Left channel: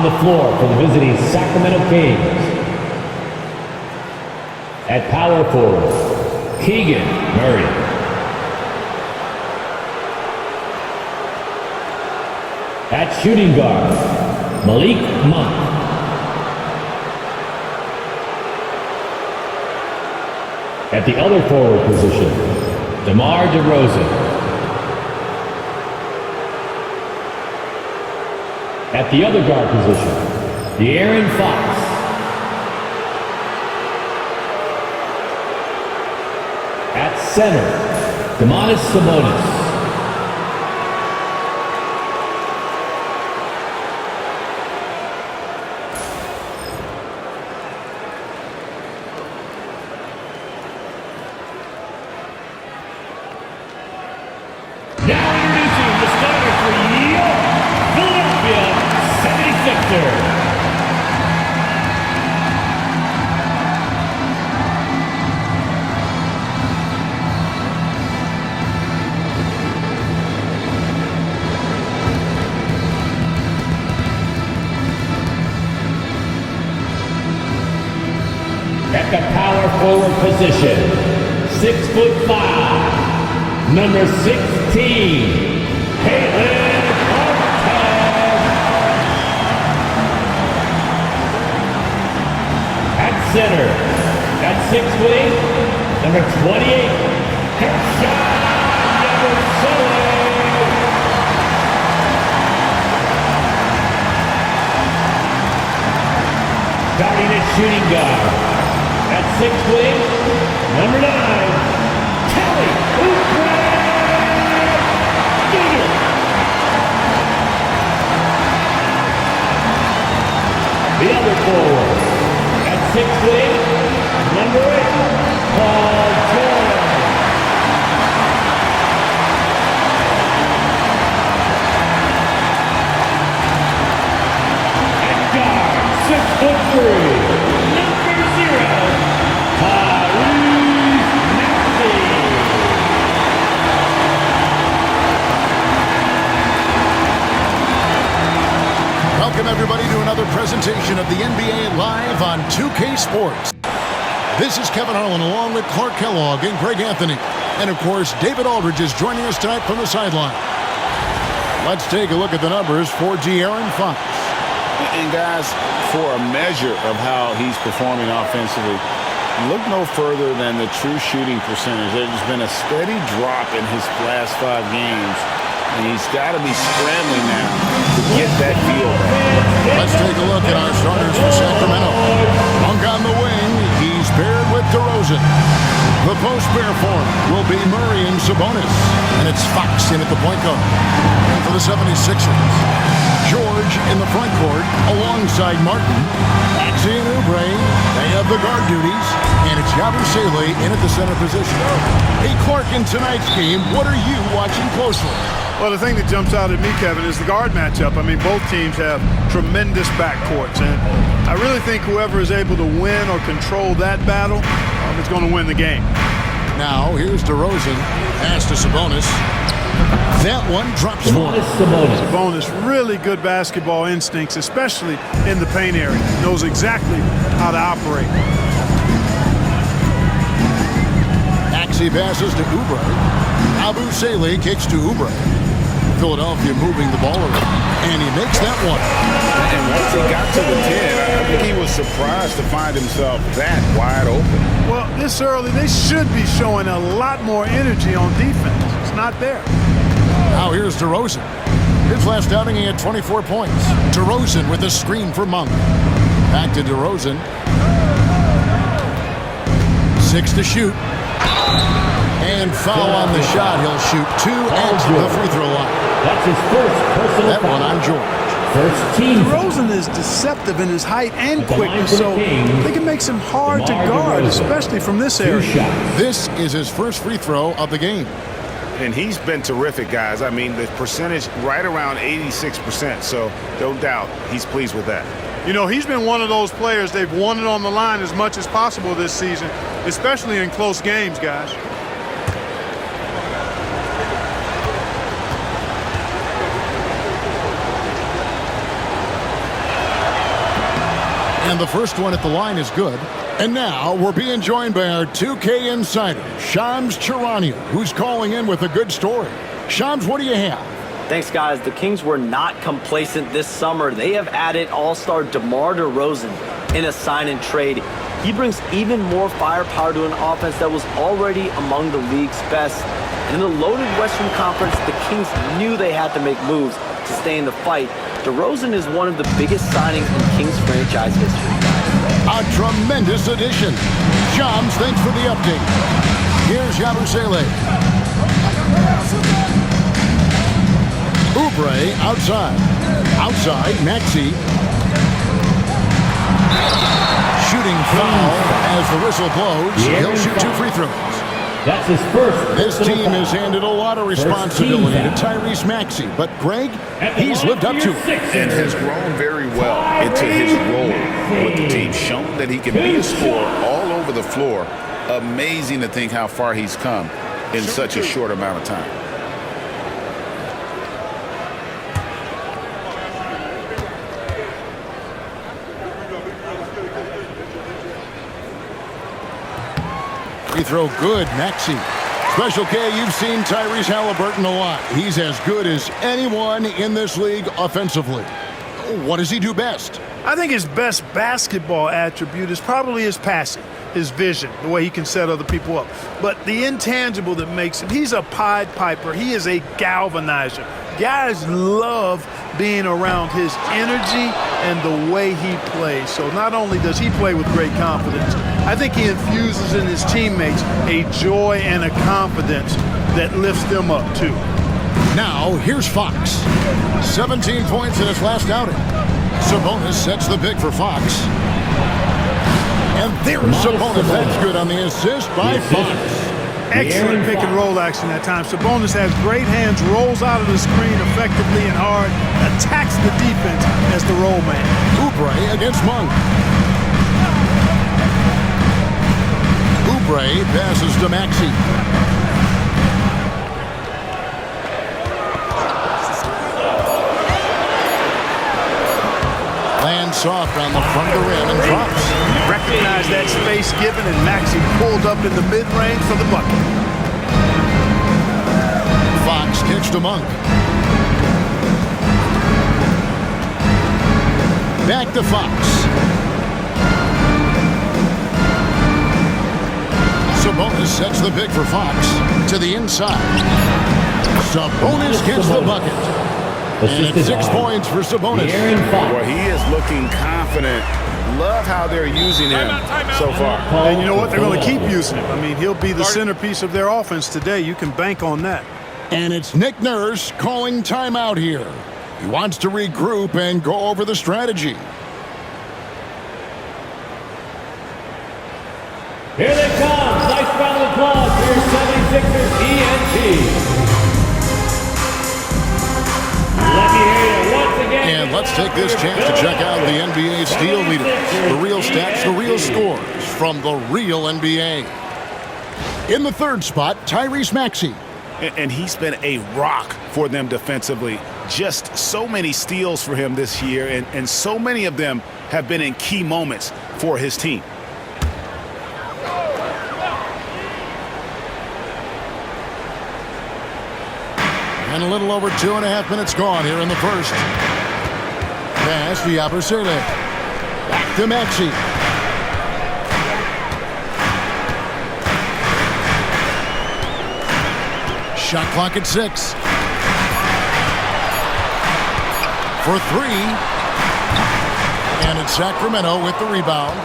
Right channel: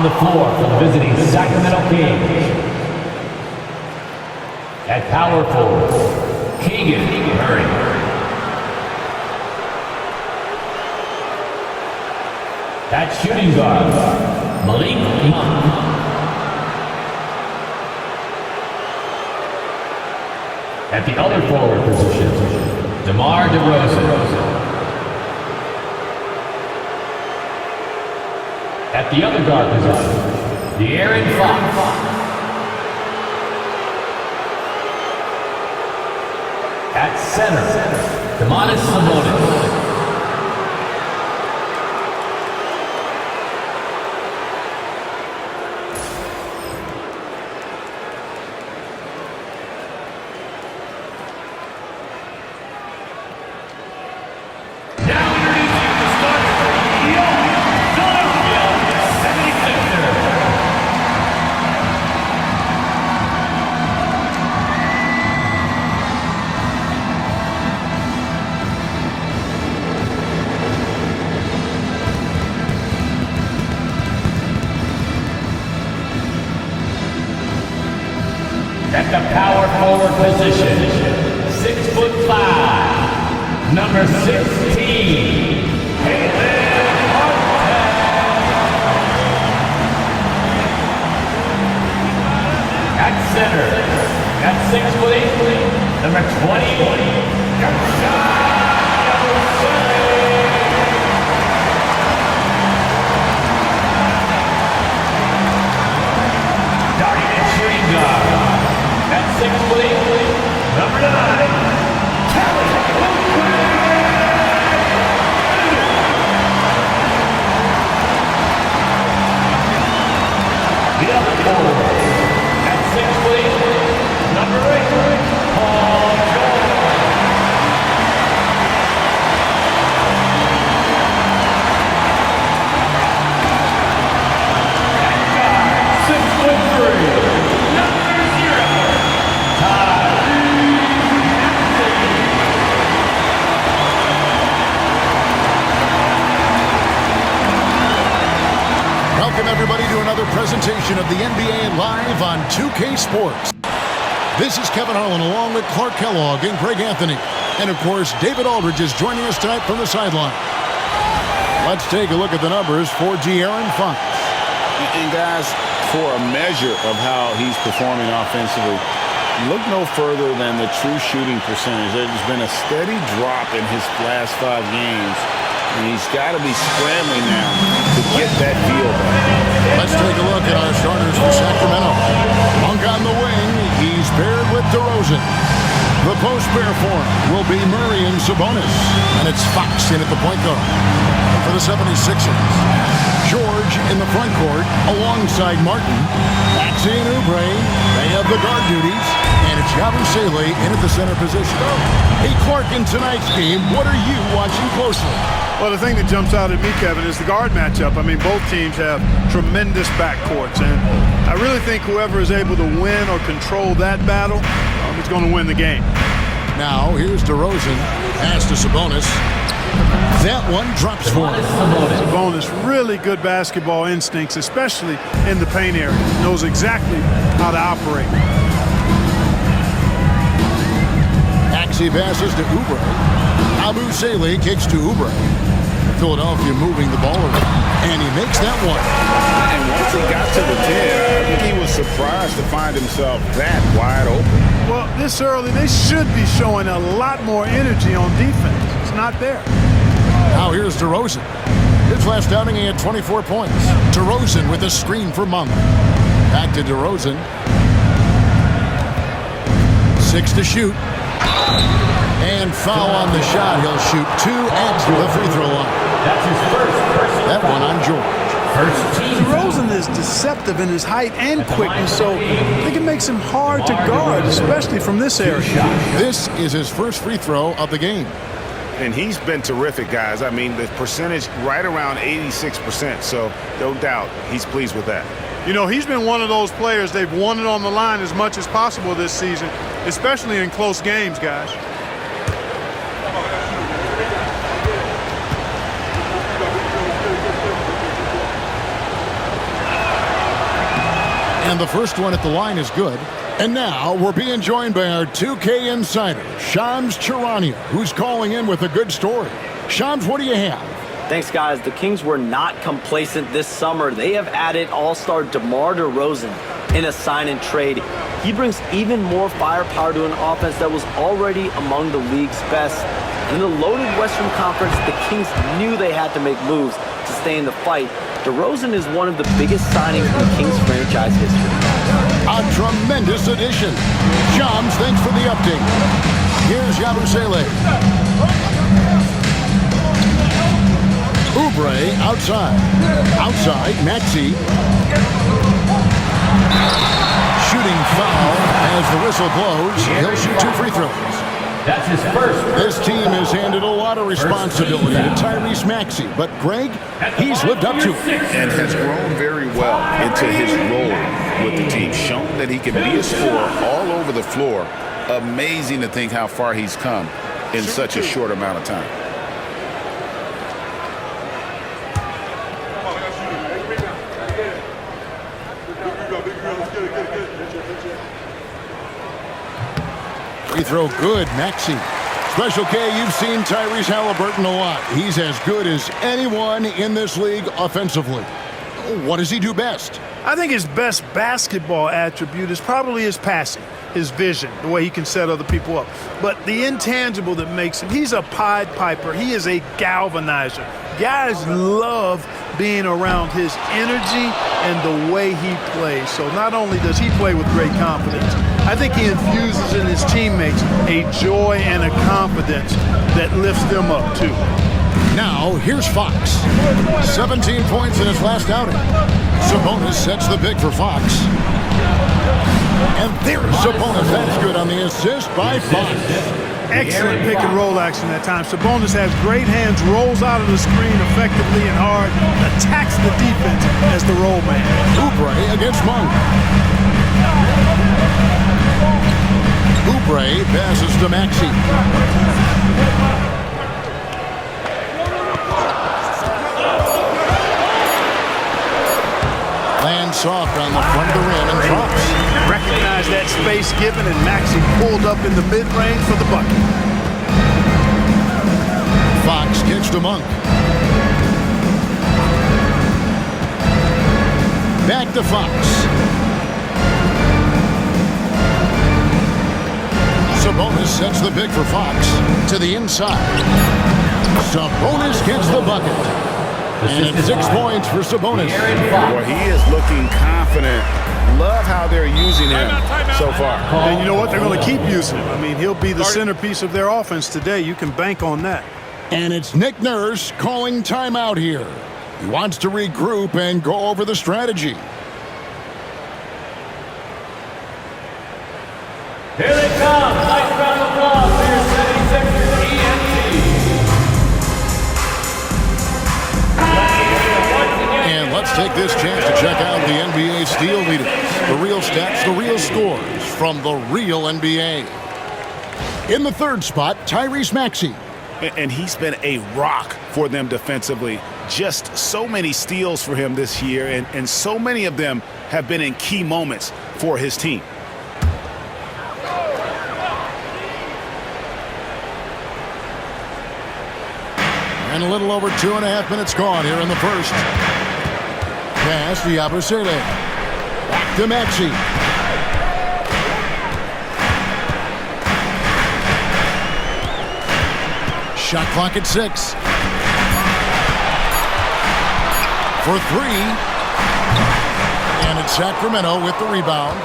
On the floor for the visiting Sacramento Kings. At power forward, Keegan Murray. At shooting guard, Malik Monk. At the other forward position, DeMar DeRozan. At the other guard position, De'Aaron Fox. At center, Domantas Sabonis. Now introducing the starter for York, Philadelphia 76ers. At the power forward position, 6'5", number 16, Caitlin Hornets. At center, at 6'8", number 28, starting at shooting guard. At 6'8", number 9, Kelly Oubre. The other forward, at 6'8", number 8, Paul George. At guard, 6'3". Welcome, everybody, to another presentation of the NBA Live on 2K Sports. This is Kevin Harlan along with Clark Kellogg and Greg Anthony. And, of course, David Aldridge is joining us tonight from the sideline. Let's take a look at the numbers for De'Aaron Fox. And, guys, for a measure of how he's performing offensively, look no further than the true shooting percentage. There's been a steady drop in his last 5 games. And he's got to be scrambling now to get that feel back. Let's take a look at our starters for Sacramento. Monk on the wing. He's paired with DeRozan. The post pair for him will be Murray and Sabonis. And it's Fox in at the point guard. And for the 76ers, George in the front court alongside Martin. Maxey and Oubre, they have the guard duties. And it's Yabusele in at the center position. Hey, Clark, in tonight's game, what are you watching closely? Well, the thing that jumps out at me, Kevin, is the guard matchup. I mean, both teams have tremendous backcourts, and I really think whoever is able to win or control that battle is going to win the game. Now, here's DeRozan. Pass to Sabonis. That one drops for him. Sabonis, really good basketball instincts, especially in the paint area. Knows exactly how to operate. Maxey passes to Oubre. Yabusele kicks to Oubre. Philadelphia moving the ball around, and he makes that one. And once he got to the 10, I think he was surprised to find himself that wide open. Well, this early, they should be showing a lot more energy on defense. It's not there. Now here's DeRozan. His last outing, he had 24 points. DeRozan with a screen for Monk. Back to DeRozan. 6 to shoot. And foul on the shot. He'll shoot 2 at the free throw line. That's his first personal That foul. one on George. First team. DeRozan is deceptive in his height and quickness, so I think it makes him hard to guard, especially from this area. This is his first free throw of the game. And he's been terrific, guys. I mean, the percentage right around 86%, so no doubt he's pleased with that. You know, he's been one of those players, they've won it on the line as much as possible this season, especially in close games, guys. And the first one at the line is good. And now we're being joined by our 2K insider, Shams Charania, who's calling in with a good story. Shams, what do you have? Thanks, guys. The Kings were not complacent this summer. They have added all-star DeMar DeRozan in a sign-and-trade. He brings even more firepower to an offense that was already among the league's best. And in the loaded Western Conference, the Kings knew they had to make moves to stay in the fight. DeRozan is one of the biggest signings in Kings franchise history, guys. A tremendous addition. Shams, thanks for the update. Here's Yabusele. Oubre outside. Outside, Maxey. Shooting foul as the whistle blows. He'll shoot 2 free throws. That's his first. This team has handed a lot of responsibility to Tyrese Maxey, but Greg, he's lived up to it. And has grown very well into his role with the team. Shown that he can be a scorer all over the floor. Amazing to think how far he's come in such a short amount of time. Free throw good, Maxey. Special K, you've seen Tyrese Halliburton a lot. He's as good as anyone in this league offensively. What does he do best? I think his best basketball attribute is probably his passing, his vision, the way he can set other people up. But the intangible that makes him, he's a Pied Piper. He is a galvanizer. Guys love being around his energy and the way he plays. So not only does he play with great confidence, I think he infuses in his teammates a joy and a confidence that lifts them up too. Now, here's Fox. 17 points in his last outing. Sabonis sets the pick for Fox. And there's Sabonis. That's good on the assist by Fox. Excellent pick and roll action that time. Sabonis has great hands, rolls out of the screen effectively and hard, attacks the defense as the roll man. Oubre against Monk. Oubre passes to Maxey. Lands soft on the front of the rim and drops. Recognized that space given, and Maxey pulled up in the mid-range for the bucket. Fox kicks to Monk. Back to Fox. Sabonis sets the pick for Fox to the inside. Sabonis gets the bucket. And it's 6 points for Sabonis. Well, he is looking confident. Love how they're using him so far. And you know what? They're going to keep using him. I mean, he'll be the centerpiece of their offense today. You can bank on that. And it's Nick Nurse calling timeout here. He wants to regroup and go over the strategy. Here they come. Nice round of applause for your 76ers ENT. And let's take this chance to check out the NBA steal leaders. The real stats, the real scores from the real NBA. In the third spot, Tyrese Maxey. And he's been a rock for them defensively. Just so many steals for him this year, and so many of them have been in key moments for his team. And a little over 2.5 minutes gone here in the first. Pass to Yabusele. Back to Maxey. Shot clock at 6. For 3. And it's Sacramento with the rebound.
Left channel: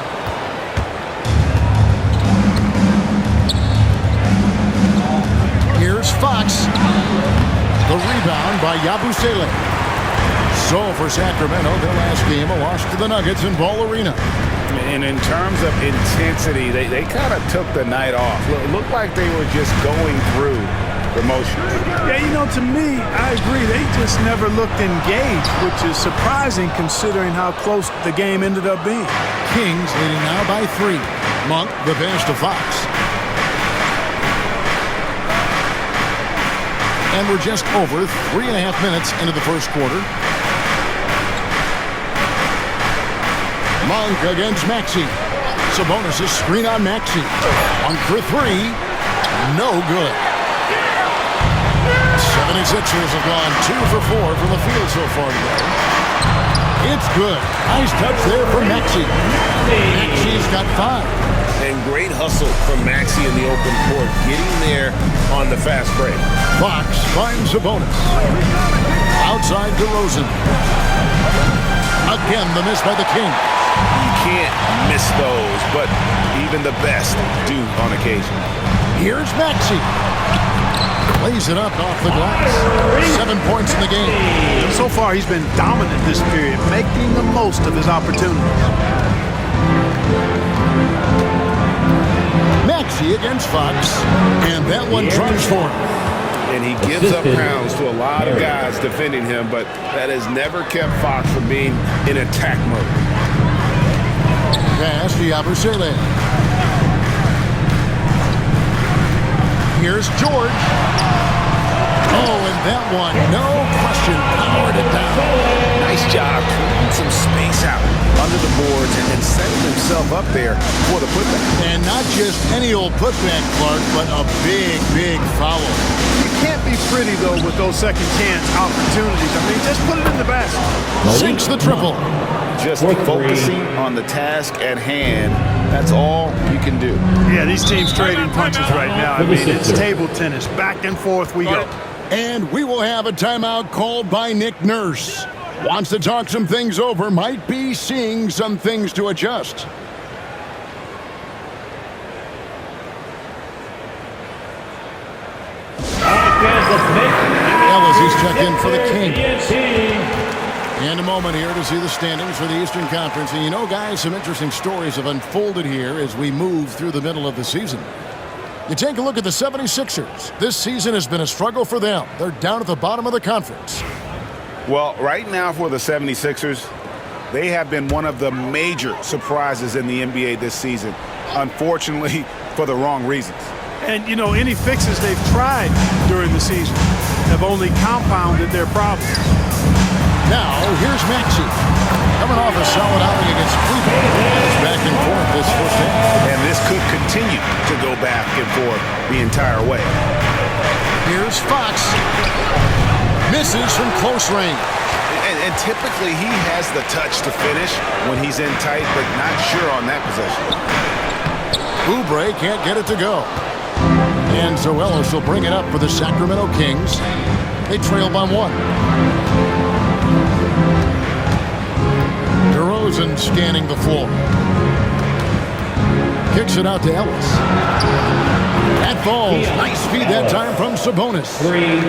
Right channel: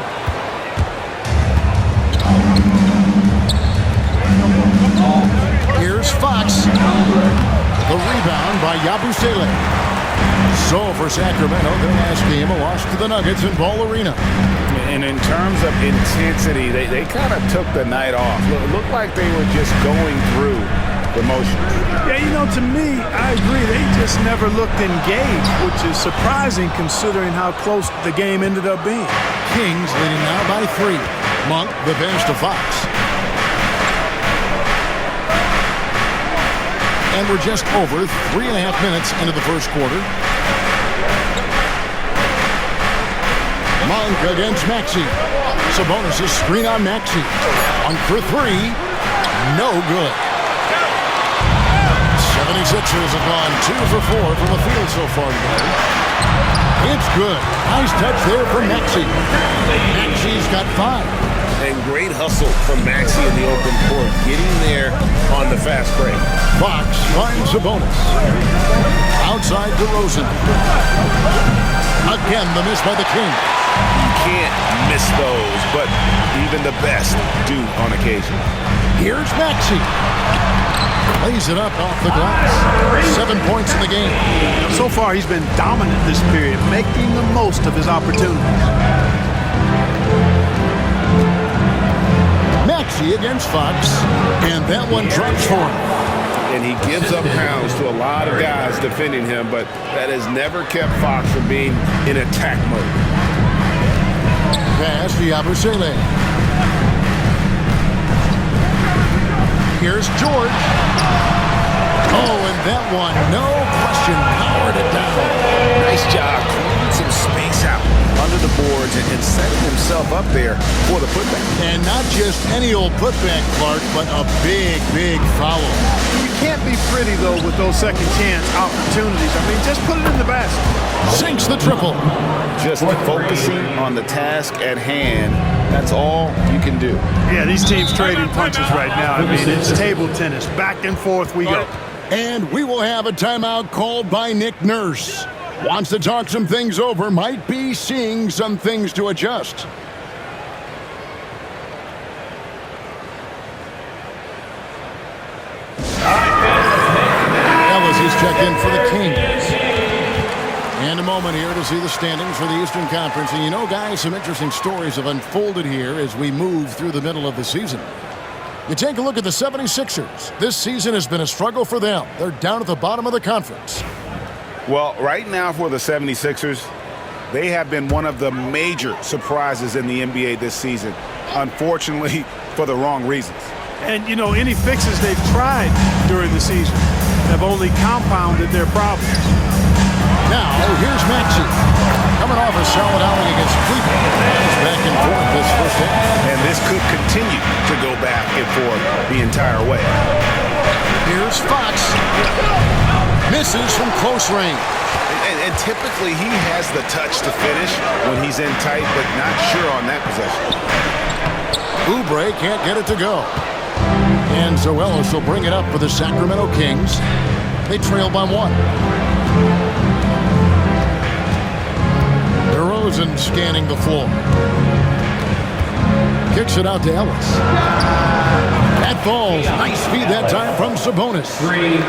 Here's Fox. The rebound by Yabusele. So for Sacramento, their last game, a loss to the Nuggets in Ball Arena. And in terms of intensity, they kind of took the night off. Looked like they were just going through the motions. Yeah, you know, to me, I agree. They just never looked engaged, which is surprising considering how close the game ended up being. Kings leading now by 3. Monk, the pass to Fox. And we're just over 3.5 minutes into the first quarter. Monk against Maxey. Sabonis' screen on Maxey. Monk for three. No good. 76ers have gone 2 for 4 from the field so far today. It's good. Nice touch there from Maxey. Maxey's got 5. And great hustle from Maxey in the open court, getting there on the fast break. Fox finds Sabonis. Outside DeRozan. Again, the miss by the Kings. You can't miss those, but even the best do on occasion. Here's Maxey. Lays it up off the glass. 7 points in the game. So far, he's been dominant this period, making the most of his opportunities. Maxey against Fox, and that one drops for him. And he gives up pounds to a lot of guys defending him, but that has never kept Fox from being in attack mode. Pass to Yabusele. Here's George. Oh, and that one, no question, powered it down. Nice job clearing some space out under the boards and setting himself up there for the putback. And not just any old putback, Clark, but a big, big foul. You can't be pretty, though, with those second chance opportunities. I mean, just put it in the basket. Sinks the triple. Just focusing on the task at hand. That's all you can do. Yeah, these teams trading punches right now. I mean, it's table tennis. Back and forth we go. And we will have a timeout called by Nick Nurse. Wants to talk some things over. Might be seeing some things to adjust. Ellis is checked in for the Kings. And a moment here to see the standings for the Eastern Conference. And you know, guys, some interesting stories have unfolded here as we move through the middle of the season. You take a look at the 76ers. This season has been a struggle for them. They're down at the bottom of the conference. Well, right now for the 76ers, they have been one of the major surprises in the NBA this season. Unfortunately, for the wrong reasons. And, you know, any fixes they've tried during the season have only compounded their problems. Now, here's Maxey. Coming off a solid outing against Cleveland. It's back and forth this first half. And this could continue to go back and forth the entire way. Here's Fox. Misses from close range. And typically he has the touch to finish when he's in tight, but not sure on that possession. Oubre can't get it to go. And so Ellis will bring it up for the Sacramento Kings. They trail by 1. DeRozan scanning the floor. Kicks it out to Ellis. That falls. Nice feed that time from Sabonis.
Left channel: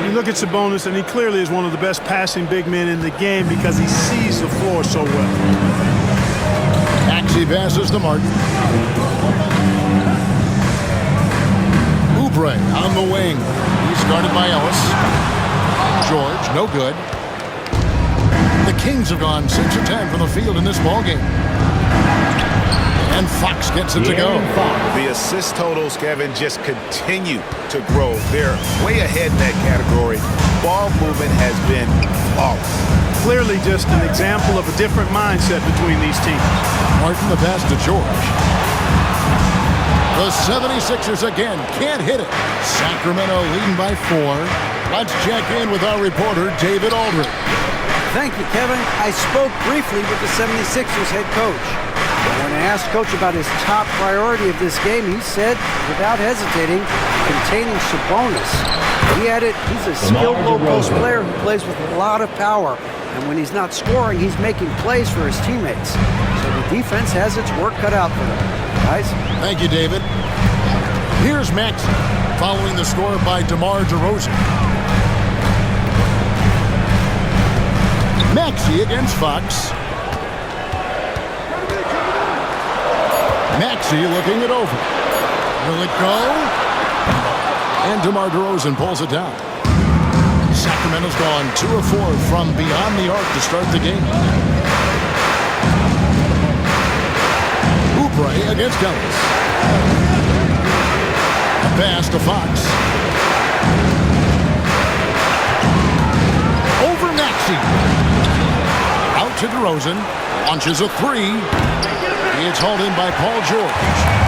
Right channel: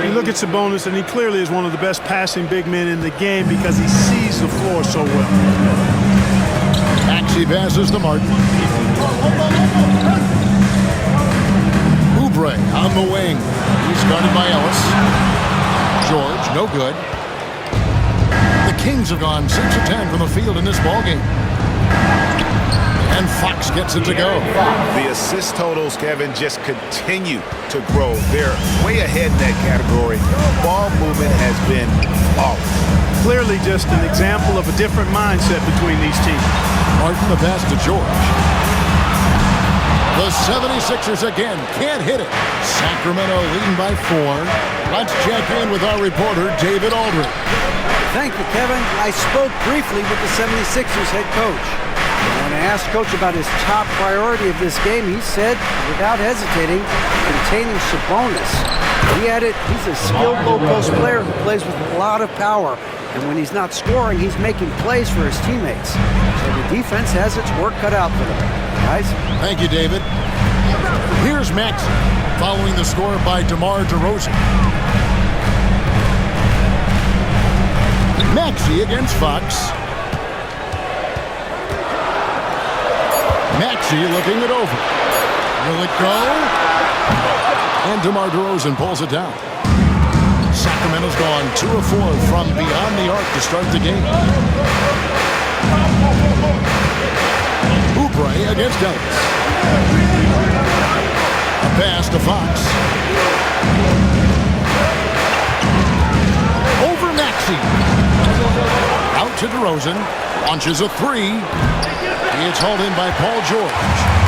You look at Sabonis, and he clearly is one of the best passing big men in the game because he sees the floor so well. Maxey passes to Martin. Oubre on the wing. He's guarded by Ellis. George, no good. The Kings have gone 6 of 10 from the field in this ballgame. And Fox gets it to go. The assist totals, Kevin, just continue to grow. They're way ahead in that category. Ball movement has been flawless. Clearly just an example of a different mindset between these teams. Martin, the pass to George. The 76ers again can't hit it. Sacramento leading by 4. Let's check in with our reporter, David Aldridge. Thank you, Kevin. I spoke briefly with the 76ers head coach. And when I asked Coach about his top priority of this game, he said, without hesitating, containing Sabonis. He added, he's a skilled low-post player who plays with a lot of power. And when he's not scoring, he's making plays for his teammates. So the defense has its work cut out for them. Guys? Thank you, David. Here's Maxey, following the score by DeMar DeRozan. Maxey against Fox. Maxey looking it over. Will it go? And DeMar DeRozan pulls it down. Sacramento's gone 2 of 4 from beyond the arc to start the game. Oubre against Ellis. A pass to Fox. Over Maxey. Out to DeRozan. Launches a three. It's hauled in by Paul George.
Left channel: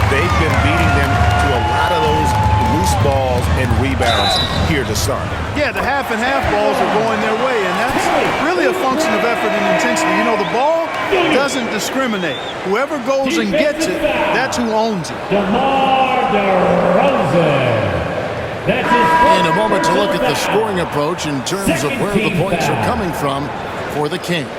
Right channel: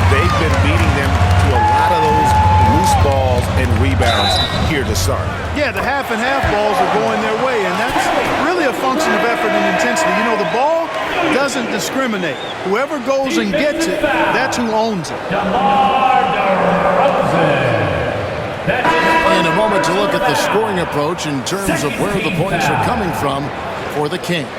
They've been beating them to a lot of those loose balls and rebounds here to start. Yeah, the half and half balls are going their way, and that's really a function of effort and intensity. You know, the ball doesn't discriminate. Whoever goes and gets it, that's who owns it. DeMar DeRozan. In a moment to look at the scoring approach in terms of where the points are coming from for the Kings.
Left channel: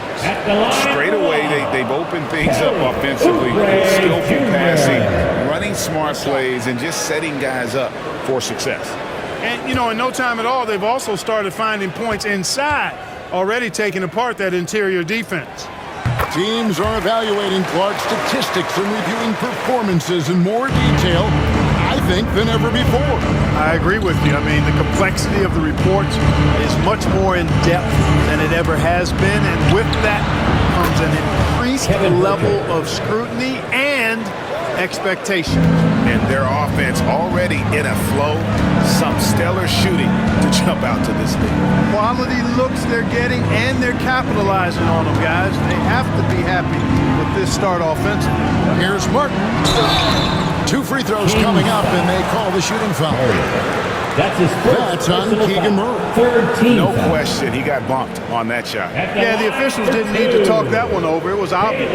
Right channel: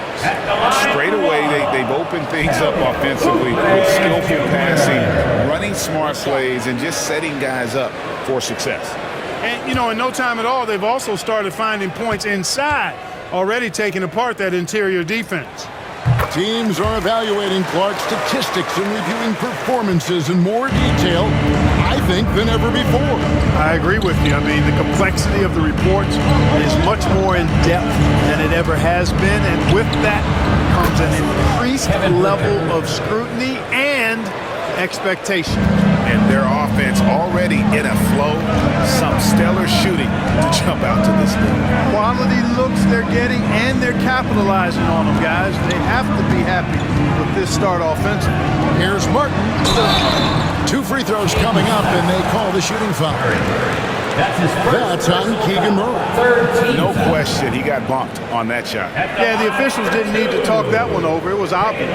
Straight away, they've opened things up offensively with skillful passing, running smart plays, and just setting guys up for success. And, you know, in no time at all, they've also started finding points inside, already taking apart that interior defense. Teams are evaluating Clark's statistics and reviewing performances in more detail, I think, than ever before. I agree with you. I mean, the complexity of the reports is much more in depth than it ever has been, and with that comes an increased level of scrutiny and expectation. And their offense already in a flow, some stellar shooting to jump out to this league. Quality looks they're getting, and they're capitalizing on them, guys. They have to be happy with this start offensively. Here's Martin. 2 free throws coming up, and they call the shooting foul. That's on Keegan Murray. No question, he got bumped on that shot. Yeah, the officials didn't need to talk that one over. It was obvious.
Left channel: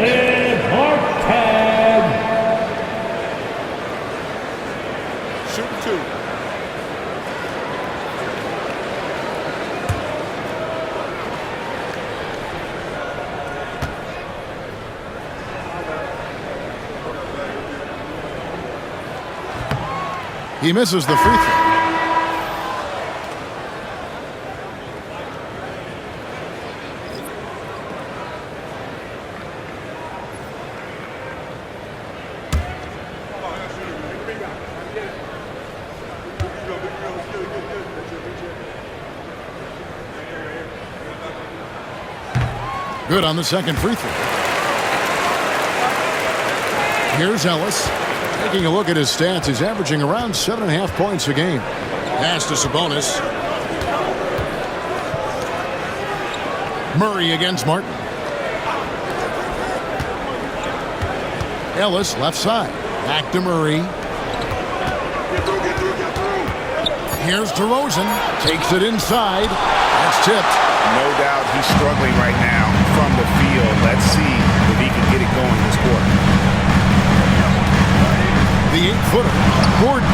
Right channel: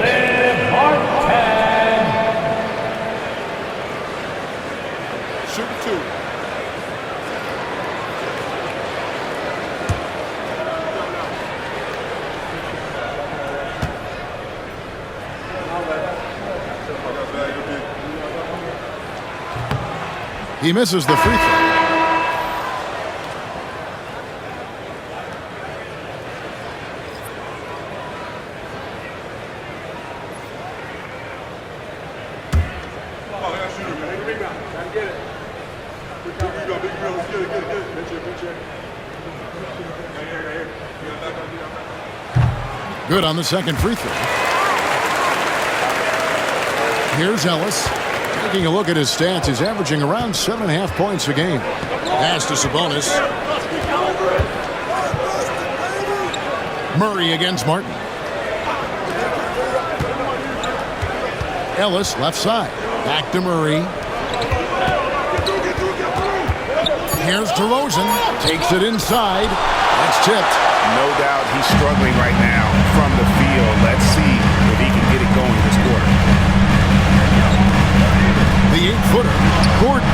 Shooting 2. He misses the free throw. Good on the second free throw. Here's Ellis. Taking a look at his stats, he's averaging around 7.5 points a game. Pass to Sabonis. Murray against Martin. Ellis left side. Back to Murray. Here's DeRozan. Takes it inside. That's tipped. No doubt he's struggling right now from the field. Let's see if he can get it going this quarter. The 8-footer, Gordon.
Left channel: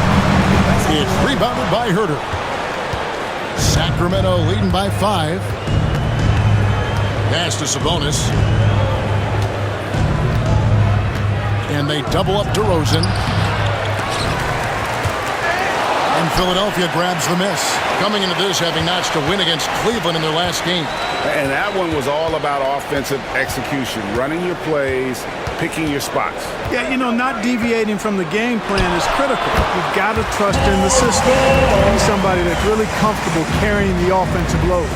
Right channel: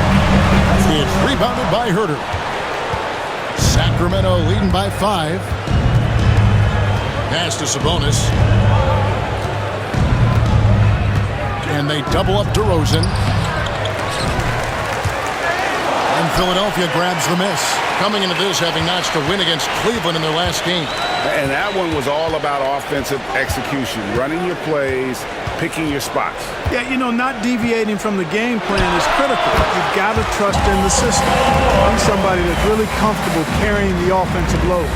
It's rebounded by Herter. Sacramento leading by 5. Pass to Sabonis. And they double up DeRozan. And Philadelphia grabs the miss. Coming into this, having notched a win against Cleveland in their last game. And that one was all about offensive execution, running your plays, picking your spots. Yeah, you know, not deviating from the game plan is critical. You've got to trust in the system. He's somebody that's really comfortable carrying the offensive load.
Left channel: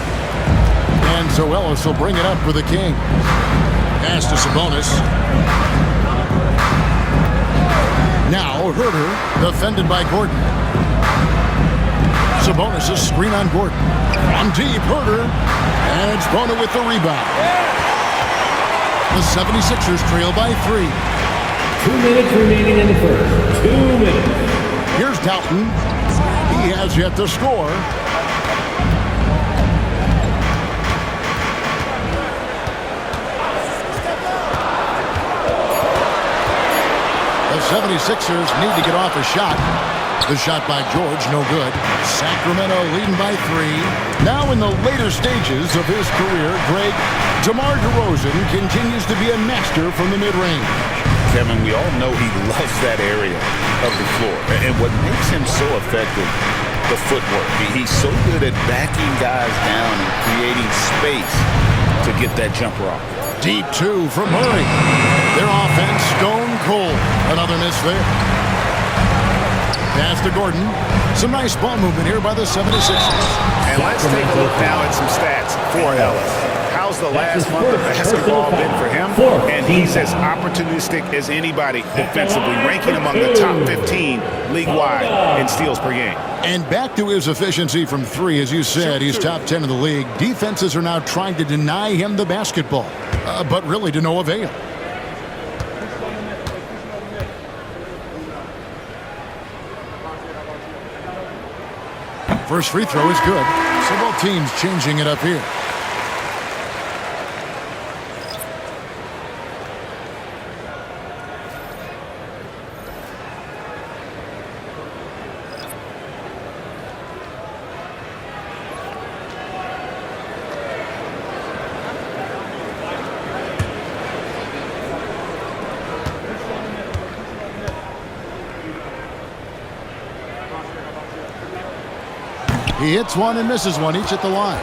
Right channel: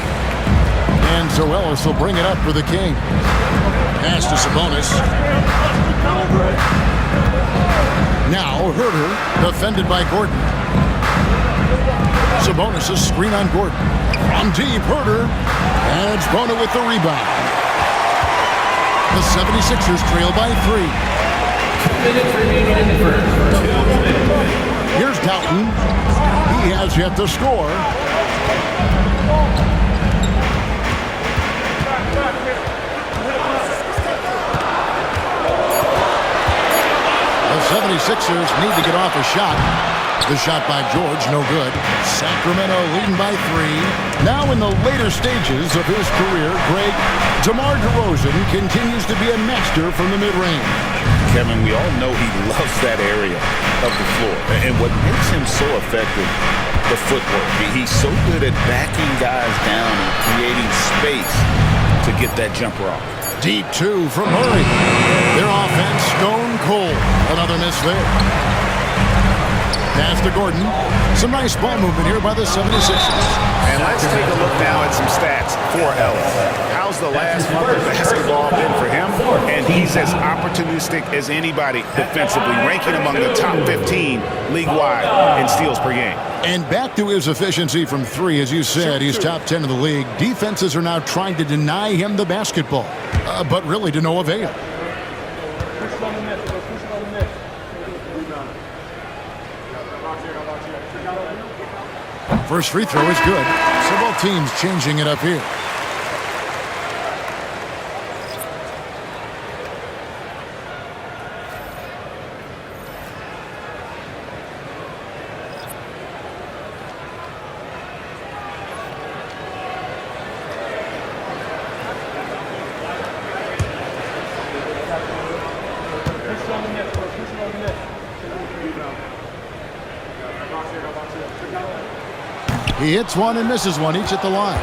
And so Ellis will bring it up for the Kings. Pass to Sabonis. Now Herter, defended by Gordon. Sabonis' screen on Gordon. From deep, Herter. And Bona with the rebound. The 76ers trail by 3. 2 minutes remaining in the first. 2 minutes. Here's Doughton. He has yet to score. The 76ers need to get off a shot. The shot by George, no good. Sacramento leading by 3. Now in the later stages of his career, Greg, DeMar DeRozan continues to be a master from the mid-range. Kevin, we all know he loves that area of the floor. And what makes him so effective, the footwork. He's so good at backing guys down and creating space to get that jumper off. Deep 2 from Murray. Their offense stone cold. Another miss there. Pass to Gordon. Some nice ball movement here by the 76ers. And let's take a look now at some stats for Ellis. How's the last month of basketball been for him? And he's as opportunistic as anybody defensively, ranking among the top 15 league-wide in steals per game. And back to his efficiency from 3, as you said, he's top 10 in the league. Defenses are now trying to deny him the basketball. but really to no avail. First free throw is good. So both teams changing it up here. He hits one and misses one, each at the line.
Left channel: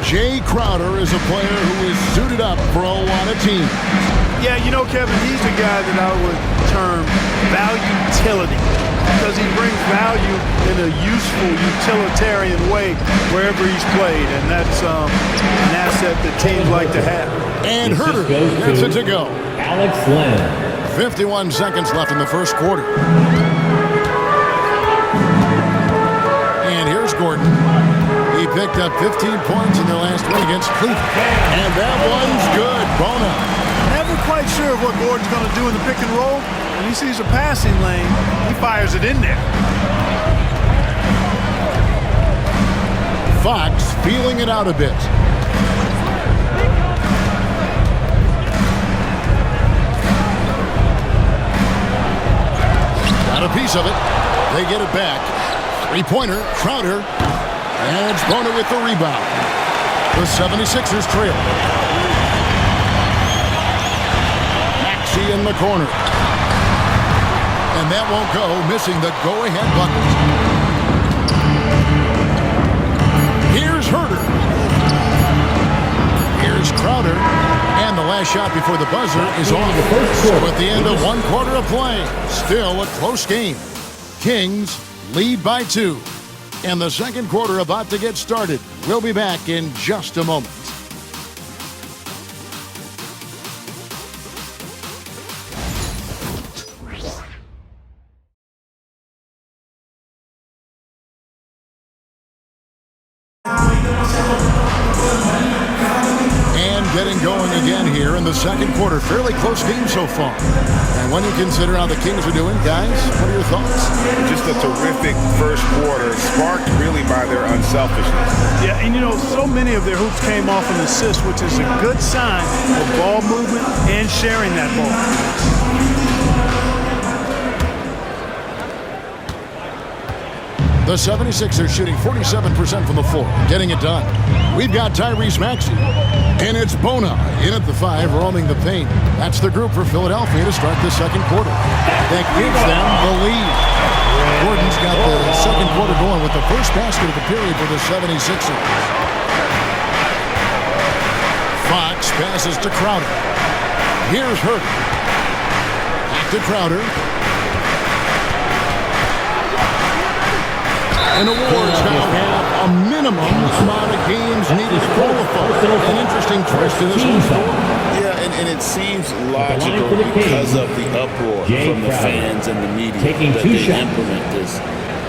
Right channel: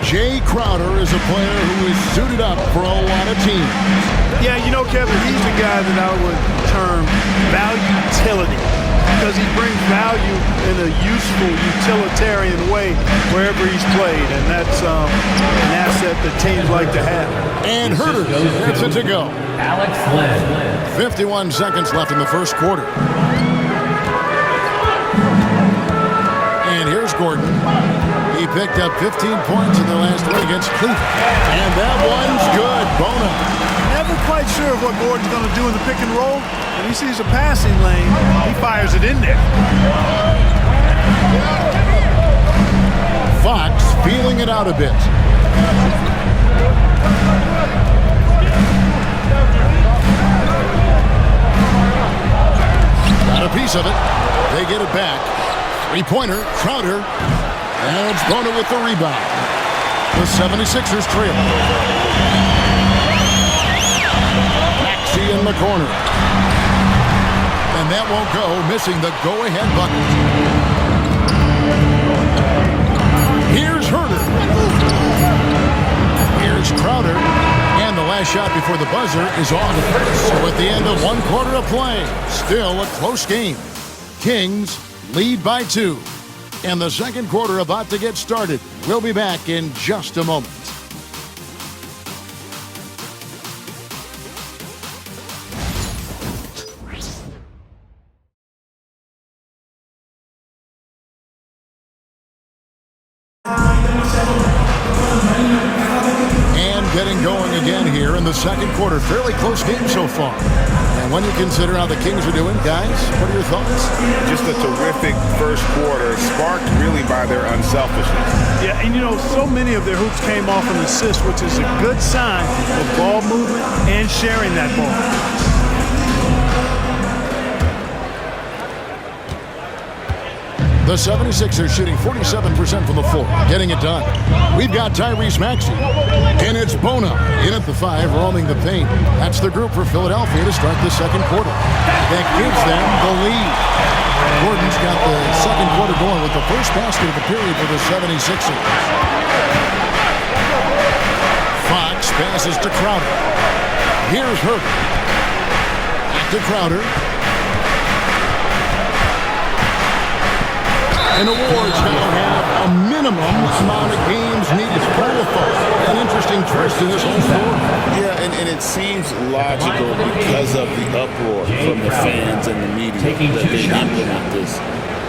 Jay Crowder is a player who is suited up for a lot of teams. Yeah, you know, Kevin, he's the guy that I would term value-utility because he brings value in a useful, utilitarian way wherever he's played, and that's an asset that teams like to have. And Herter gets it to go. Alex Len. 51 seconds left in the first quarter. And here's Gordon. He picked up 15 points in their last win against Cleveland. And that one's good. Bona. Never quite sure of what Gordon's going to do in the pick and roll. When he sees a passing lane, he fires it in there. Fox feeling it out a bit. Got a piece of it. They get it back. Three-pointer, Crowder, and it's Bona with the rebound. The 76ers trail. Maxey in the corner. And that won't go, missing the go-ahead bucket. Here's Herter. Here's Crowder. And the last shot before the buzzer is on. So at the end of one quarter of play, still a close game. Kings lead by 2. And the second quarter about to get started. We'll be back in just a moment. And getting going again here in the second quarter. Fairly close game so far. And when you consider how the Kings are doing, guys, what are your thoughts? Just a terrific first quarter, sparked really by their unselfishness. Yeah, and you know, so many of their hoops came off an assist, which is a good sign of ball movement and sharing that ball. The 76ers shooting 47% from the floor, getting it done. We've got Tyrese Maxey, and it's Bona in at the 5, roaming the paint. That's the group for Philadelphia to start the second quarter. That gives them the lead. Gordon's got the second quarter going with the first basket of the period for the 76ers. Fox passes to Crowder. Here's Herter. Back to Crowder. And the Wards now have a minimum amount of games needed to qualify. An interesting twist in this whole story. Yeah, and it seems logical because of the uproar from the fans and the media that they implement this.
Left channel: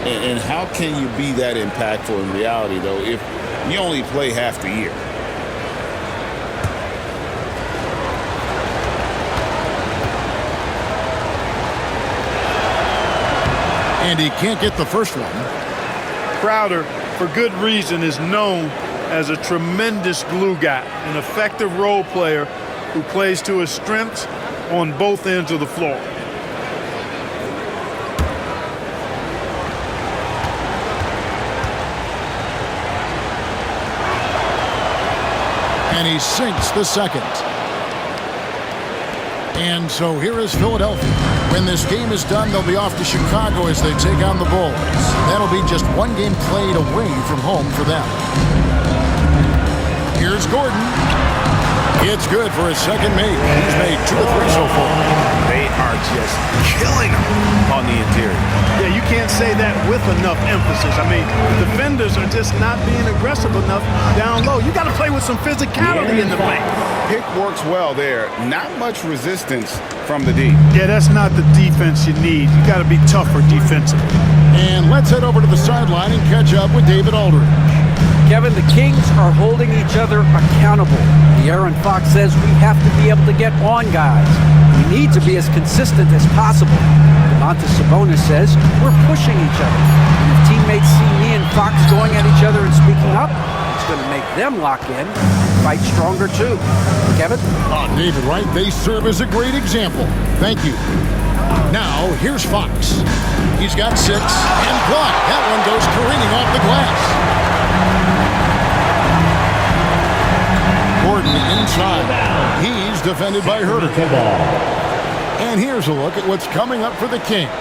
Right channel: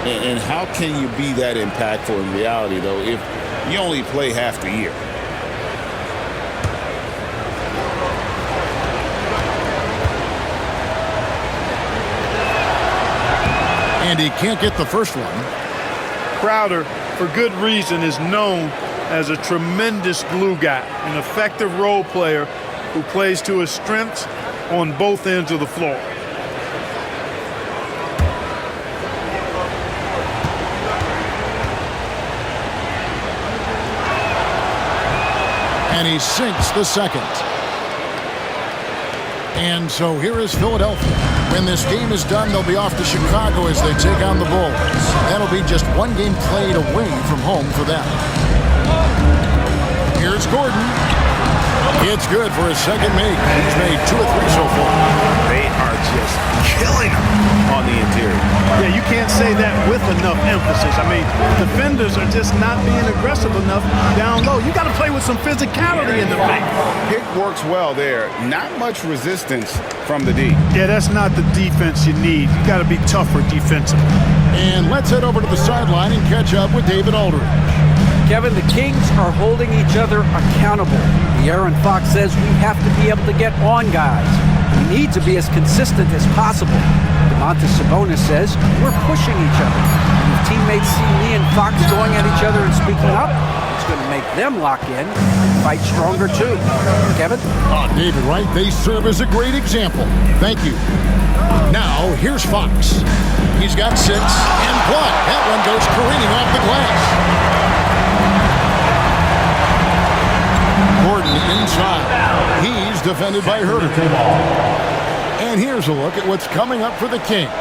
And how can you be that impactful in reality, though, if you only play half the year? And he can't get the first one. Crowder, for good reason, is known as a tremendous glue guy, an effective role player who plays to his strengths on both ends of the floor. And he sinks the second. And so here is Philadelphia. When this game is done, they'll be off to Chicago as they take on the Bulls. That'll be just one game played away from home for them. Here's Gordon. It's good for his second make. He's made 2 or 3 so far. They are just killing them on the interior. Yeah, you can't say that with enough emphasis. I mean, the defenders are just not being aggressive enough down low. You got to play with some physicality in the paint. Pick works well there. Not much resistance from the D. Yeah, that's not the defense you need. You got to be tougher defensively. And let's head over to the sideline and catch up with David Aldridge. Kevin, the Kings are holding each other accountable. The De'Aaron Fox says we have to be able to get on guys. We need to be as consistent as possible. Domantas Sabonis says we're pushing each other. And if teammates see me and Fox going at each other and speaking up, it's going to make them lock in and fight stronger too. Kevin? Oh, David, right? They serve as a great example. Thank you. Now, here's Fox. He's got 6 and blocked. That one goes careening off the glass. Gordon inside. He's defended by Herter. And here's a look at what's coming up for the Kings.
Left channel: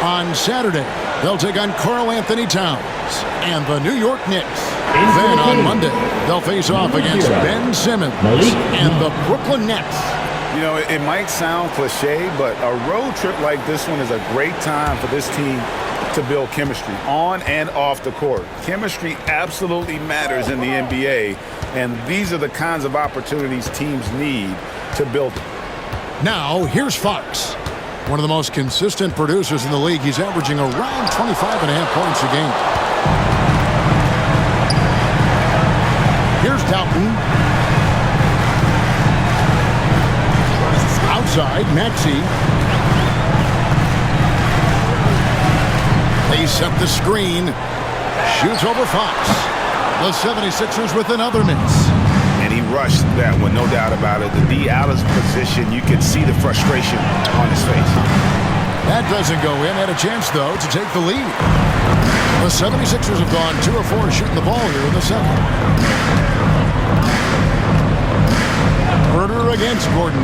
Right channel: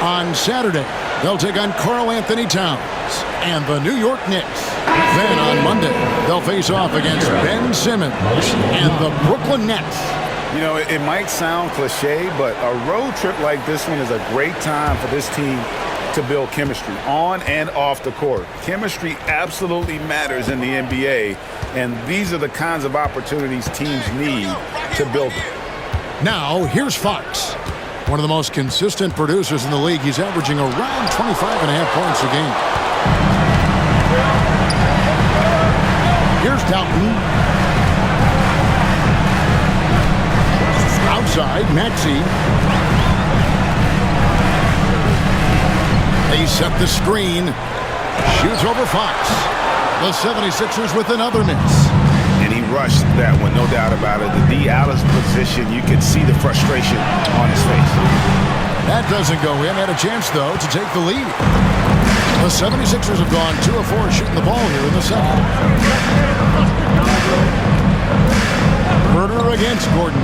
On Saturday, they'll take on Karl Anthony Towns and the New York Knicks. Then on Monday, they'll face off against Ben Simmons and the Brooklyn Nets. You know, it might sound cliche, but a road trip like this one is a great time for this team to build chemistry on and off the court. Chemistry absolutely matters in the NBA, and these are the kinds of opportunities teams need to build it. Now, here's Fox. One of the most consistent producers in the league. He's averaging around 25.5 points a game. Here's Dalton. Outside, Maxey. They set the screen. Shoots over Fox. The 76ers with another miss. And he rushed that one, no doubt about it. The D out of position, you could see the frustration on his face. That doesn't go in. Had a chance, though, to take the lead. The 76ers have gone 2 of 4 shooting the ball here in the second. Herter against Gordon.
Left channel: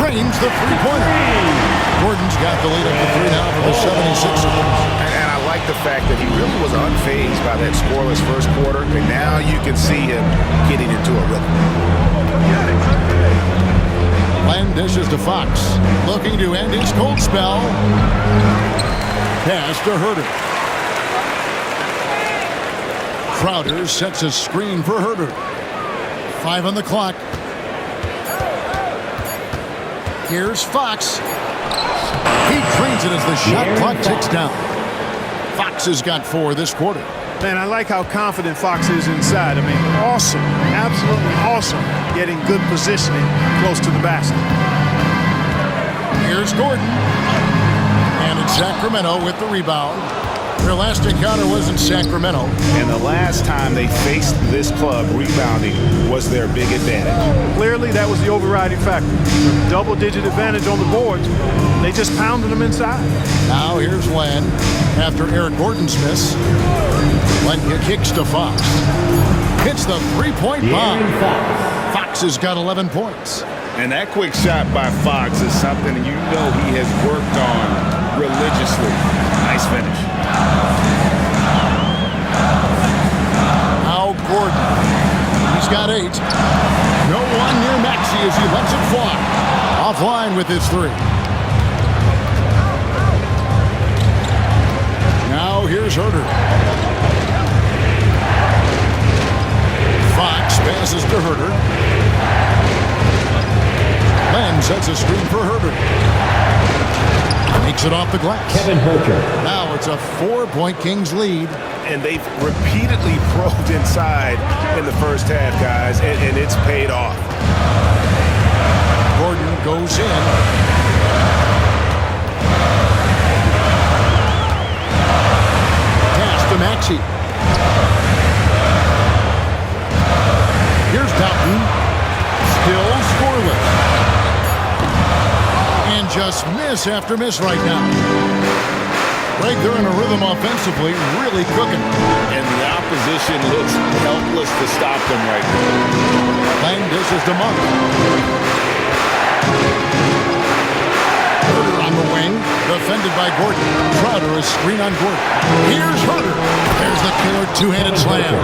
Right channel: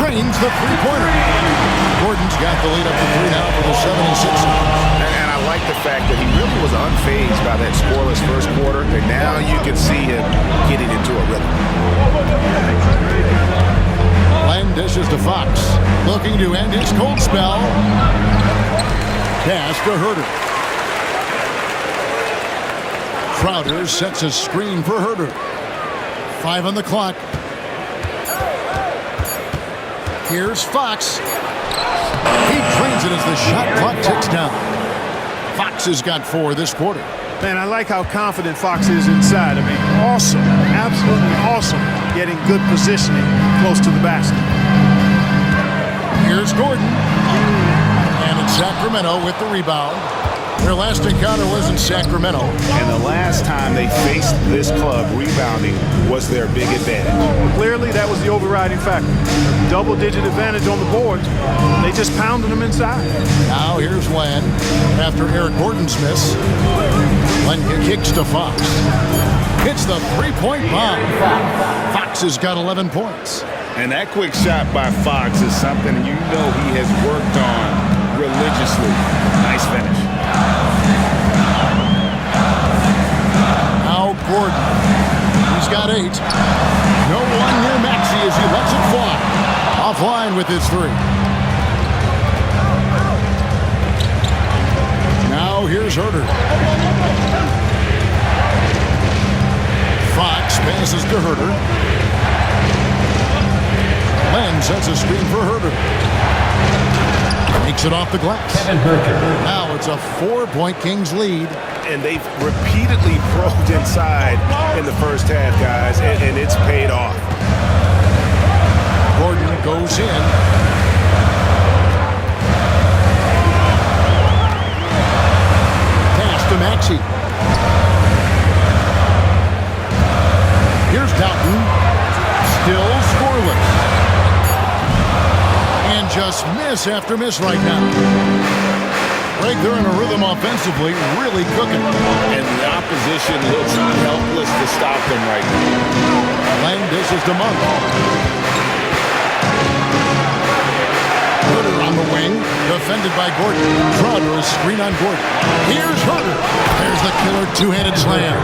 Drains the three-pointer. Gordon's got the lead up to 3 now for the 76ers. And I like the fact that he really was unfazed by that scoreless first quarter, and now you can see him getting into a rhythm. Land dishes to Fox, looking to end his cold spell. Pass to Herter. Crowder sets a screen for Herter. 5 on the clock. Here's Fox. He drains it as the shot clock ticks down. Fox has got 4 this quarter. Man, I like how confident Fox is inside. I mean, awesome. Absolutely awesome. Getting good positioning close to the basket. Here's Gordon. And it's Sacramento with the rebound. Their last encounter was in Sacramento. And the last time they faced this club, rebounding was their big advantage. Clearly, that was the overriding factor. A double-digit advantage on the boards. They just pounded them inside. Now here's Len after Eric Gordon's miss. Len kicks to Fox. Hits the three-point bomb. Fox has got 11 points. And that quick shot by Fox is something you know he has worked on religiously. Nice finish. Now Gordon. He's got 8. No one near Maxey as he lets it fly. Offline with his 3. Now here's Herter. Fox passes to Herter. Len sets a screen for Herter. Makes it off the glass. Kevin Herter. Now it's a 4-point Kings lead. And they've repeatedly probed inside in the first half, guys, and it's paid off. Gordon goes in. Pass to Maxey. Here's Dalton. Still scoreless. And just miss after miss right now. Greg, they're in a rhythm offensively, really cooking. And the opposition looks helpless to stop them right now. Lang dishes to Monk. Herter on the wing, defended by Gordon. Crowder, a screen on Gordon. Here's Herter. There's the killer two-handed slam.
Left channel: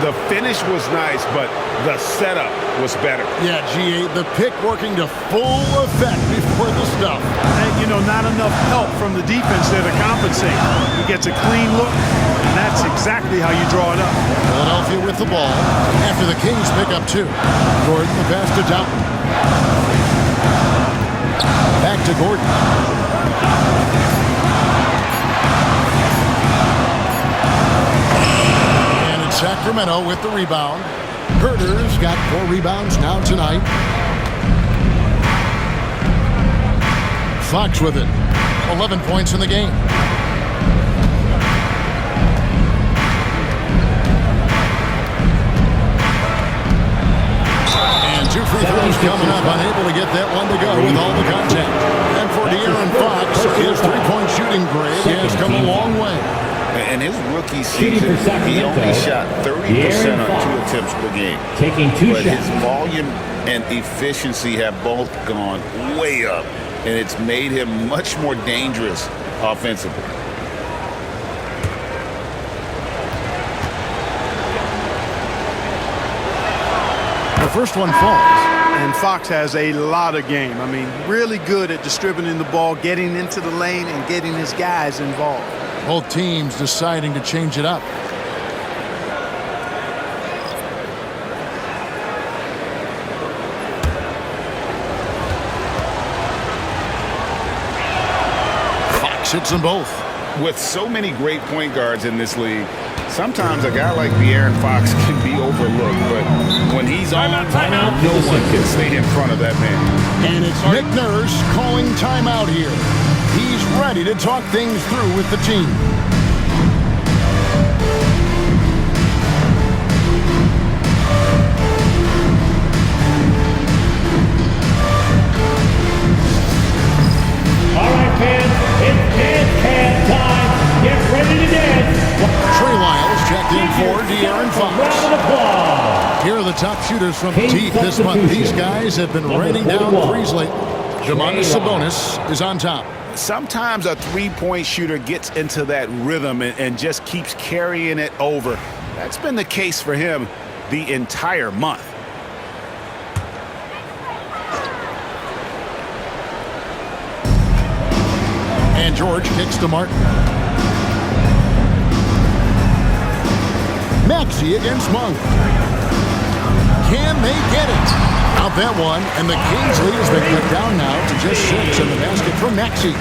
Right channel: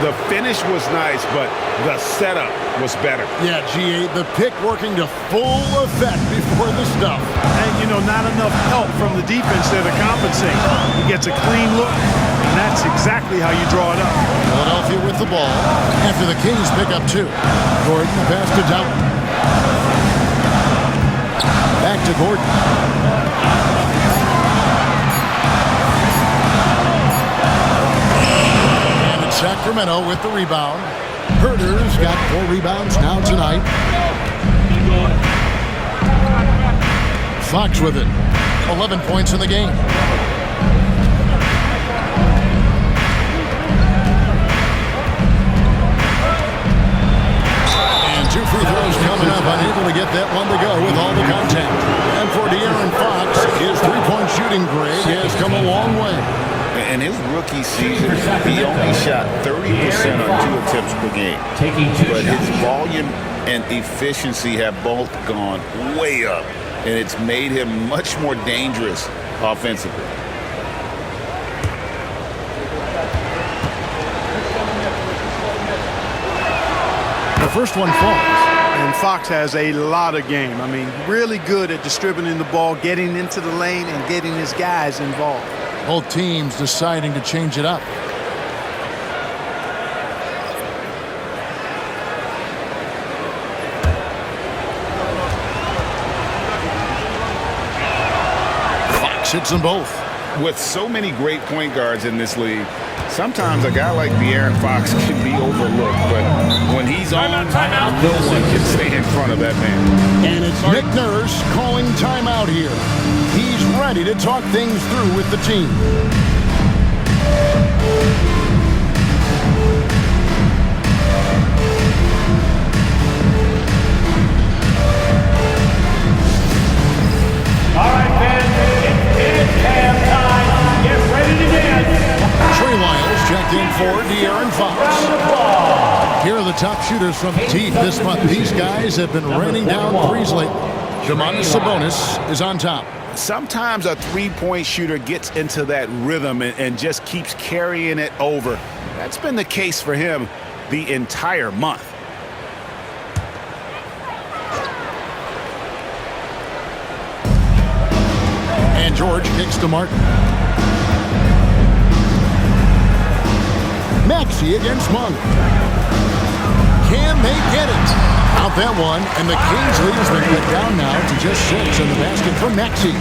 The finish was nice, but the setup was better. Yeah, G8, the pick working to full effect before the stuff. And, you know, not enough help from the defense there to compensate. He gets a clean look, and that's exactly how you draw it up. Philadelphia with the ball after the Kings pick up 2. Gordon, the pass to Dalton. Back to Gordon. And it's Sacramento with the rebound. Herter's got 4 rebounds now tonight. Fox with it. 11 points in the game. And 2 free throws coming up. Unable to get that one to go with all the contact. And for De'Aaron Fox, his three-point shooting grade has come a long way. In his rookie season, he only shot 30% on 2 attempts per game. But his volume and efficiency have both gone way up, and it's made him much more dangerous offensively. The first one falls. And Fox has a lot of game. I mean, really good at distributing the ball, getting into the lane, and getting his guys involved. Both teams deciding to change it up. Fox hits them both. With so many great point guards in this league, sometimes a guy like De'Aaron Fox can be overlooked, but when he's on, no one can stay in front of that man. And it's Nick Nurse calling timeout here. He's ready to talk things through with the team. All right, fans, it's dance time. Get ready to dance. Trey Lyles checked in for De'Aaron Fox. Round of applause. Here are the top shooters from deep this month. These guys have been raining down threes lately. Domantas Sabonis is on top. Sometimes a three-point shooter gets into that rhythm and just keeps carrying it over. That's been the case for him the entire month. And George kicks to Martin. Maxey against Monk. Can they get it? Out that one, and the Kings lead has been cut down now to just 6 in the basket from Maxey.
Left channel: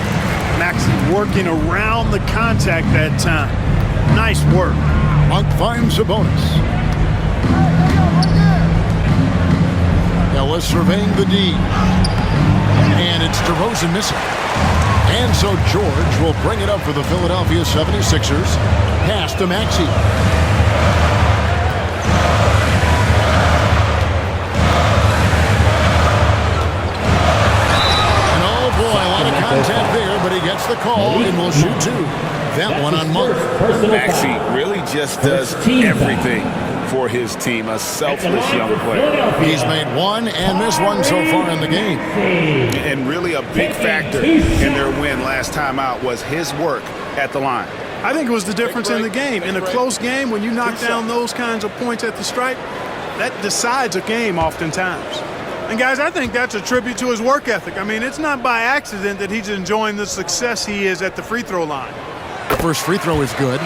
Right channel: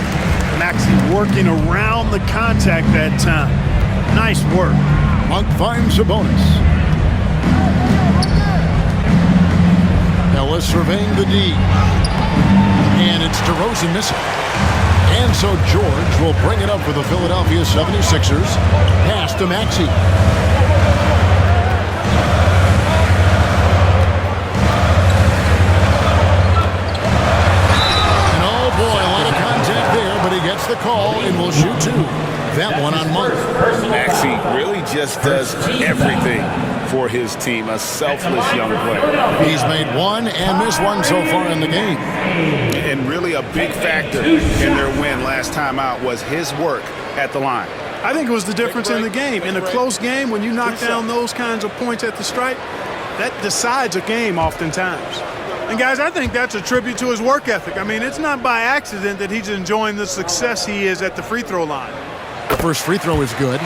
Maxey working around the contact that time. Nice work. Monk finds Sabonis. Ellis surveying the D. And it's DeRozan missing. And so George will bring it up for the Philadelphia 76ers. Pass to Maxey. Boy, a lot of contact there, but he gets the call and will shoot 2. That one on Monk. Maxey really just does everything for his team. A selfless young player. He's made 1 and missed 1 so far in the game. And really a big factor in their win last time out was his work at the line. I think it was the difference in the game. In a close game, when you knock down those kinds of points at the stripe, that decides a game oftentimes. And, guys, I think that's a tribute to his work ethic. I mean, it's not by accident that he's enjoying the success he is at the free throw line. The first free throw is good.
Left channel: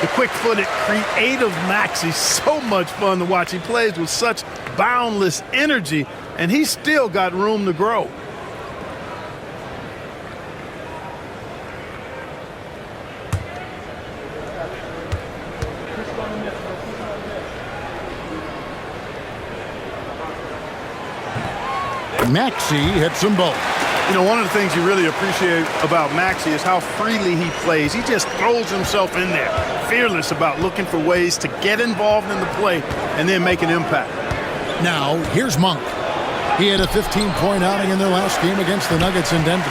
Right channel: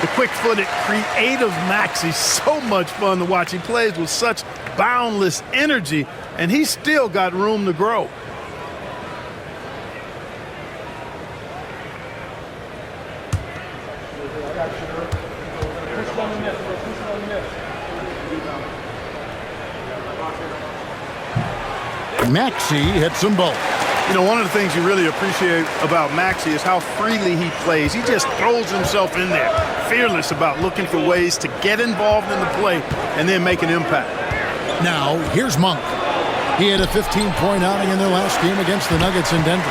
The quick-footed, creative Maxey, so much fun to watch. He plays with such boundless energy, and he's still got room to grow. Maxey hits them both. You know, one of the things you really appreciate about Maxey is how freely he plays. He just throws himself in there, fearless about looking for ways to get involved in the play and then make an impact. Now, here's Monk. He had a 15-point outing in their last game against the Nuggets in Denver.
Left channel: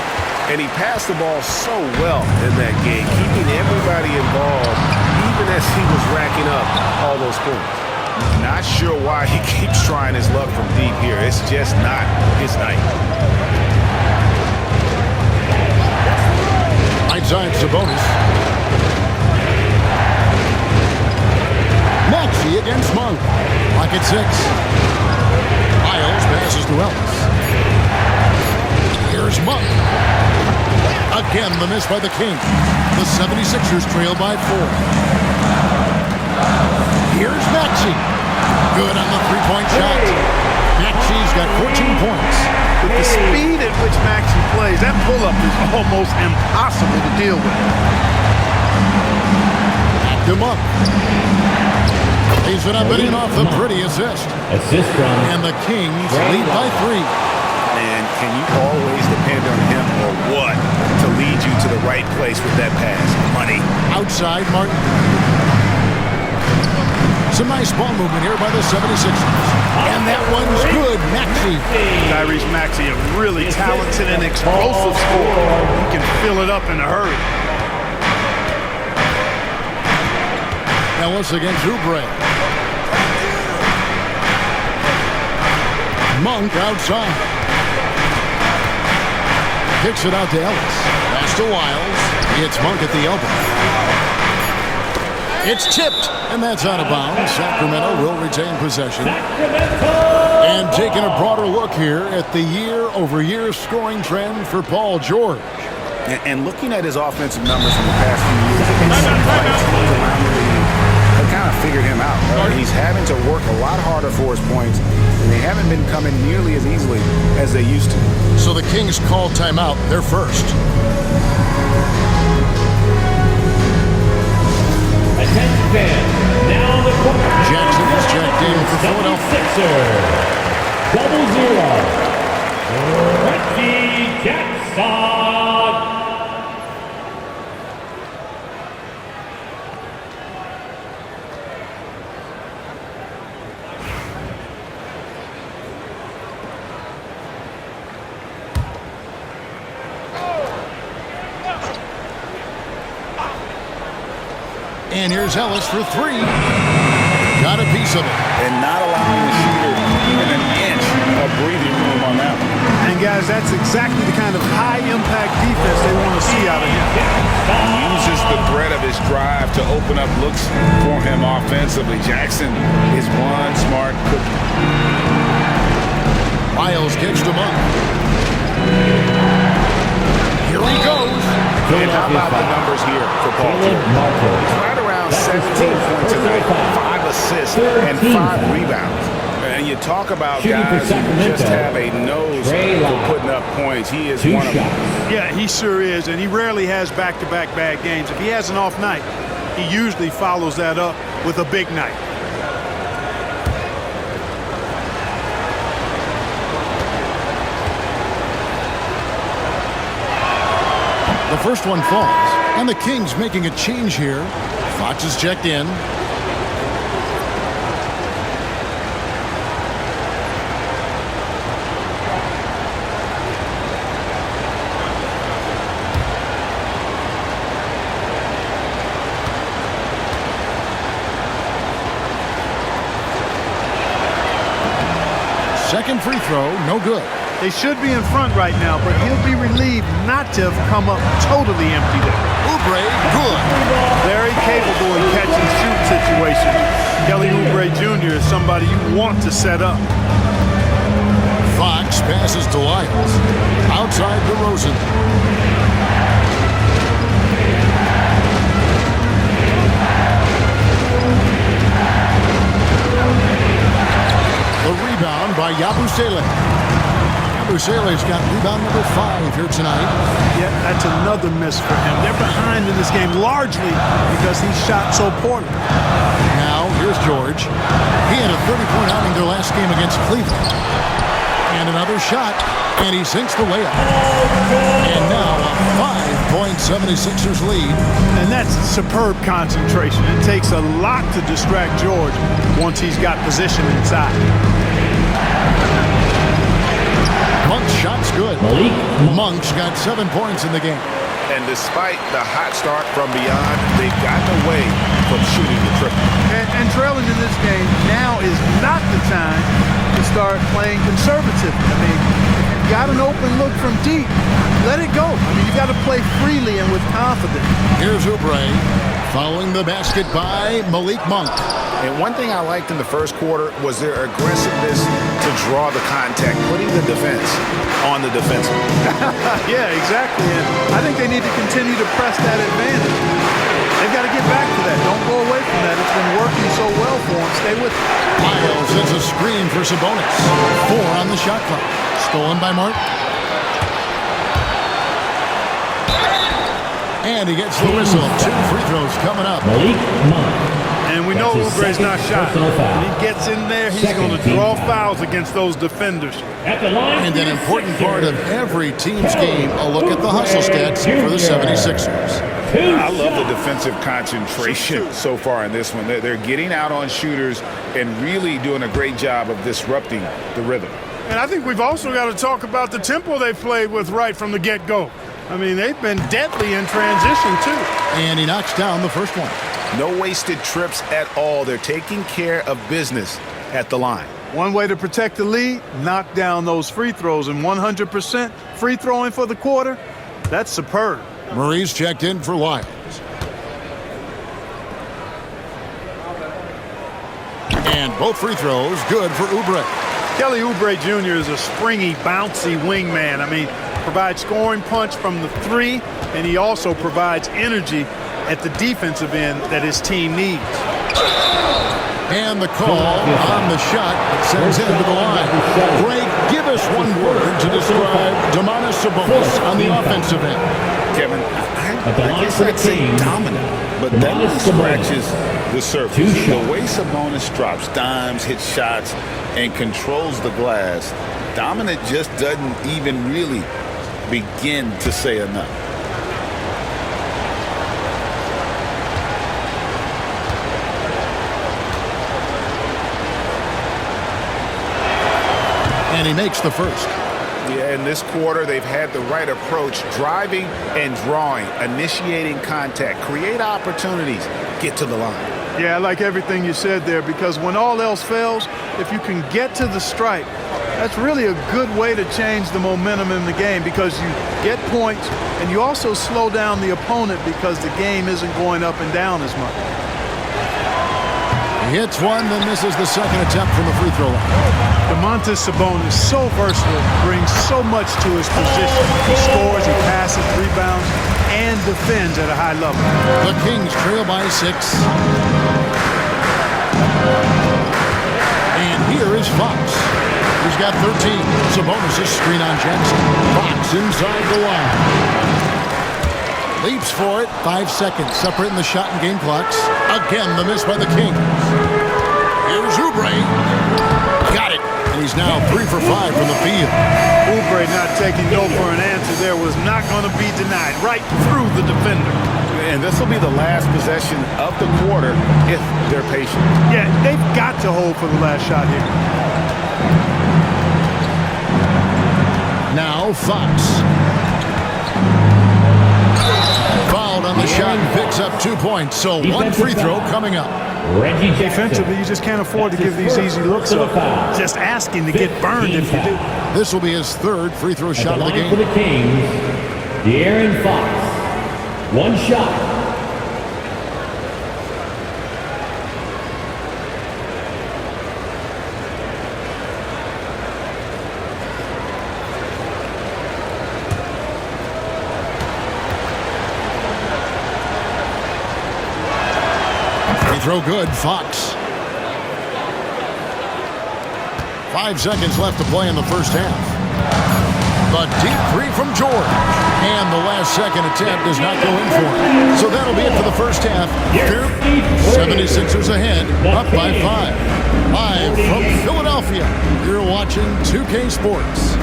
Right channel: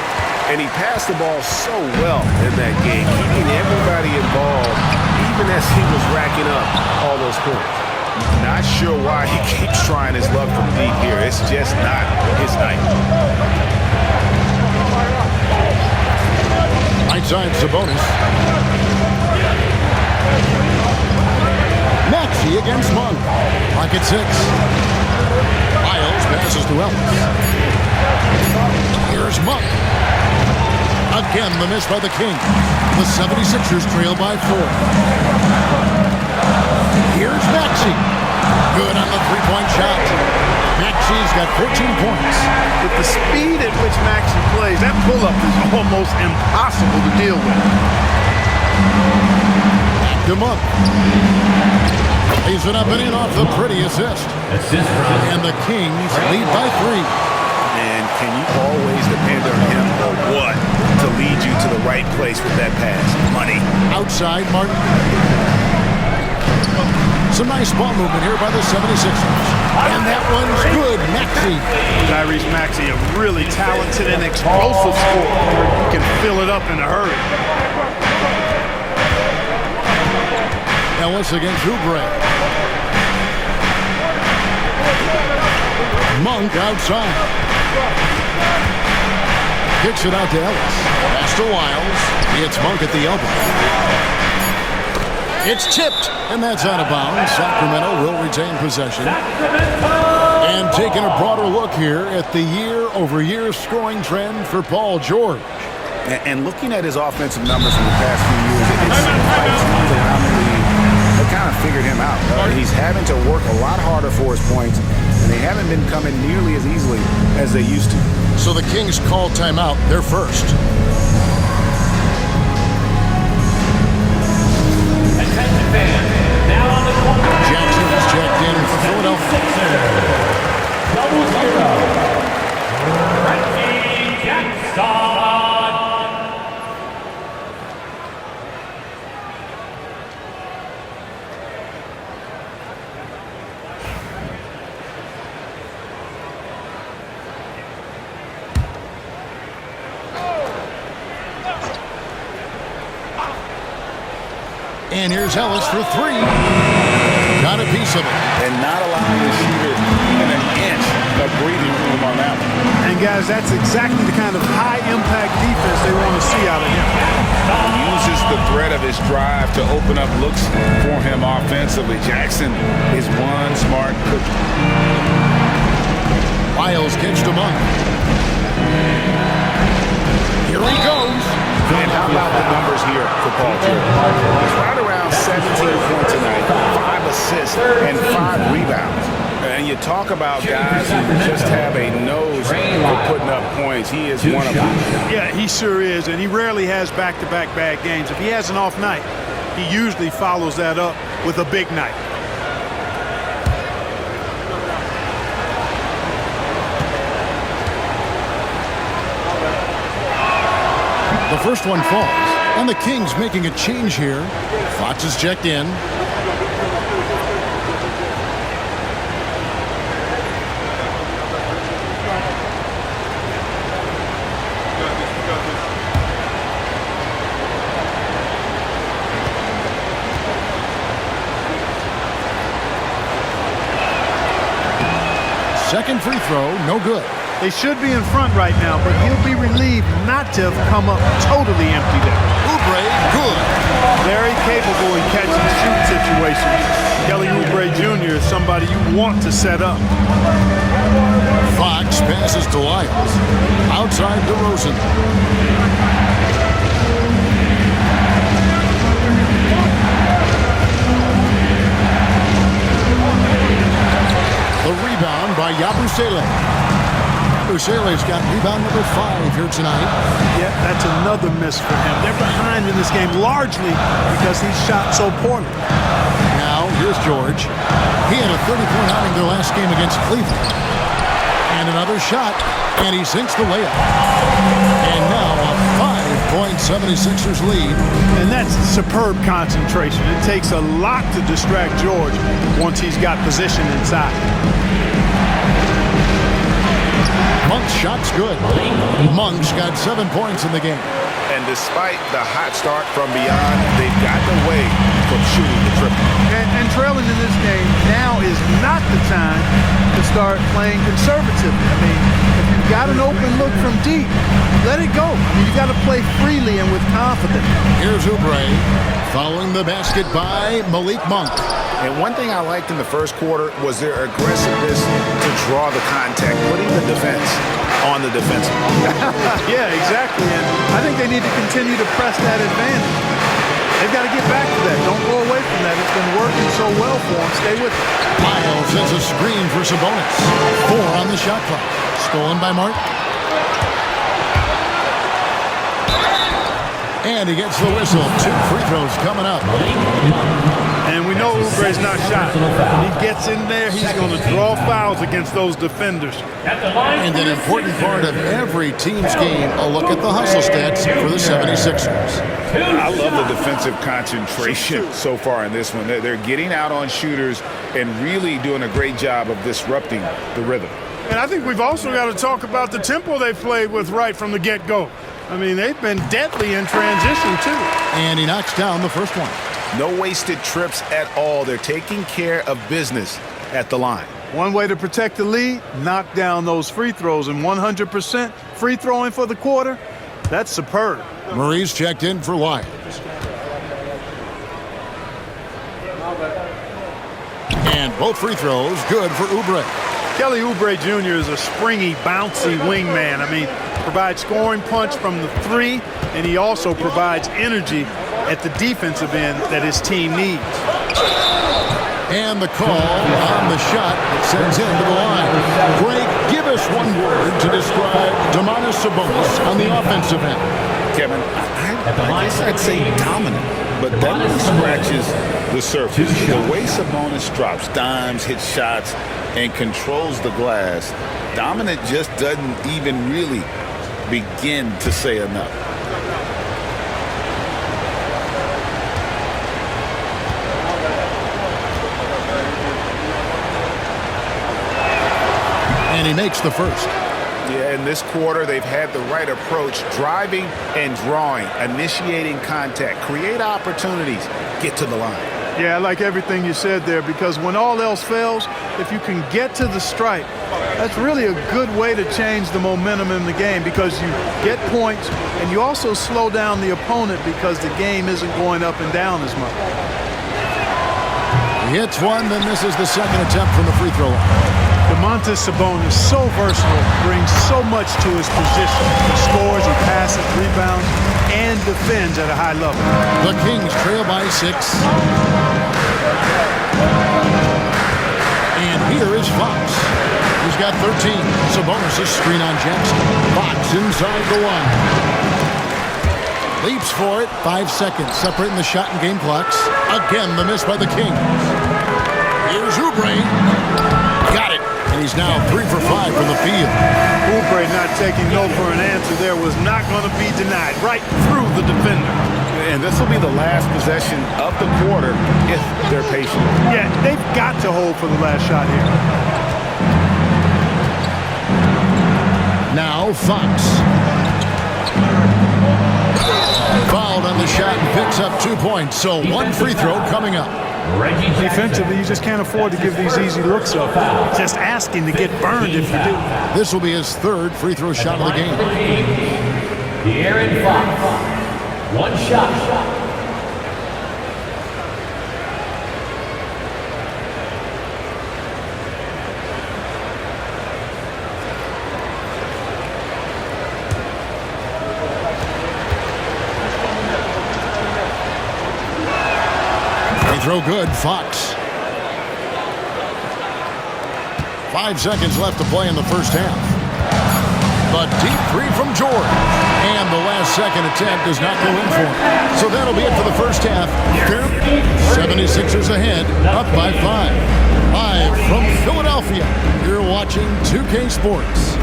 And he passed the ball so well in that game, keeping everybody involved, even as he was racking up all those points. Not sure why he keeps trying his luck from deep here. It's just not his night. Right side, Sabonis. Maxey against Monk. Clock at 6. Lyles passes to Ellis. Here's Monk. Again, the miss by the Kings. The 76ers trail by 4. Here's Maxey. Good on the three-point shot. Maxey's got 14 points. With the speed at which Maxey plays, that pull-up is almost impossible to deal with. Back to Monk. Lays it up and in off the pretty assist. Assist from. And the Kings lead by 3. And can you always depend on him or what to lead you to the right place with that pass? Money. Outside, Martin. Some nice ball movement here by the 76ers. And that one's good. Maxey. Tyrese Maxey, a really talented and explosive scorer. He can fill it up in a hurry. Ellis against Oubre. Monk outside. Kicks it out to Ellis. Pass to Wiles. It's Monk at the elbow. It's tipped, and that's out of bounds. Sacramento will retain possession. And taking a broader look here at the year-over-year scoring trend for Paul George. And looking at his offensive numbers from the past few years, it seems like teams around the league have kind of figured him out. He's having to work a lot harder for his points, and they haven't been coming nearly as easily as they used to. So the Kings call timeout. They're first. Attention fans. Now on the court. Jackson is checked in for Philadelphia. 0-0. Reggie Jackson. And here's Ellis for 3. Got a piece of it. And not allowing the shooter even an inch of breathing room on that one. And, guys, that's exactly the kind of high-impact defense they want to see out of him. He uses the threat of his drive to open up looks for him offensively. Jackson is one smart cookie. Wiles kicks to Monk. Here he goes. And how about the numbers here for Paul George? He's right around 17 points a night, 5 assists, and 5 rebounds. And you talk about guys who just have a nose for putting up points. He is one of them. Yeah, he sure is, and he rarely has back-to-back bad games. If he has an off night, he usually follows that up with a big night. The first one falls, and the Kings making a change here. Fox is checked in. Second free throw, no good. They should be in front right now, but he'll be relieved not to have come up totally empty there. Oubre, good. Very capable in catch-and-shoot situations. Kelly Oubre Jr. is somebody you want to set up. Fox passes to Lyles. Outside DeRozan. The rebound by Yabusele. Yabusele's got rebound number 5 here tonight. Yeah, that's another miss for him. They're behind in this game largely because he shot so poorly. Now, here's George. He had a 30-point outing their last game against Cleveland. And another shot, and he sinks the layup. And now a 5-point 76ers lead. And that's superb concentration. It takes a lot to distract George once he's got position inside. Monk's shot's good. Monk's got 7 points in the game. And despite the hot start from beyond, they've gotten away from shooting the triple. And trailing in this game now is not the time to start playing conservatively. I mean, if you've got an open look from deep, let it go. I mean, you've got to play freely and with confidence. Here's Oubre following the basket by Malik Monk. And one thing I liked in the first quarter was their aggressiveness to draw the contact, putting the defense on the defensive. Yeah, exactly. And I think they need to continue to press that advantage. They've got to get back to that. Don't go away from that. It's been working so well for them. Stay with it. Miles sends a screen for Sabonis. 4 on the shot clock. Stolen by Martin. And he gets the whistle. 2 free throws coming up. And we know Oubre's not shy. When he gets in there, he's going to draw fouls against those defenders. And an important part of every team's game, a look at the hustle stats for the 76ers. I love the defensive concentration so far in this one. They're getting out on shooters and really doing a great job of disrupting the rhythm. And I think we've also got to talk about the tempo they've played with right from the get-go. I mean, they've been deadly in transition, too. And he knocks down the first one. No wasted trips at all. They're taking care of business at the line. One way to protect the lead, knock down those free throws. And 100% free throwing for the quarter, that's superb. Murray's checked in for Lyles. And both free throws good for Oubre. Kelly Oubre Jr. is a springy, bouncy wingman. I mean, provides scoring punch from the three, and he also provides energy at the defensive end that his team needs. And the call on the shot that sends him to the line. Greg, give us one word to describe Domantas Sabonis on the offensive end. Kevin, I guess I'd say dominant, but that really scratches the surface. The way Sabonis drops dimes, hits shots, and controls the glass, dominant just doesn't even really begin to say enough. And he makes the first. Yeah, in this quarter, they've had the right approach, driving and drawing, initiating contact, create opportunities, get to the line. Yeah, I like everything you said there, because when all else fails, if you can get to the stripe, that's really a good way to change the momentum in the game, because you get points and you also slow down the opponent because the game isn't going up and down as much. He hits one, then misses the second attempt from the free throw line. Domantas Sabonis, so versatile, brings so much to his position. He scores, he passes, rebounds, and defends at a high level. The Kings trail by 6. And here is Fox. He's got 13. Sabonis' screen on Jackson. Fox inside the line. Leaps for it. 5 seconds separating the shot and game clocks. Again, the miss by the Kings. Here's Oubre. Got it. And he's now 3 for 5 from the field. Oubre not taking no for an answer there was not going to be denied. Right through the defender. And this will be the last possession of the quarter if they're patient. Yeah, they've got to hold for the last shot here. Now Fox. Fouled on the shot and picks up 2 points. So one free throw coming up. Defensively, you just can't afford to give these easy looks up. Just asking to get burned if you do. This will be his 3rd free throw shot of the game. For the Kings, De'Aaron Fox. One shot. Free throw good, Fox. 5 seconds left to play in the first half. The deep three from George. And the last second attempt does not go in for him. So that'll be it for the first half. 76ers ahead, up by 5. Live from Philadelphia, you're watching 2K Sports.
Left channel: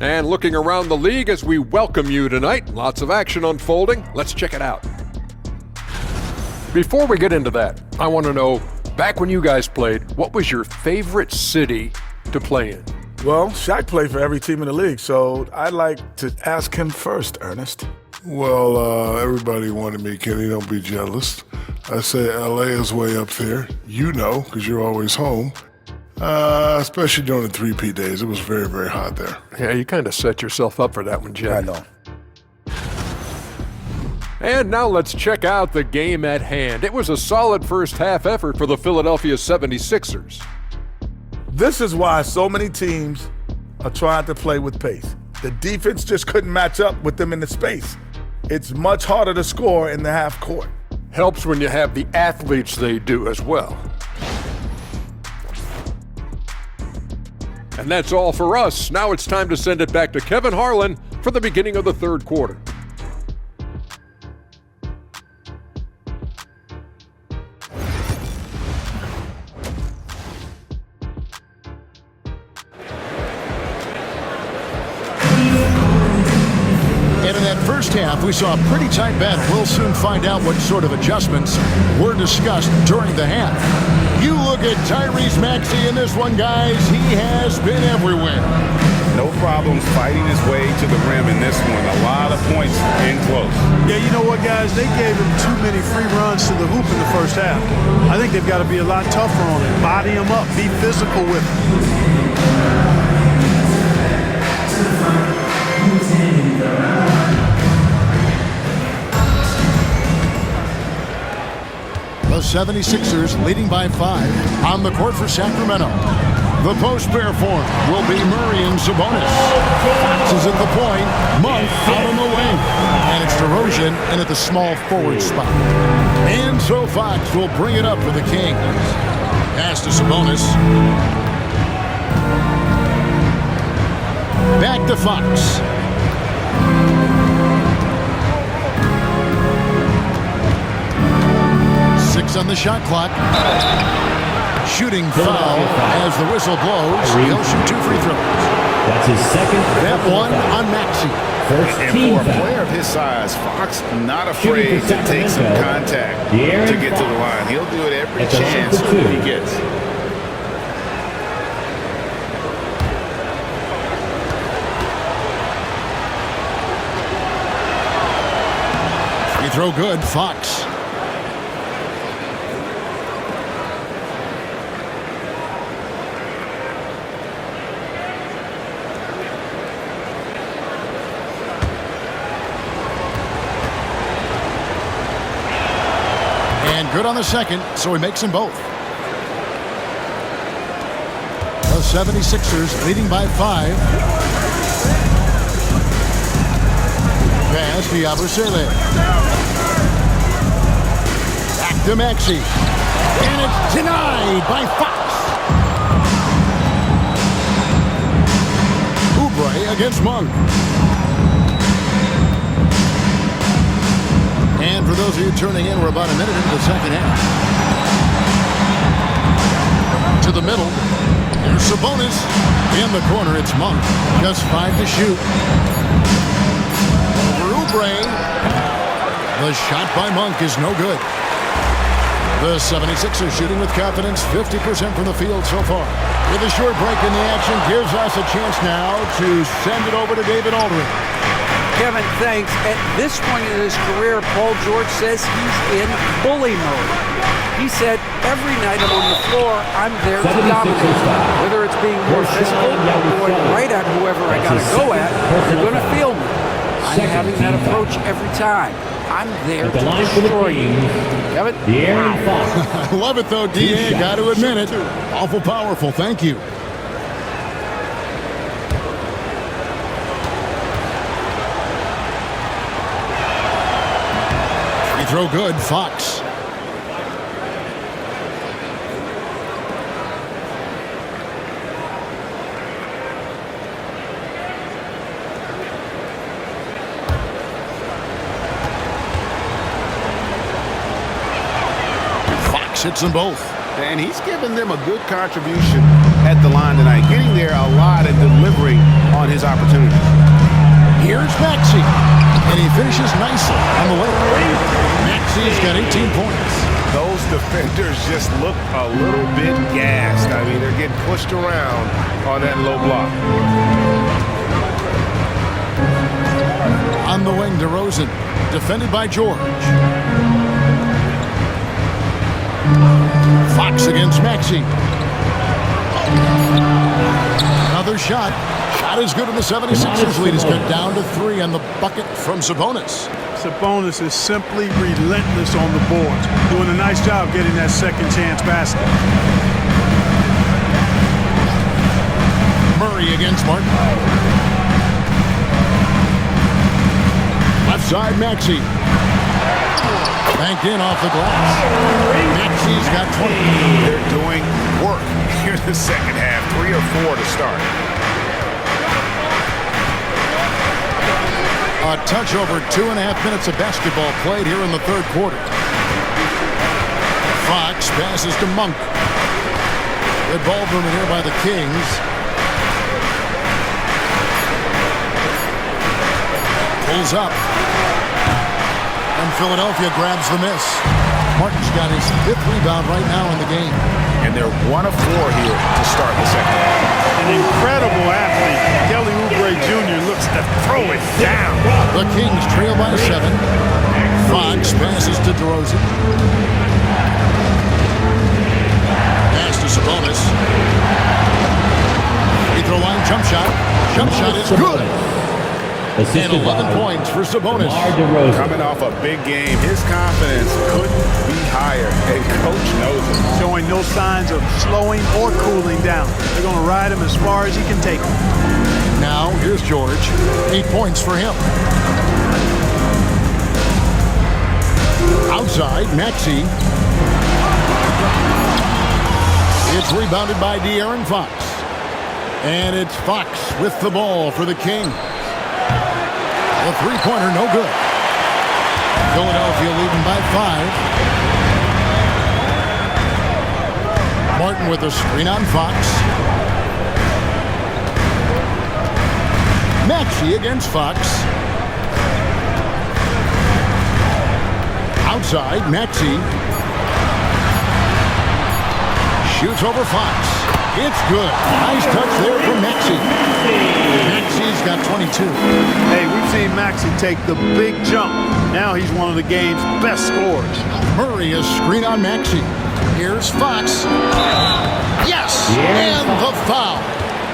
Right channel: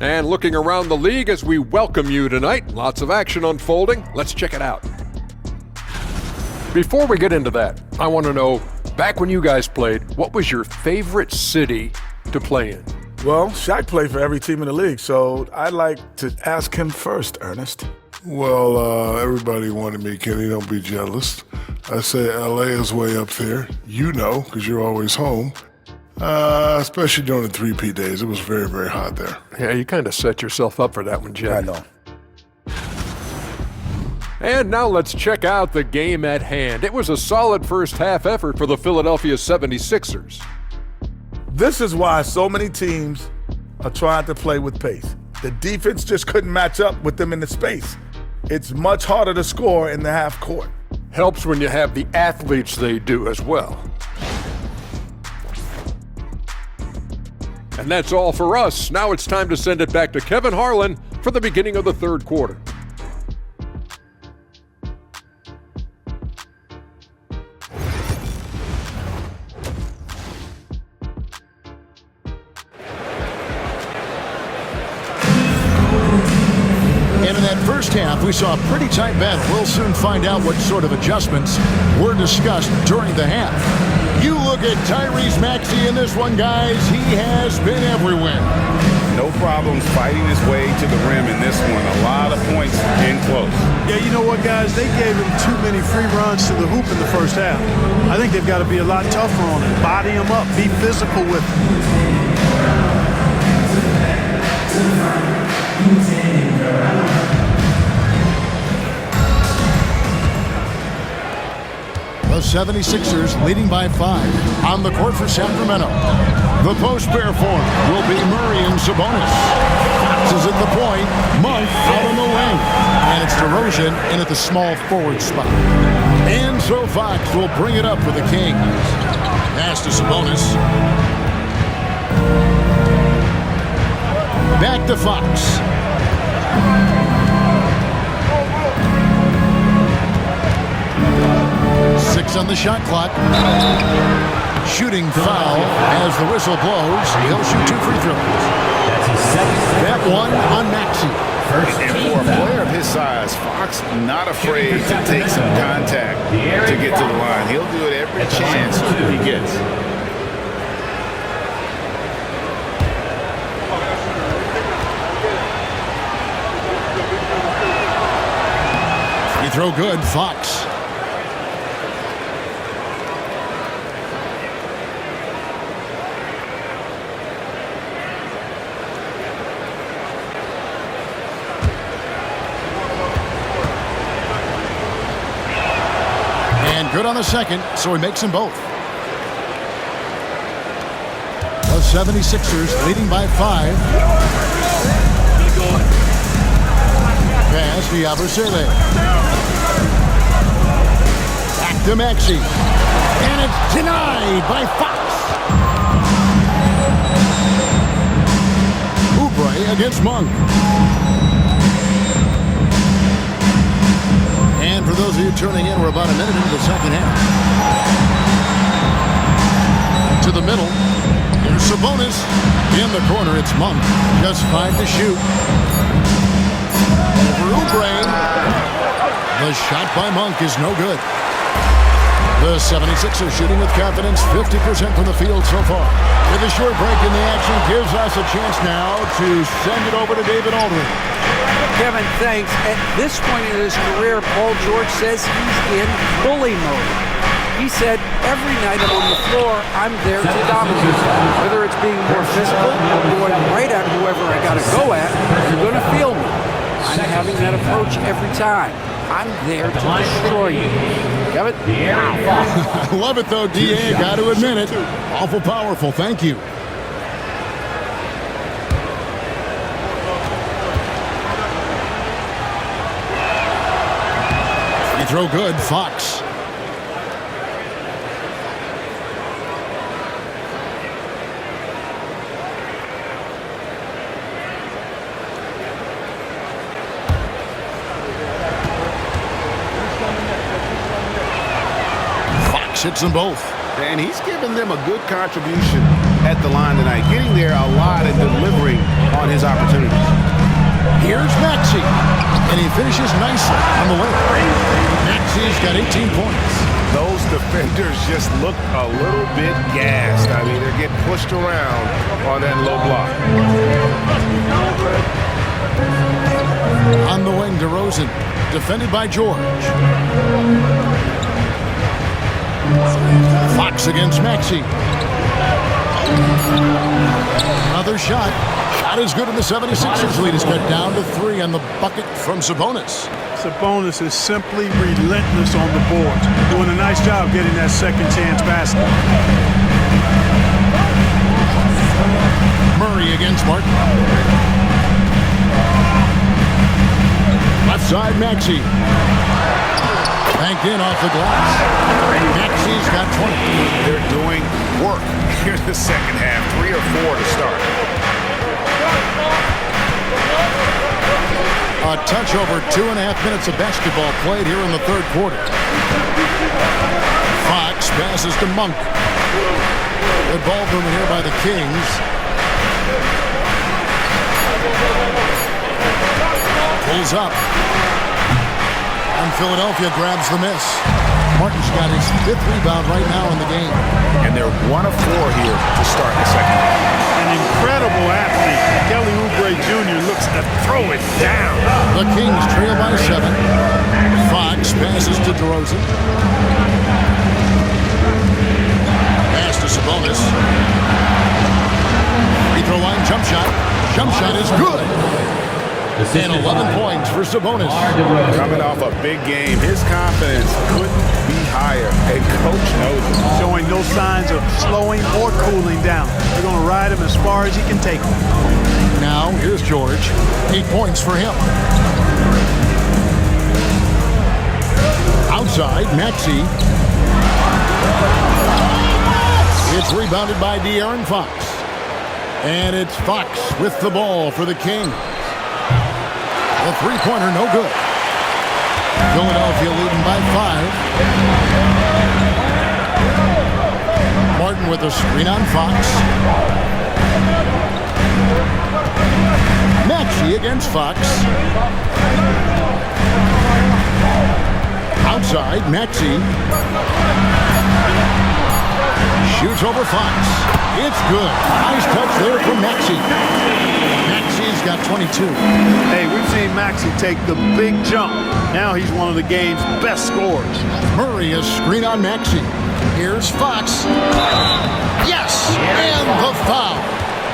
And looking around the league as we welcome you tonight, lots of action unfolding. Let's check it out. Before we get into that, I want to know, back when you guys played, what was your favorite city to play in? Well, Shaq played for every team in the league, so I'd like to ask him first, Ernest. Well, everybody wanted me, Kenny, don't be jealous. I say LA is way up there. You know, because you're always home. Especially during the 3P days. It was very, very hot there. Yeah, you kind of set yourself up for that one, Jim. I know. And now let's check out the game at hand. It was a solid first half effort for the Philadelphia 76ers. This is why so many teams are trying to play with pace. The defense just couldn't match up with them in the space. It's much harder to score in the half court. Helps when you have the athletes they do as well. And that's all for us. Now it's time to send it back to Kevin Harlan for the beginning of the third quarter. And in that first half, we saw a pretty tight battle. We'll soon find out what sort of adjustments were discussed during the half. You look at Tyrese Maxey in this one, guys. He has been everywhere. No problems fighting his way to the rim in this one. A lot of points in close. Yeah, you know what, guys? They gave him too many free runs to the hoop in the first half. I think they've got to be a lot tougher on him. Body him up. Be physical with him. The 76ers leading by 5 on the court for Sacramento. The post pair form will be Murray and Sabonis. Fox is at the point, Monk out on the wing. And it's DeRozan in at the small forward spot. And so Fox will bring it up for the Kings. Pass to Sabonis. Back to Fox. Six on the shot clock. Shooting foul as the whistle blows. He'll shoot 2 free throws. That's his second. That one on Maxey. And for a player of his size, Fox not afraid to take some contact to get to the line. He'll do it every chance he gets. Free throw good, Fox. Good on the second, so he makes them both. The 76ers leading by 5. Pass to Yabusele. Back to Maxey. And it's denied by Fox. Oubre against Monk. And for those of you turning in, we're about a minute into the second half. To the middle. Here's Sabonis. In the corner, it's Monk. Just 5 to shoot. Over Oubre. The shot by Monk is no good. The 76ers shooting with confidence, 50% from the field so far. With a short break in the action, gives us a chance now to send it over to David Aldridge. Kevin, thanks. At this point in his career, Paul George says he's in bully mode. He said, every night I'm on the floor, I'm there to dominate. Whether it's being more physical or going right at whoever I got to go at, you're going to feel me. I'm having that approach every time. I'm there to destroy you. Kevin? I love it, though, D.A. Got to admit it. Awful powerful. Thank you. Free throw good. Fox. Hits them both. And he's given them a good contribution at the line tonight, getting there a lot and delivering on his opportunities. Here's Maxey, and he finishes nicely on the layup. Maxey's got 18 points. Those defenders just look a little bit gassed. I mean, they're getting pushed around on that low block. On the wing, DeRozan, defended by George. Fox against Maxey. Another shot. Shot is good, and the 76ers lead is cut down to 3 on the bucket from Sabonis. Sabonis is simply relentless on the boards, doing a nice job getting that second chance basket. Murray against Martin. Left side, Maxey. Banked in off the glass. Maxey's got 20. They're doing work here in the second half. 3 or 4 to start. A touch over 2.5 minutes of basketball played here in the third quarter. Fox passes to Monk. Good ball movement here by the Kings. Pulls up. And Philadelphia grabs the miss. Martin's got his 5th rebound right now in the game. And they're 1 of 4 here to start the second half. An incredible athlete. Kelly Oubre Jr. looks to throw it down. The Kings trail by 7. Fox passes to DeRozan. Pass to Sabonis. Free throw line jump shot. Jump shot is good. And 11 points for Sabonis. Coming off a big game, his confidence couldn't be higher, and coach knows it. Showing no signs of slowing or cooling down. They're going to ride him as far as he can take him. Now, here's George. 8 points for him. Outside, Maxey. It's rebounded by De'Aaron Fox. And it's Fox with the ball for the Kings. The three-pointer, no good. Philadelphia leading by 5. Martin with a screen on Fox. Maxey against Fox. Outside, Maxey. Shoots over Fox. It's good. Nice touch there from Maxey. Maxey's got 22. Hey, we've seen Maxey take the big jump. Now he's one of the game's best scorers. Murray is screen on Maxey. Here's Fox. Yes! And the foul.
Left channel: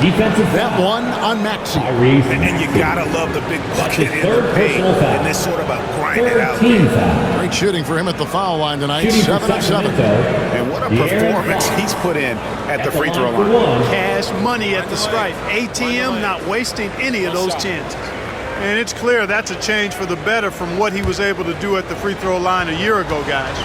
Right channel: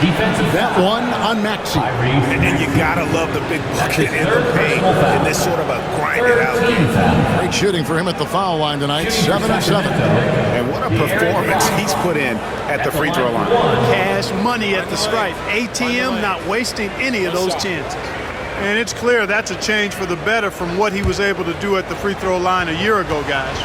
Defensive That one on Maxey. And you gotta love the big bucket in the paint in this sort of a grind-it-out game. Great shooting for him at the foul line tonight. 7 of 7. And what a performance he's put in at the free throw line. Cash money at the stripe. ATM not wasting any of those chances. And it's clear that's a change for the better from what he was able to do at the free throw line a year ago, guys.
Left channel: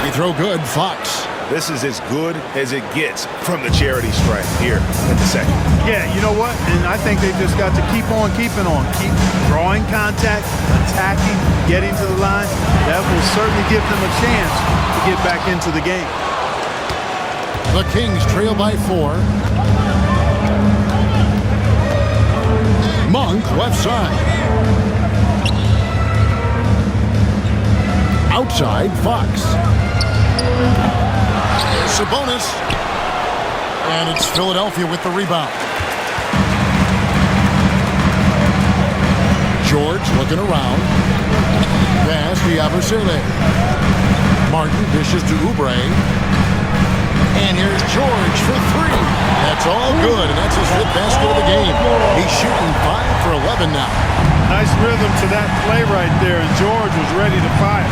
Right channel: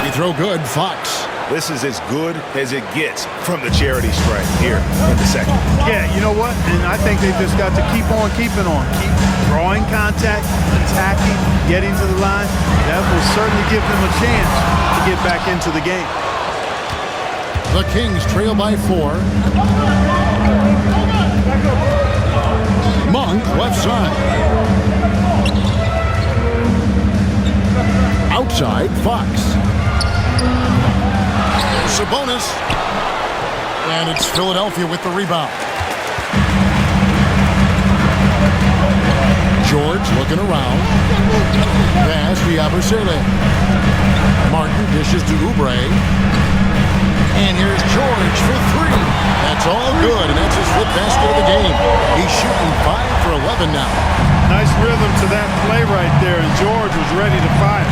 Free throw good, Fox. This is as good as it gets from the charity stripe here in the second. Yeah, you know what? And I think they've just got to keep on keeping on. Keep drawing contact, attacking, getting to the line. That will certainly give them a chance to get back into the game. The Kings trail by 4. Monk, left side. Outside, Fox. Sabonis. And it's Philadelphia with the rebound. George looking around. Pass to Yabusele. Martin dishes to Oubre. And here's George for 3. That's all good, and that's his 5th basket of the game. He's shooting 5 for 11 now. Nice rhythm to that play right there, and George was ready to fire.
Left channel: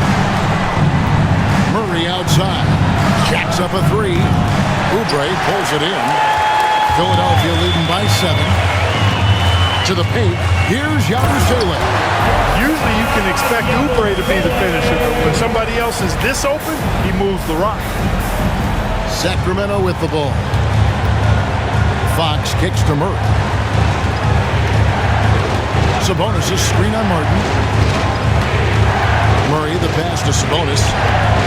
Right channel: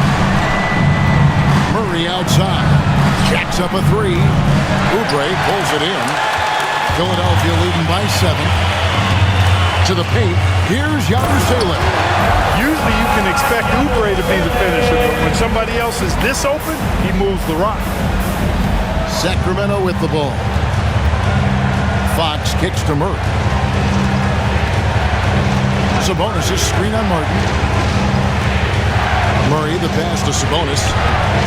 Murray outside. Jacks up a 3. Oubre pulls it in. Philadelphia leading by 7. To the paint. Here's Yabusele. Usually you can expect Oubre to be the finisher, but when somebody else is this open, he moves the rock. Sacramento with the ball. Fox kicks to Murray. Sabonis is screen on Martin. Murray the pass to Sabonis.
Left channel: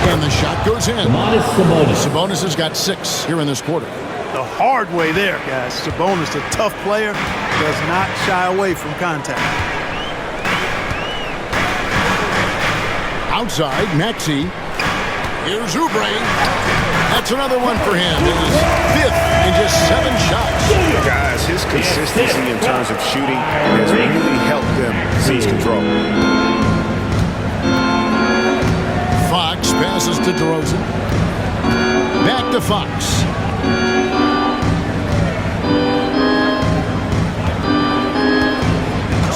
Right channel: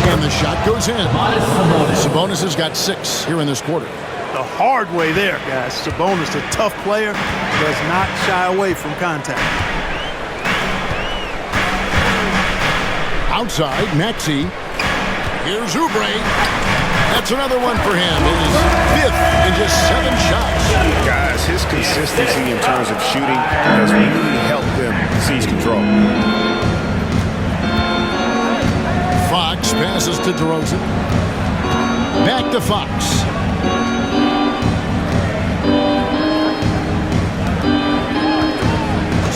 And the shot goes in. Sabonis has got 6 here in this quarter. The hard way there, guys. Sabonis, a tough player, does not shy away from contact. Outside, Maxey. Here's Oubre. That's another one for him. His 5th in just 7 shots. Guys, his consistency in terms of shooting has really helped them seize control. Fox passes to DeRozan. Back to Fox.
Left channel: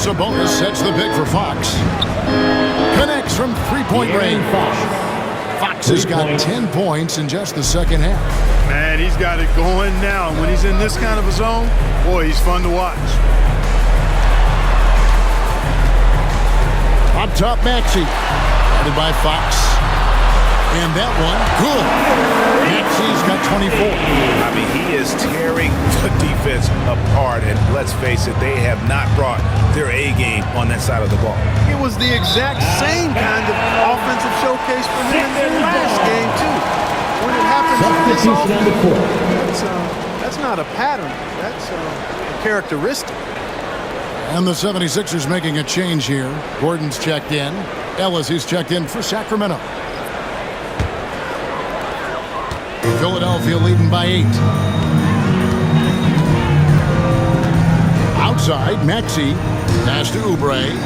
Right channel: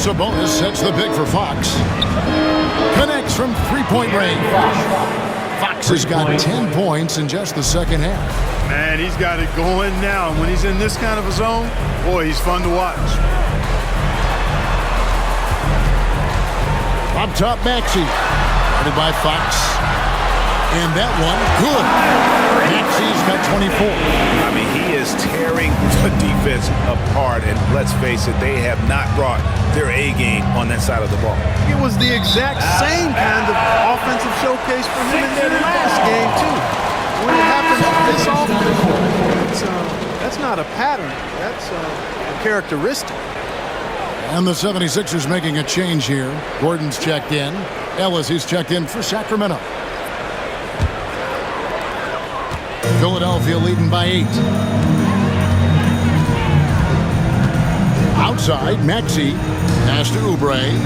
Sabonis sets the pick for Fox. Connects from 3-point range. Fox has got 10 points in just the second half. Man, he's got it going now. And when he's in this kind of a zone, boy, he's fun to watch. Up top, Maxey. Guarded by Fox. And that one, good. Maxey's got 24. I mean, he is tearing the defense apart. And let's face it, they have not brought their A game on that side of the ball. It was the exact same kind of offensive showcase for him in their last game, too. When it happens this often, that's not a pattern. That's a characteristic. And the 76ers making a change here. Gordon's checked in. Ellis is checked in for Sacramento. Philadelphia leading by 8. Outside, Maxey. Pass to Oubre.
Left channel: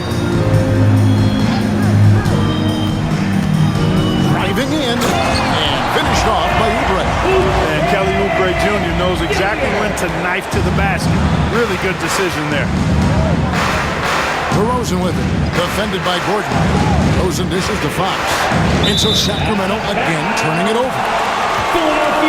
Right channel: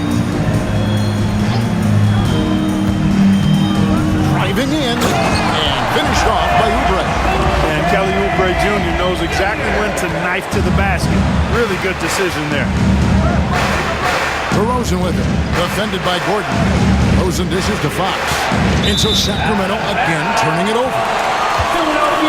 Driving in and finished off by Oubre. And Kelly Oubre Jr. knows exactly when to knife to the basket. Really good decision there. DeRozan with it. Defended by Gordon. DeRozan dishes to Fox. And so Sacramento again turning it over.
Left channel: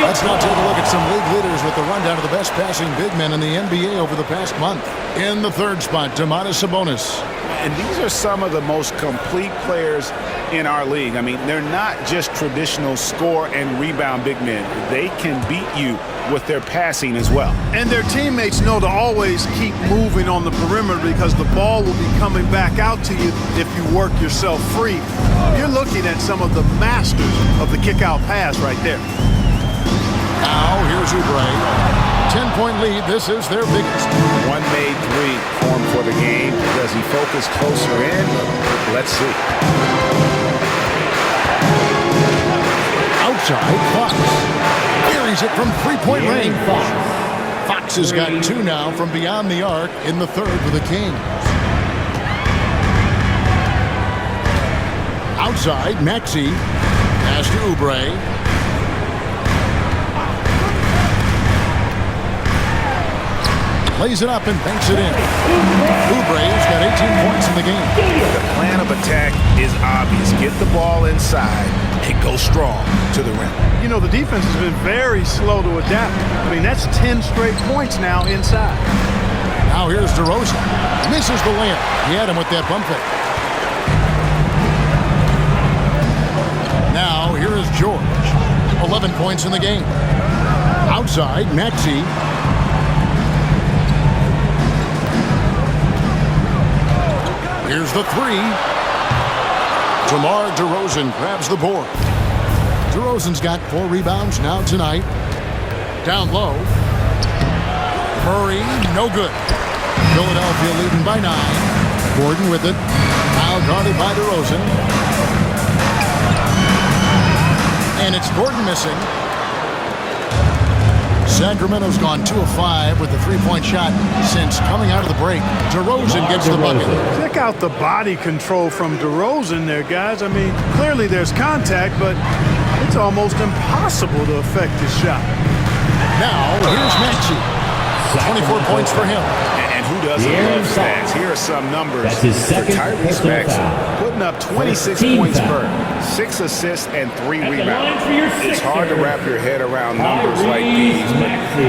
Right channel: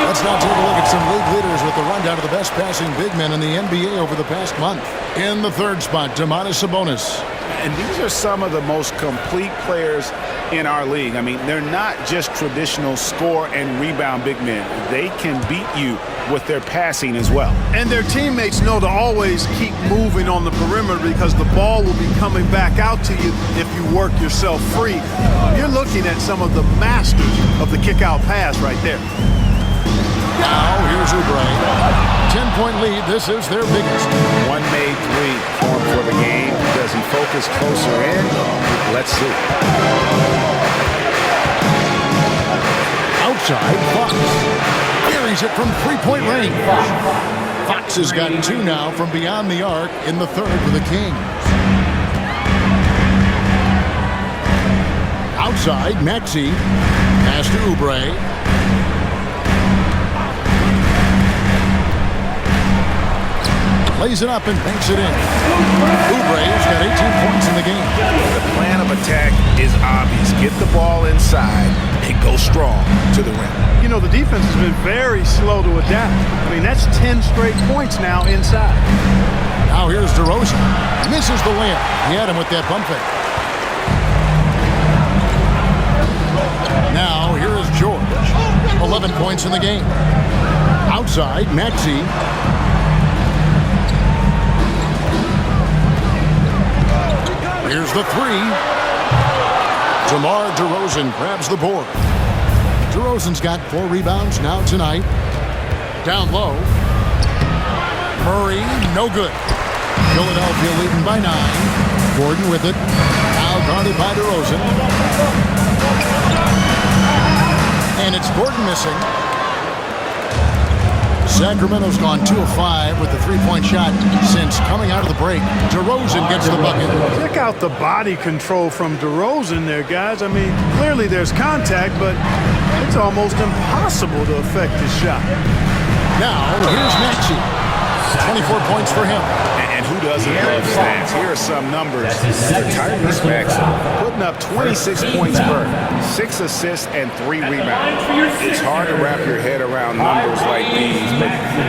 Let's now take a look at some league leaders with the rundown of the best passing big men in the NBA over the past month. In the third spot, Domantas Sabonis. And these are some of the most complete players in our league. I mean, they're not just traditional score and rebound big men. They can beat you with their passing as well. And their teammates know to always keep moving on the perimeter because the ball will be coming back out to you if you work yourself free. You're looking at some of the masters of the kick-out pass right there. Now, here's Oubre. 10-point lead. This is their biggest. One made three for him for the game. Does he focus closer in? Let's see. Outside, Fox. Carries it from three-point range. Fox has got 2 now from beyond the arc in the third for the Kings. Outside, Maxey. Pass to Oubre. Lays it up and banks it in. Oubre's got 18 points in the game. The plan of attack is obvious. Get the ball inside and go strong to the rim. You know, the defense has been very slow to adapt. I mean, that's 10 straight points now inside. Now here's DeRozan. Misses the layup. He had him with that bump fake. Now here is George. 11 points in the game. Outside, Maxey. Here's the 3. DeMar DeRozan grabs the board. DeRozan's got 4 rebounds now tonight. Down low. Murray, no good. Philadelphia leading by 9. Gordon with it. Now guarded by DeRozan. And it's Gordon missing. Sacramento's gone 2 of 5 with the 3-point shot since coming out of the break. DeRozan gets the bucket. Check out the body control from DeRozan there, guys. I mean, clearly there's contact, but it's almost impossible to affect his shot. Now, here's Maxey. 24 points for him. And who doesn't love stats? Here are some numbers for Tyrese Maxey. Putting up 26 points per, 6 assists, and 3 rebounds. It's hard to wrap your head around numbers like these, but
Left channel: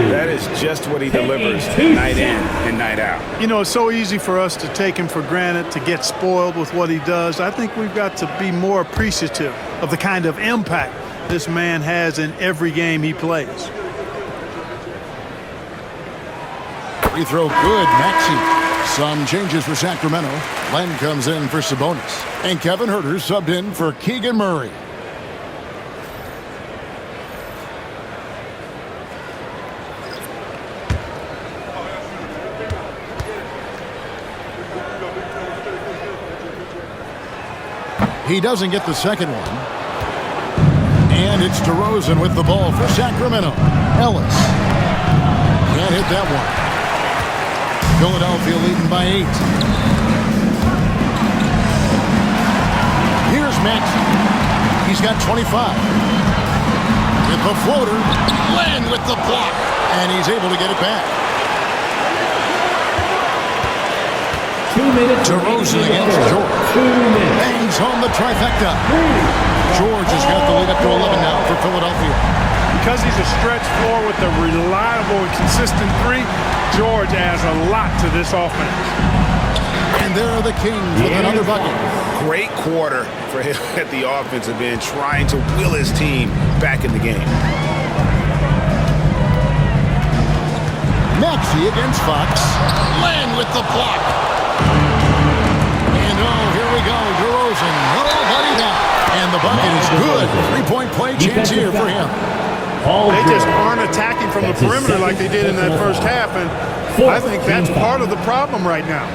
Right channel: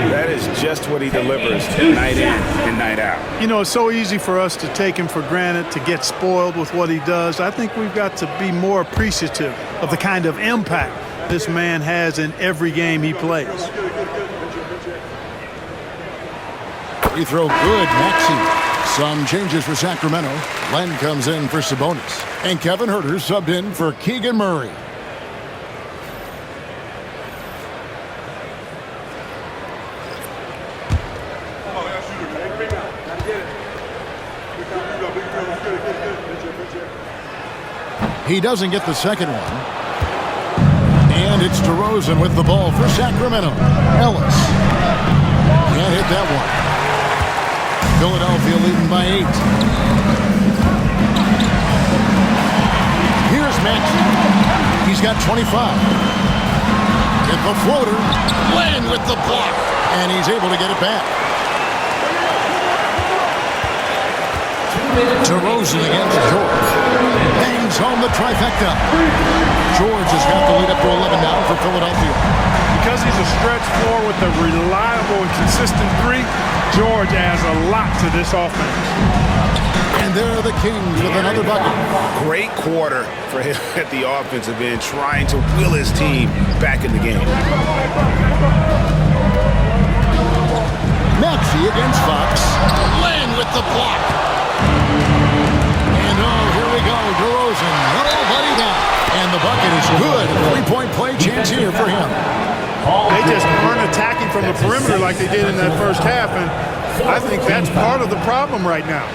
that is just what he delivers night in and night out. You know, it's so easy for us to take him for granted, to get spoiled with what he does. I think we've got to be more appreciative of the kind of impact this man has in every game he plays. Free throw good, Maxey. Some changes for Sacramento. Len comes in for Sabonis. And Kevin Huerter subbed in for Keegan Murray. He doesn't get the second one. And it's DeRozan with the ball for Sacramento. Ellis can't hit that one. Philadelphia leading by 8. Here's Maxey. He's got 25. Get the floater. Len with the block. And he's able to get it back. DeRozan against George. Bangs home the trifecta. George has got the lead up to 11 now for Philadelphia. Because he's a stretch floor with a reliable and consistent three, George adds a lot to this offense. And there are the Kings with another bucket. Great quarter for him at the offensive end, trying to will his team back in the game. Maxey against Fox. Len with the block. And here we go. DeRozan. Nobody down. And the bucket is good. Three-point play chance here for him. They just aren't attacking from the perimeter like they did in that first half, and I think that's part of the problem right now.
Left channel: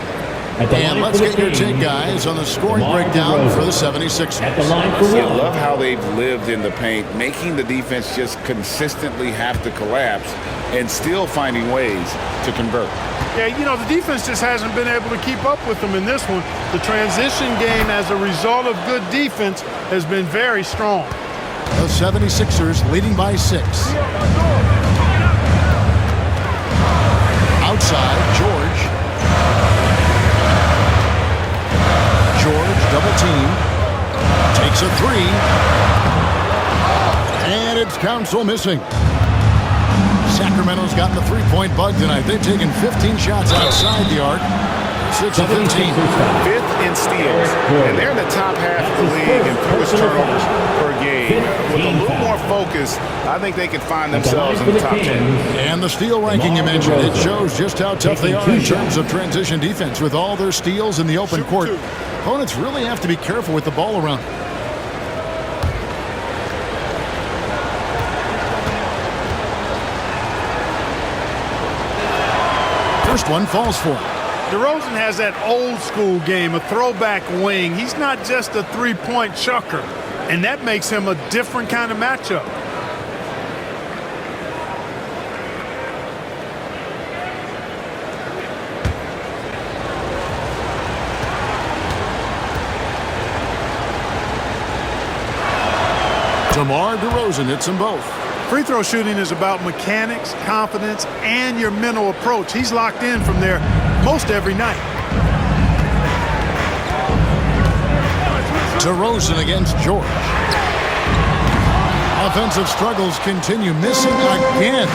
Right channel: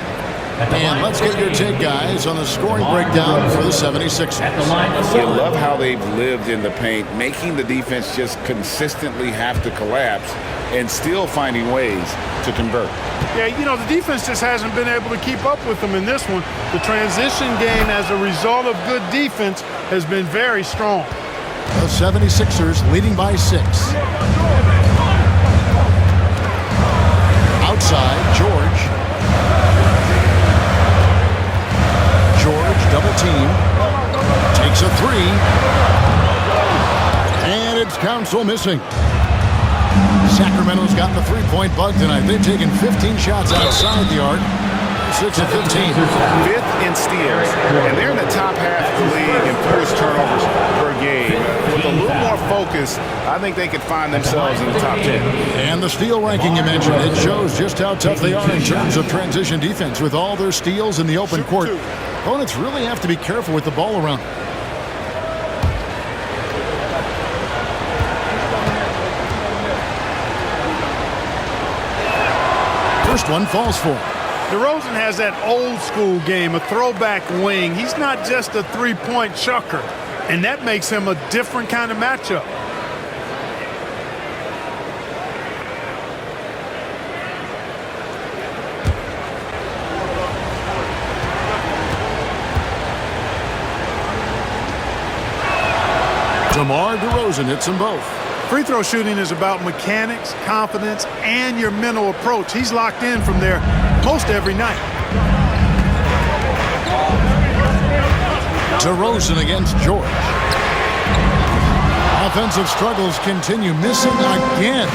And let's get your take, guys, on the scoring breakdown for the 76ers. You love how they've lived in the paint, making the defense just consistently have to collapse and still finding ways to convert. Yeah, you know, the defense just hasn't been able to keep up with them in this one. The transition game, as a result of good defense, has been very strong. The 76ers leading by 6. Outside, George. George, double team. Takes a three. And it's Council missing. Sacramento's gotten the three-point bug tonight. They've taken 15 shots outside the arc. 6 of 15. Fifth in steals, and they're in the top half of the league in forced turnovers per game. With a little more focus, I think they could find themselves in the top 10. And the steal ranking you mentioned, it shows just how tough they are in terms of transition defense. With all their steals in the open court, opponents really have to be careful with the ball around. First one falls for him. DeRozan has that old school game, a throwback wing. He's not just a three-point chucker, and that makes him a different kind of matchup. DeMar DeRozan hits them both. Free throw shooting is about mechanics, confidence, and your mental approach. He's locked in from there most every night. DeRozan against George. Offensive struggles continue, missing again.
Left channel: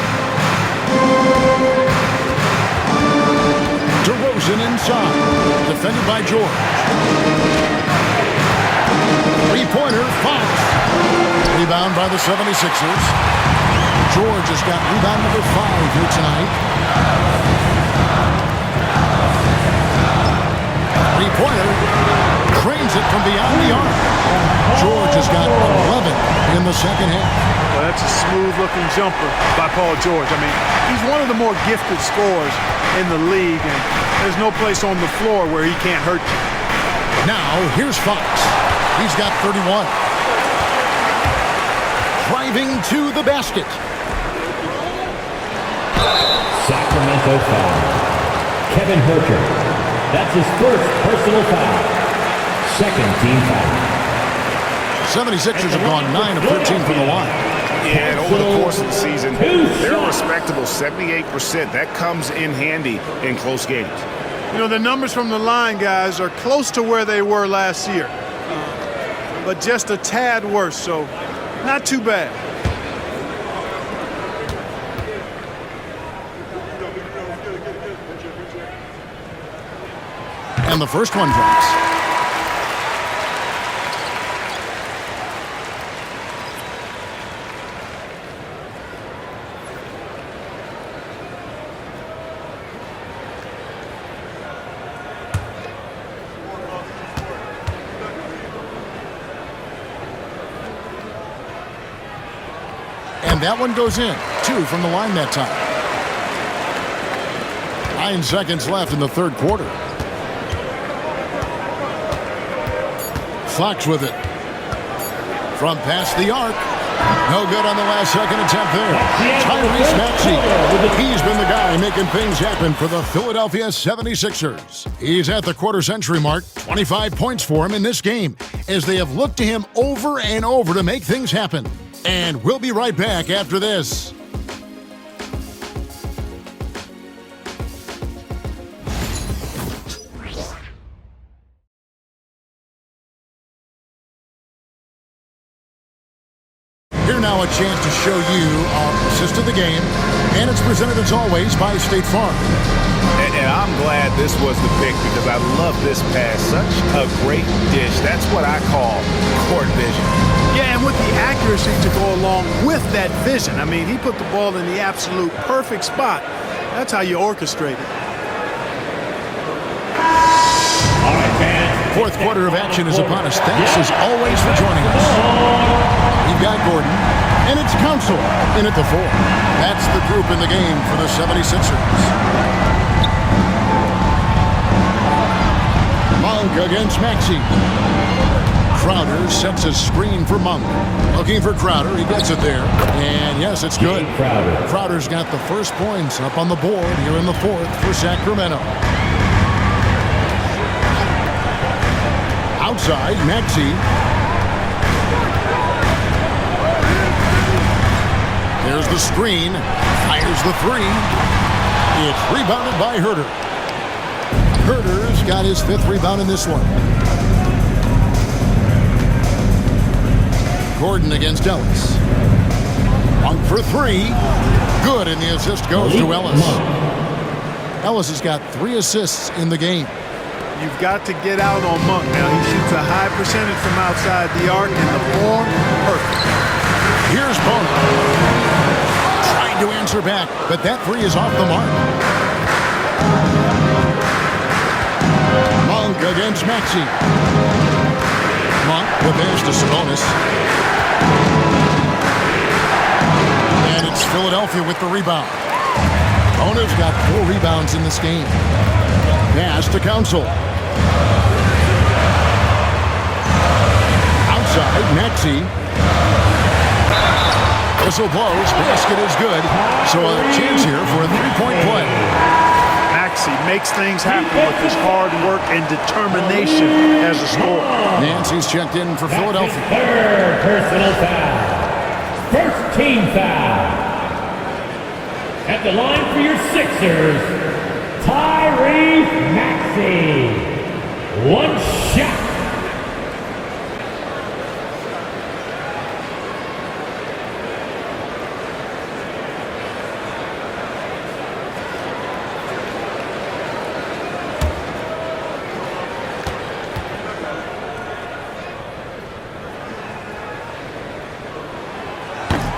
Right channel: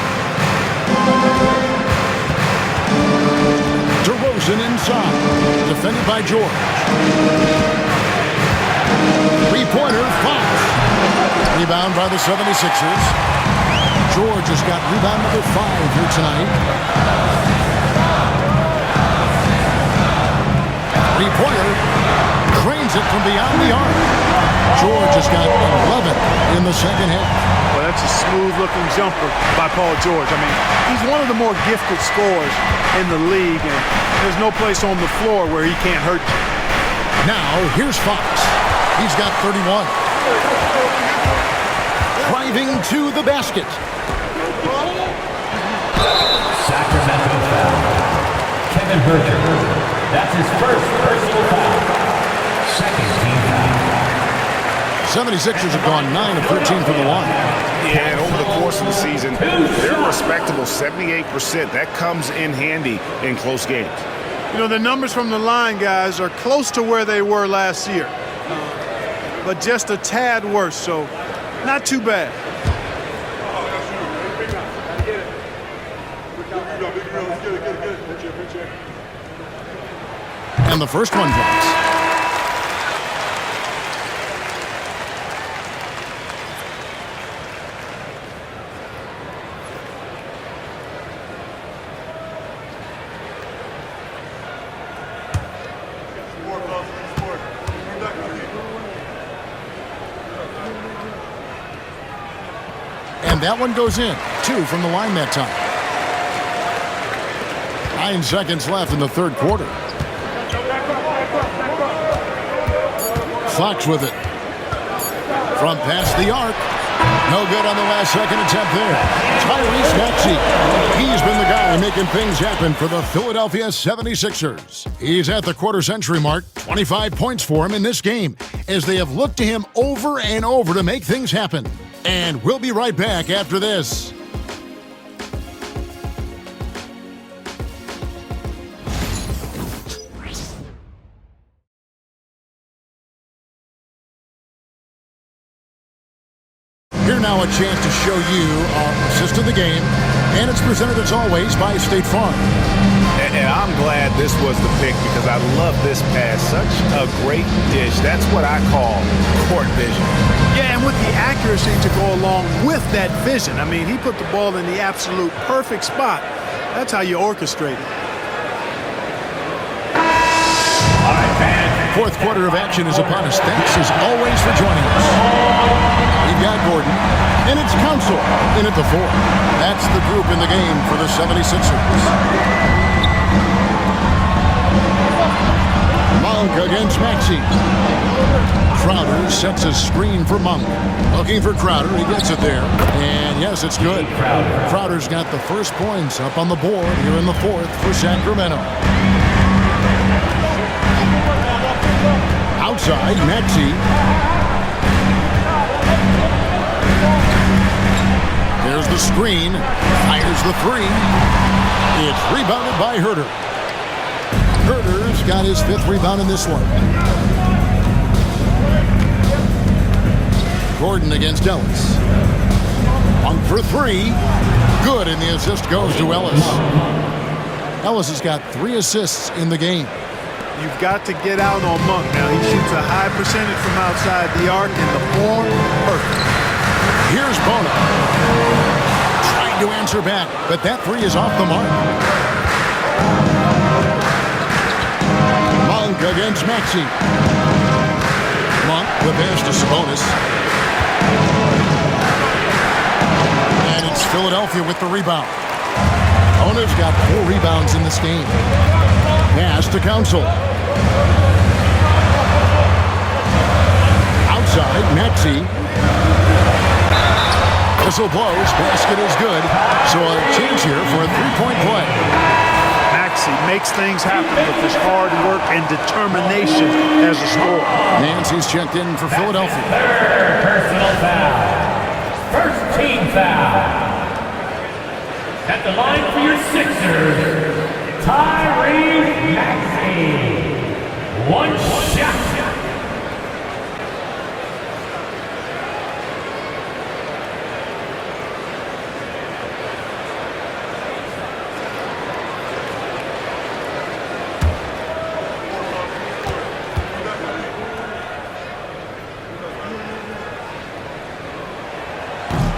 DeRozan inside, defended by George. Three-pointer, Fox. Rebound by the 76ers. George has got rebound number 5 here tonight. Three-pointer, cranes it from beyond the arc. George has got 11 in the second half. Well, that's a smooth-looking jumper by Paul George. I mean, he's one of the more gifted scorers in the league, and there's no place on the floor where he can't hurt you. Now, here's Fox. He's got 31. Driving to the basket. Sacramento foul. Kevin Herter. That's his first personal foul. Second team foul. 76ers have gone 9 of 13 from the line. Yeah, and over the course of the season, they're a respectable 78%. That comes in handy in close games. You know, the numbers from the line, guys, are close to where they were last year. But just a tad worse, so not too bad. And the first one drops. And that one goes in. 2 from the line that time. 9 seconds left in the third quarter. Fox with it. From past the arc. No good on the last second attempt there. Tyrese Maxey. He's been the guy making things happen for the Philadelphia 76ers. He's at the quarter-century mark. 25 points for him in this game as they have looked to him over and over to make things happen. And we'll be right back after this. Here now a chance to show you our assist of the game, and it's presented as always by State Farm. And I'm glad this was the pick because I love this pass. Such a great dish. That's what I call court vision. Yeah, and with the accuracy to go along with that vision. I mean, he put the ball in the absolute perfect spot. That's how you orchestrate it. Fourth quarter of action is upon us. Thanks as always for joining us. We've got Gordon, and it's Council in at the 4. That's the group in the game for the 76ers. Monk against Maxey. Crowder sets a screen for Monk. Looking for Crowder. He gets it there. And yes, it's good. Crowder's got the first points up on the board here in the 4th for Sacramento. Outside, Maxey. There's the screen. Fires the 3. It's rebounded by Herter. Herter's got his 5th rebound in this one. Gordon against Ellis. Monk for 3. Good, and the assist goes to Ellis. Ellis has got 3 assists in the game. You've got to get out on Monk now. He shoots a high percentage from outside the arc, and the form, perfect. Here's Bona. Trying to answer back, but that 3 is off the mark. Monk against Maxey. Monk, the pass to Sabonis. And it's Philadelphia with the rebound. Bona's got 4 rebounds in this game. Pass to Council. Outside, Maxey. Whistle blows. Basket is good. So a chance here for a 3-point play. Maxey makes things happen with his hard work and determination as a scorer. Nancy's checked in for Philadelphia. Third personal foul. First team foul. At the line for your Sixers, Tyrese Maxey. 1 shot.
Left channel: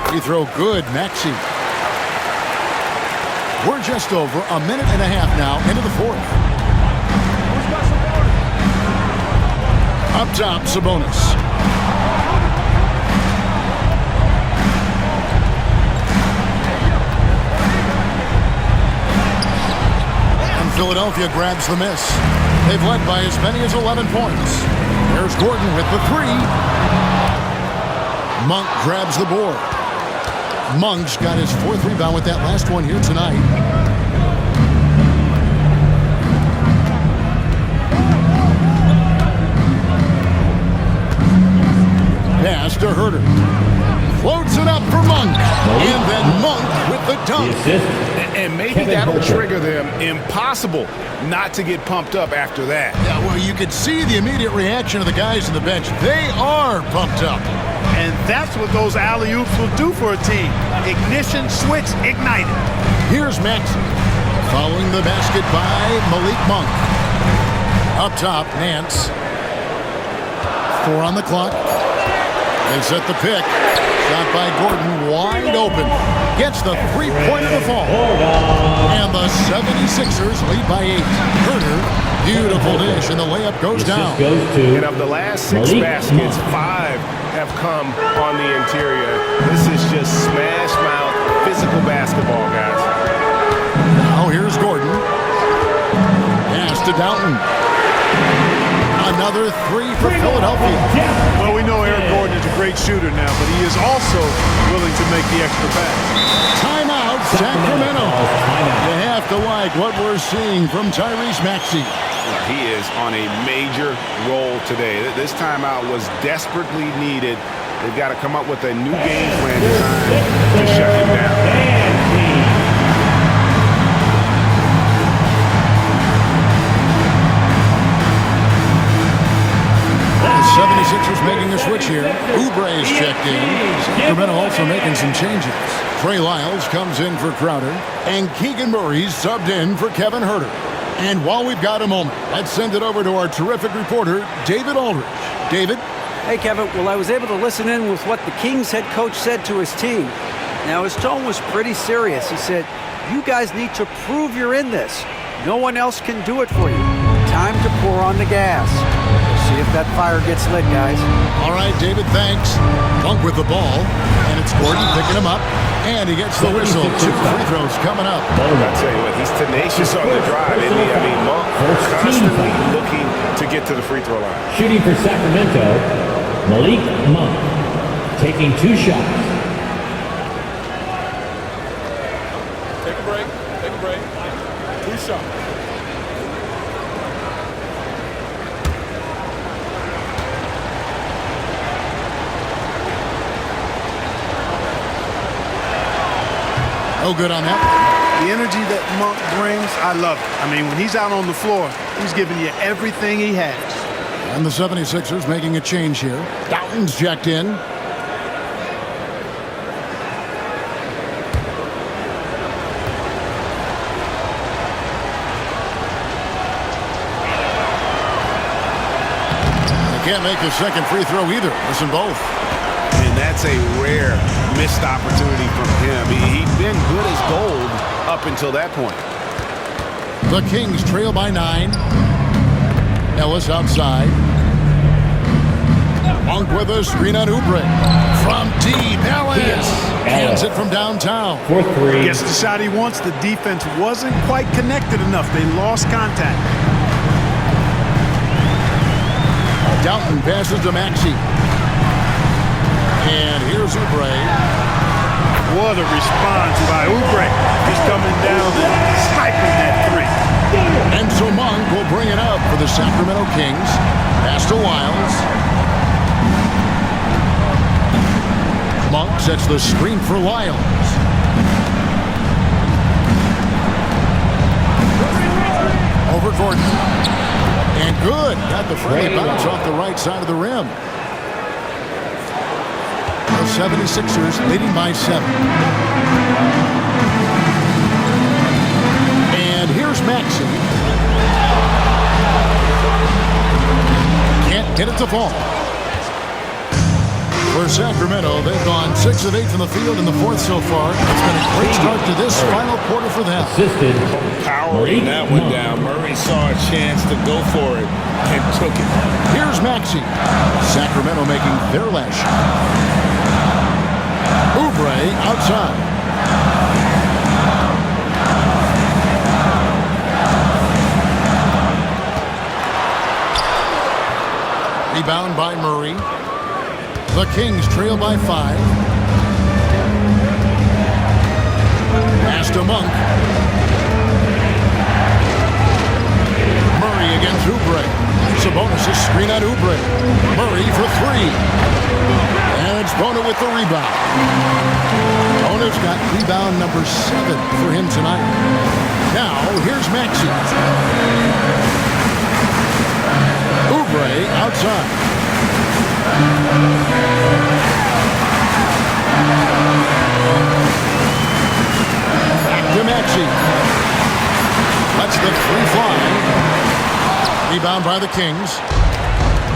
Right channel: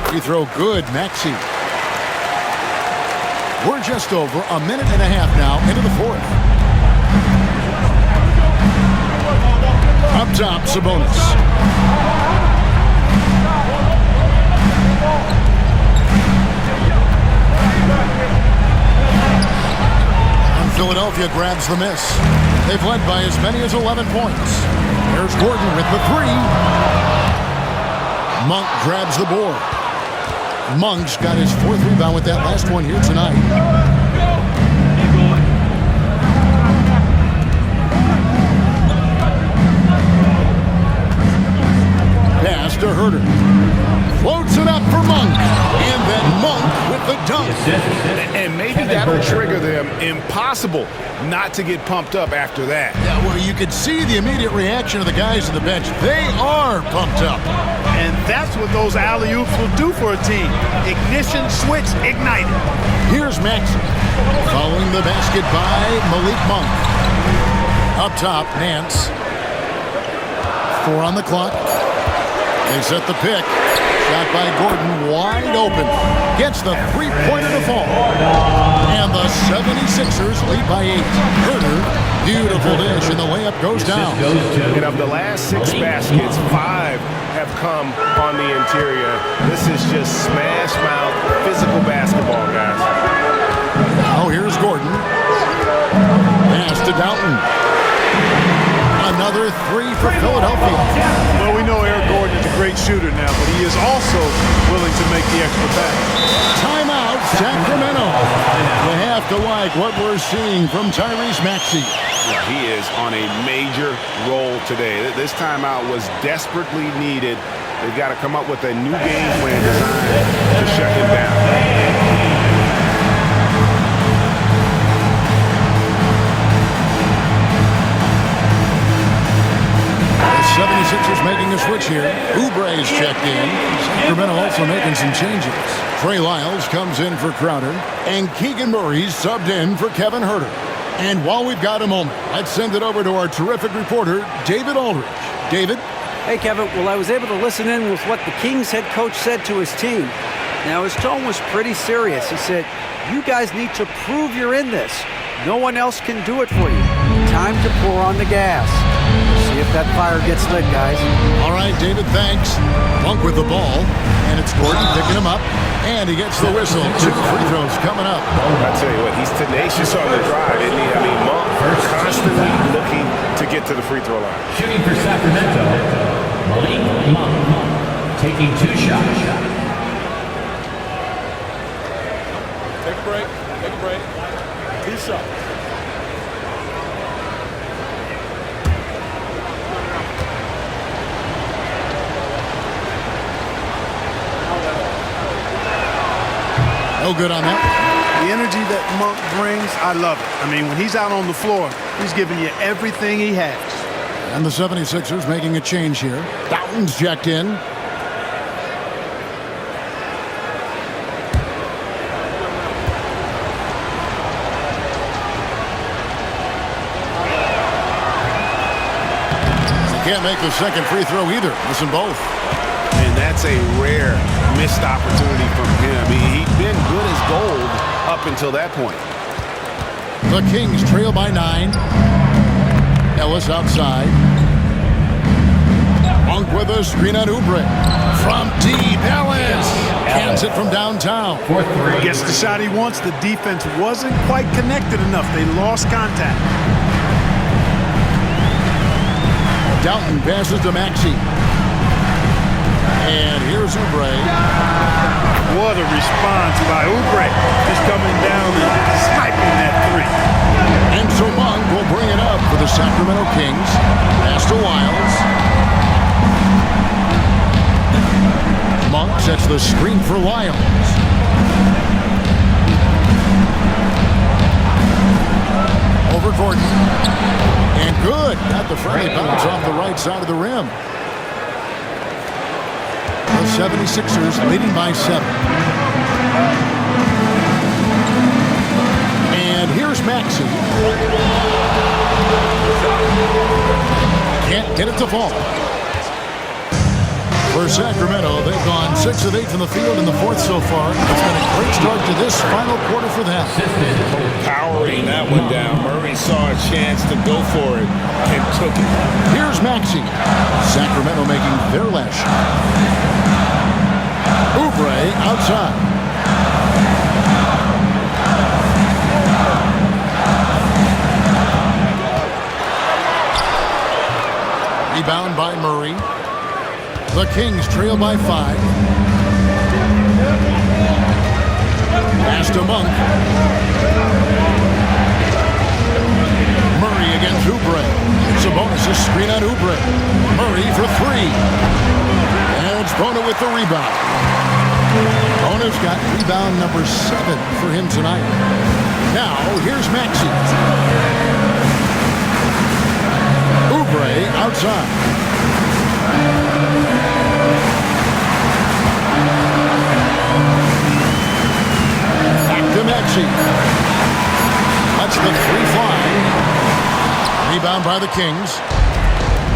Free throw good, Maxey. We're just over a minute and a half now into the 4th. Up top, Sabonis. And Philadelphia grabs the miss. They've led by as many as 11 points. There's Gordon with the 3. Monk grabs the board. Monk's got his 4th rebound with that last one here tonight. Pass to Herter. Floats it up for Monk. And then Monk with the dunk. And maybe that'll trigger them. Impossible not to get pumped up after that. Yeah, well, you could see the immediate reaction of the guys on the bench. They are pumped up. And that's what those alley-oops will do for a team. Ignition, switch, ignited. Here's Maxey. Following the basket by Malik Monk. Up top, Nance. 4 on the clock. They set the pick. Shot by Gordon, wide open. Gets the 3-pointer to fall. And the 76ers lead by 8. Herter, beautiful dish, and the layup goes down. And of the last 6 baskets, 5 have come on the interior. This is just smash mouth physical basketball, guys. Now here's Gordon. Pass to Downton. Another 3 for Philadelphia. Well, we know Eric Gordon is a great shooter now, but he is also willing to make the extra pass. Timeout, Sacramento. You have to like what we're seeing from Tyrese Maxey. He is on a major roll today. This timeout was desperately needed. They've got to come up with a new game plan designed to shut him down. 76ers making a switch here. Oubre's checked in. Sacramento also making some changes. Trey Lyles comes in for Crowder. And Keegan Murray's subbed in for Kevin Huerter. And while we've got a moment, let's send it over to our terrific reporter, David Aldridge. David? Hey, Kevin. Well, I was able to listen in with what the Kings head coach said to his team. Now, his tone was pretty serious. He said, you guys need to prove you're in this. No one else can do it for you. Time to pour on the gas. See if that fire gets lit, guys. All right, David, thanks. Monk with the ball, and it's Gordon picking him up, and he gets the whistle. 2 free throws coming up. I tell you what, he's tenacious on the drive, isn't he? I mean, Monk constantly looking to get to the free throw line. Shooting for Sacramento, Malik Monk taking 2 shots. Take a break. 2 shots. No good on that. The energy that Monk brings, I love it. I mean, when he's out on the floor, he's giving you everything he has. And the 76ers making a change here. Doughton's checked in. They can't make the second free throw either. Listen both. And that's a rare missed opportunity from him. He'd been good as gold up until that point. The Kings trail by 9. Ellis outside. Monk with a screen on Oubre. From deep, Ellis cans it from downtown. 4-3. Gets the shot he wants. The defense wasn't quite connected enough. They lost contact. Doughton passes to Maxey. And here's Oubre. What a response by Oubre. Just coming down and sniping that 3. And so Monk will bring it up for the Sacramento Kings. Pass to Lyles. Monk sets the screen for Lyles. Over Gordon. And good. Got the friendly bounce off the right side of the rim. The 76ers leading by 7. And here's Maxey. Can't get it to fall. For Sacramento, they've gone 6 of 8 from the field in the 4th so far. It's been a great start to this final quarter for them. Powering that one down. Murray saw a chance to go for it and took it. Here's Maxey. Sacramento making their last shot. Oubre outside. Rebound by Murray. The Kings trail by 5. Pass to Monk. Murray against Oubre. Sabonis' screen on Oubre. Murray for 3. And it's Bona with the rebound. Bona's got rebound number 7 for him tonight. Now, here's Maxey. Oubre outside. Back to Maxey. Lets the 3 fly. Rebound by the Kings.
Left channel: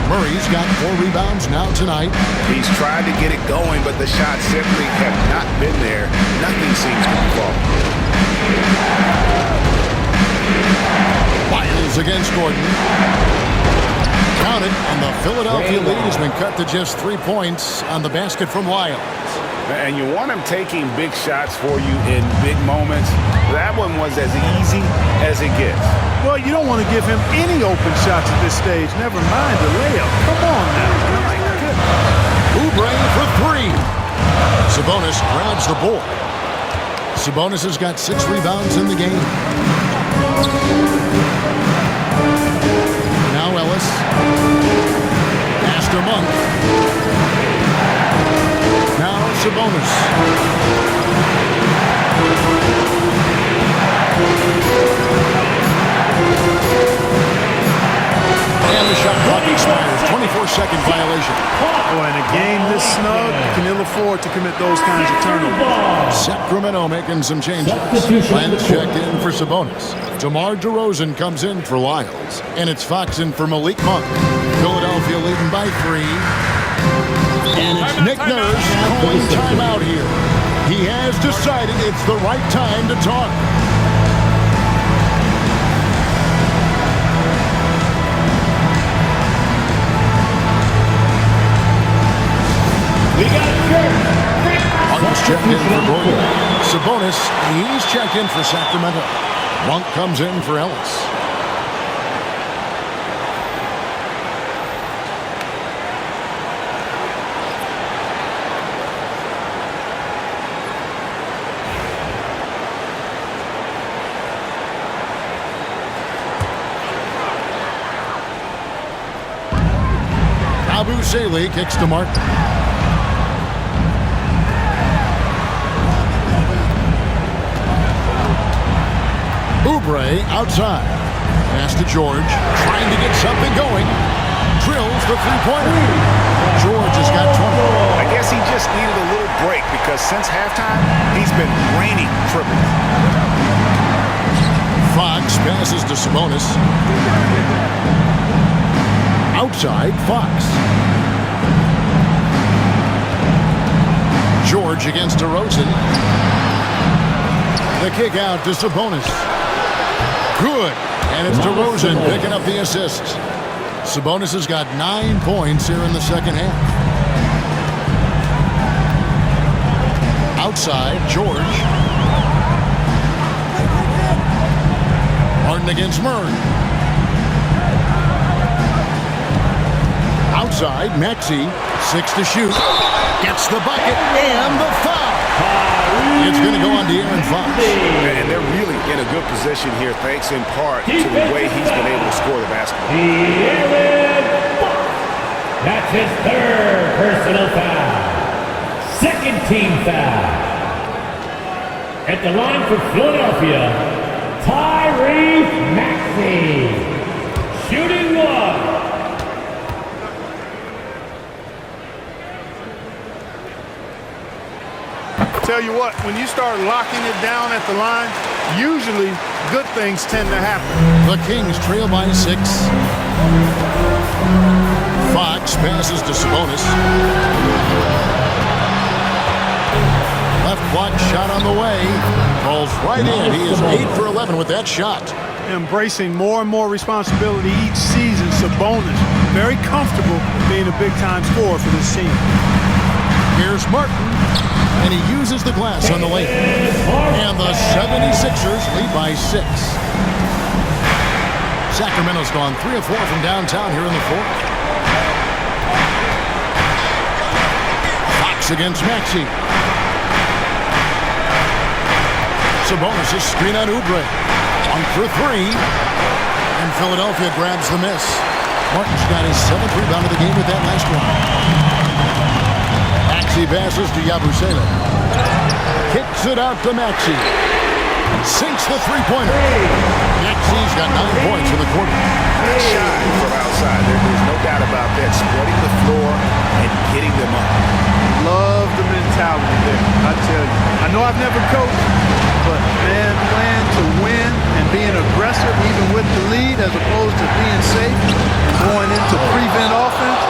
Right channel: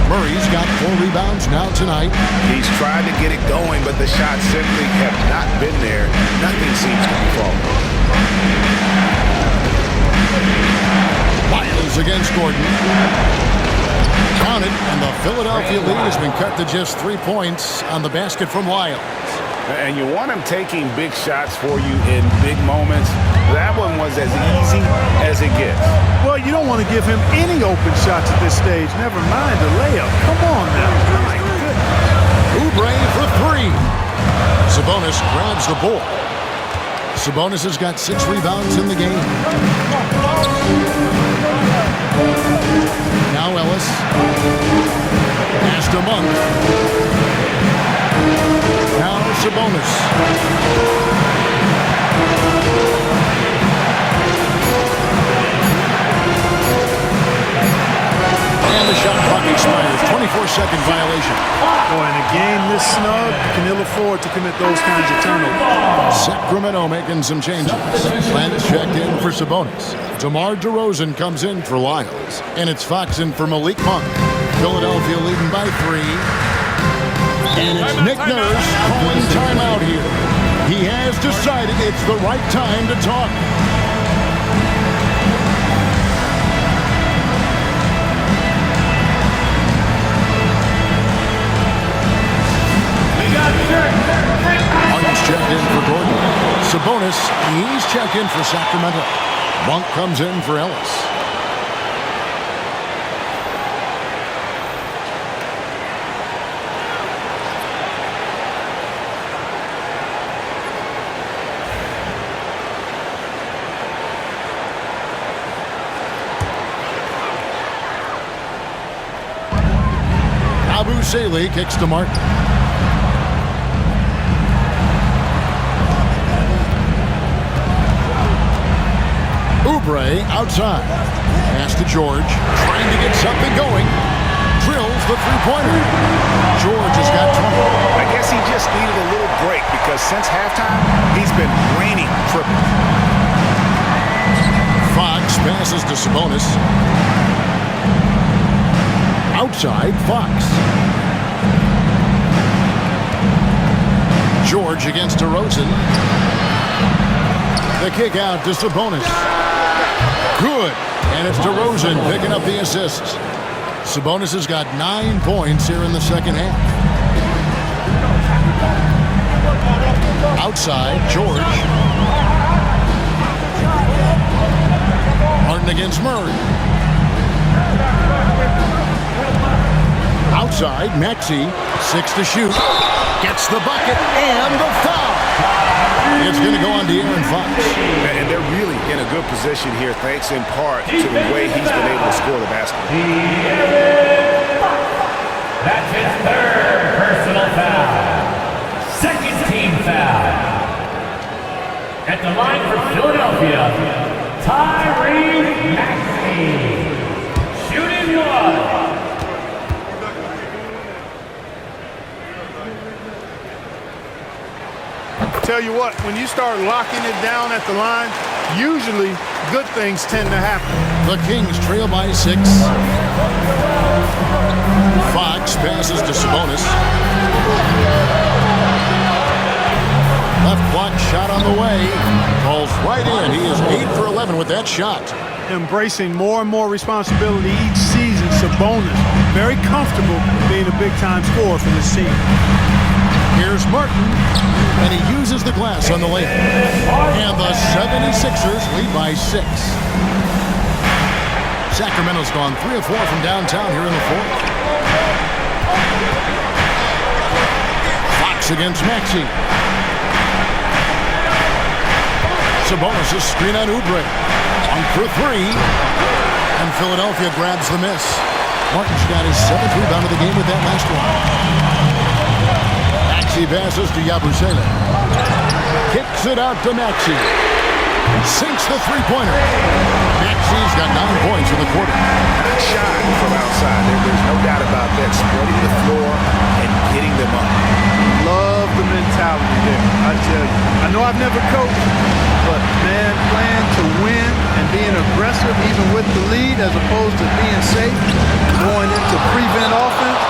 Murray's got 4 rebounds now tonight. He's tried to get it going, but the shots simply have not been there. Nothing seems to be falling. Lyles against Gordon. Count it, and the Philadelphia lead has been cut to just 3 points on the basket from Lyles. And you want him taking big shots for you in big moments. That one was as easy as it gets. Well, you don't want to give him any open shots at this stage. Never mind a layup. Come on now. My goodness. Oubre for 3. Sabonis grabs the board. Sabonis has got 6 rebounds in the game. Now Ellis. Pass to Monk. Now Sabonis. And the shot clock expires. 24-second violation. Boy, in a game this snug, you can ill afford to commit those kinds of turnovers. Sacramento making some changes. Lynx checked in for Sabonis. DeMar DeRozan comes in for Lyles. And it's Fox in for Malik Monk. Philadelphia leading by 3. And it's Nick Nurse calling timeout here. He has decided it's the right time to talk. Harden's checked in for Gordon. Sabonis, he's checked in for Sacramento. Monk comes in for Ellis. Abu Saleh kicks to Martin. Oubre outside. Pass to George. Trying to get something going. Drills the three-pointer. George has got 20. I guess he just needed a little break because since halftime, he's been raining triples. Fox passes to Sabonis. Outside, Fox. George against DeRozan. The kick out to Sabonis. Good. And it's DeRozan picking up the assist. Sabonis has got 9 points here in the second half. Outside, George. Harden against Murray. Outside, Maxey, 6 to shoot. Gets the bucket and the foul. It's going to go on to Aaron Fox. And they're really in a good position here, thanks in part to the way he's been able to score the basketball. That's his third personal foul. Second team foul. At the line for Philadelphia, Tyrese Maxey. Shooting one. Tell you what, when you start locking it down at the line, usually good things tend to happen. The Kings trail by 6. Fox passes to Sabonis. Left block shot on the way. Falls right in. He is 8 for 11 with that shot. Embracing more and more responsibility each season, Sabonis very comfortable being a big-time scorer for this team. Here's Martin, and he uses the glass on the layup. And the 76ers lead by 6. Sacramento's gone 3 of 4 from downtown here in the fourth. Fox against Maxey. Sabonis' screen on Oubre. 1 for 3. And Philadelphia grabs the miss. Martin's got his 7th rebound of the game with that last one. Maxey passes to Yabusele. Kicks it out to Maxey. Sinks the three-pointer. Maxey's got 9 points in the quarter. Not shy from outside. There's no doubt about that. Spreading the floor and getting them up. Love the mentality there, I tell you. I know I've never coached, but, man, playing to win and being aggressive even with the lead as opposed to being safe and going into prevent offense,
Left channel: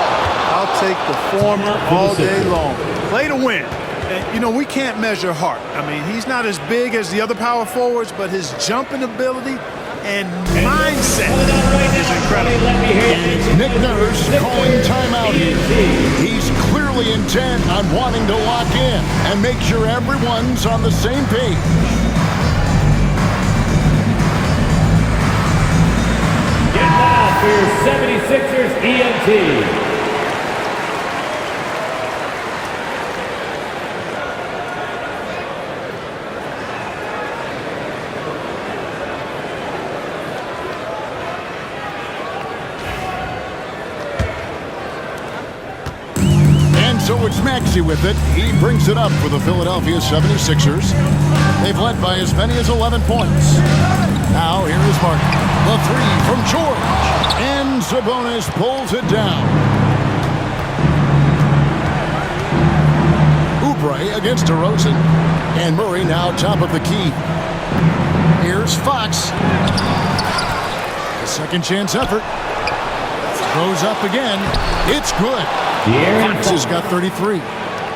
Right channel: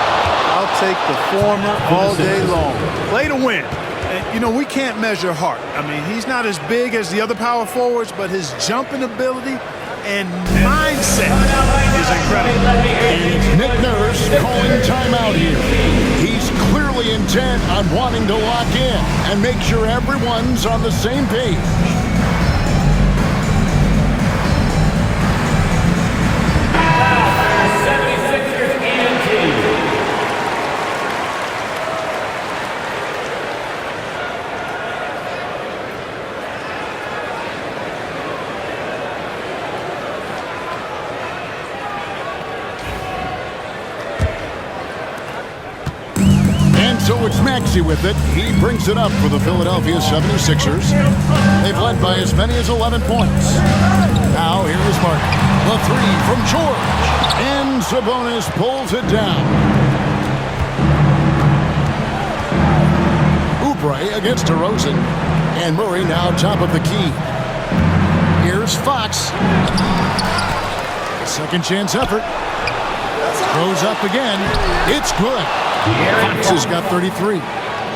I'll take the former all day long. Play to win. And, you know, we can't measure heart. I mean, he's not as big as the other power forwards, but his jumping ability and mindset is incredible. And it's Nick Nurse calling timeout here. He's clearly intent on wanting to lock in and make sure everyone's on the same page. For 76ers ENT. So it's Maxey with it. He brings it up for the Philadelphia 76ers. They've led by as many as 11 points. Now here is Martin. The three from George. And Sabonis pulls it down. Oubre against DeRozan. And Murray now top of the key. Here's Fox. The second chance effort. Goes up again. It's good. Fox has got 33.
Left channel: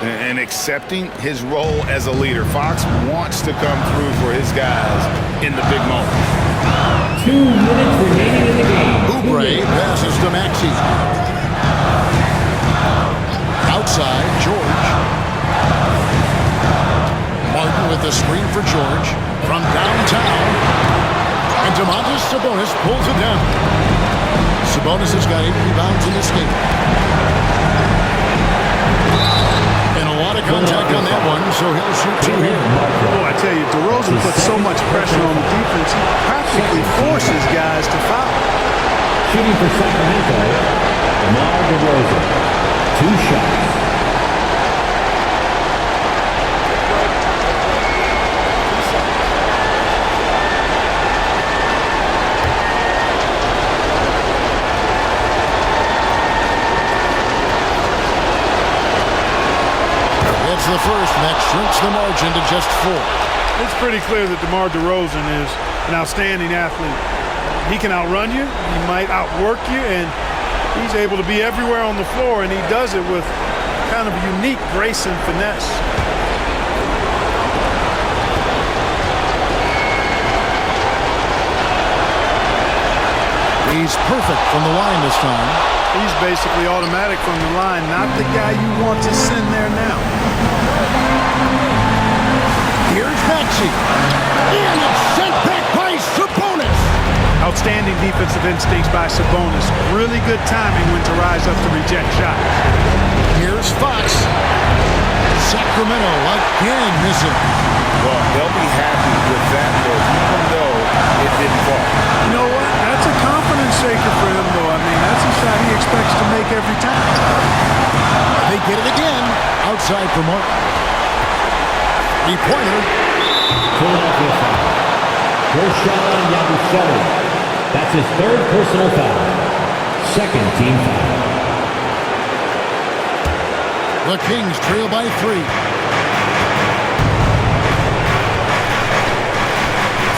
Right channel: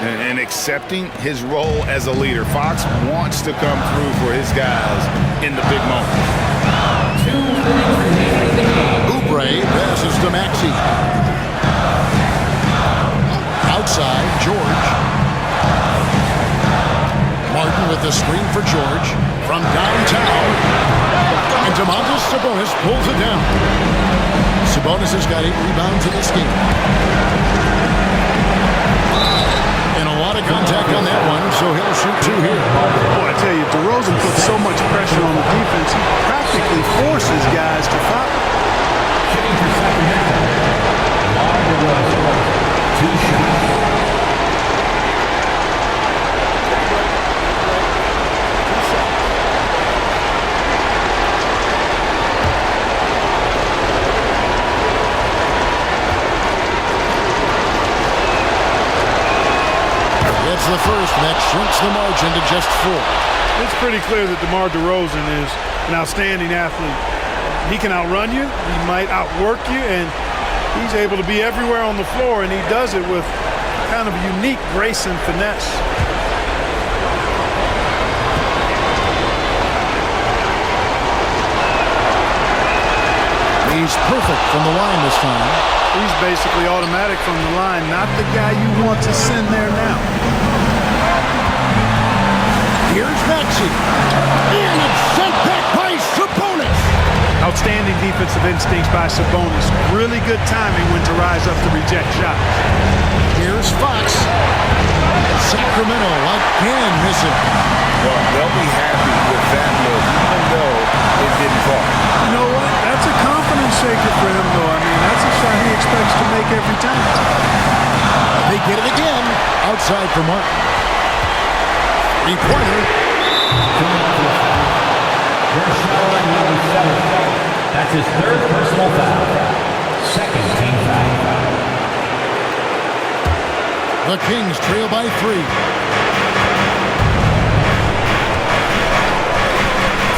And accepting his role as a leader. Fox wants to come through for his guys in the big moments. 2 minutes remaining in the game. Oubre passes to Maxey. Outside, George. Martin with the screen for George. From downtown. And Domantas Sabonis pulls it down. Sabonis has got 8 rebounds in this game. And a lot of contact on that one, so he'll shoot 2 here. Boy, I tell you, DeRozan puts so much pressure on the defense, he practically forces guys to foul. Shooting for Sacramento, DeMar DeRozan. 2 shots. It's the first, and that shrinks the margin to just 4. It's pretty clear that DeMar DeRozan is an outstanding athlete. He can outrun you, he might outwork you, and he's able to be everywhere on the floor, and he does it with kind of unique grace and finesse. He's perfect from the line this time. He's basically automatic from the line, not the guy you want to send there now. Here's Maxey. And it's sent back by Sabonis. Outstanding defensive instincts by Sabonis. Really good timing when to rise up to reject shots. Here's Fox. Sacramento again missing. Well, they'll be happy with that look, even though it didn't fall. You know what? That's a confidence shaker for him, though. I mean, that's a shot he expects to make every time. They get it again. Outside for Martin. 3-pointer. First shot on number 7. That's his 3rd personal foul. 2nd team foul. The Kings trail by 3.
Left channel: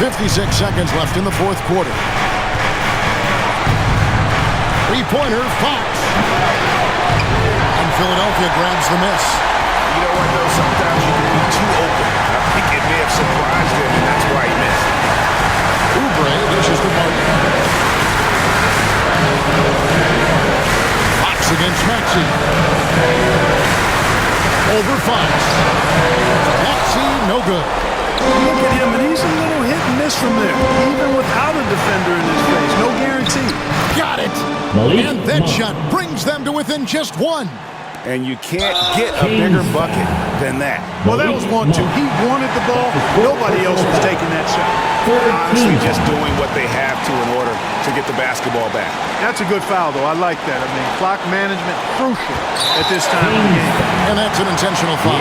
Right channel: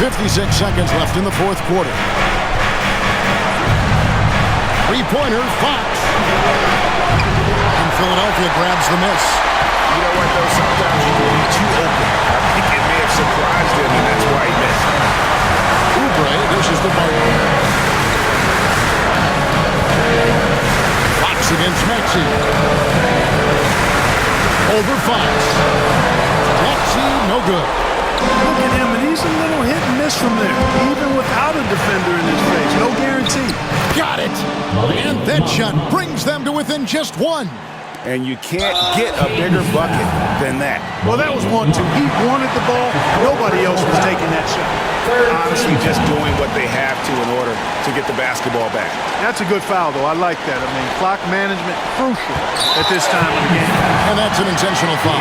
56 seconds left in the 4th quarter. 3-pointer, Fox. And Philadelphia grabs the miss. You know what, though? Sometimes you can be too open. I think it may have surprised him, and that's why he missed. Oubre dishes to Martin. Fox against Maxey. Over Fox. Maxey, no good. Look at him, and he's a little hit and miss from there, even without a defender in his face. No guarantee. Got it. And that shot brings them to within just 1. And you can't get a bigger bucket than that. Well, that was 1-2. He wanted the ball. Nobody else was taking that shot. Honestly, just doing what they have to in order to get the basketball back. That's a good foul, though. I like that. I mean, clock management crucial at this time of the game. And that's an intentional foul.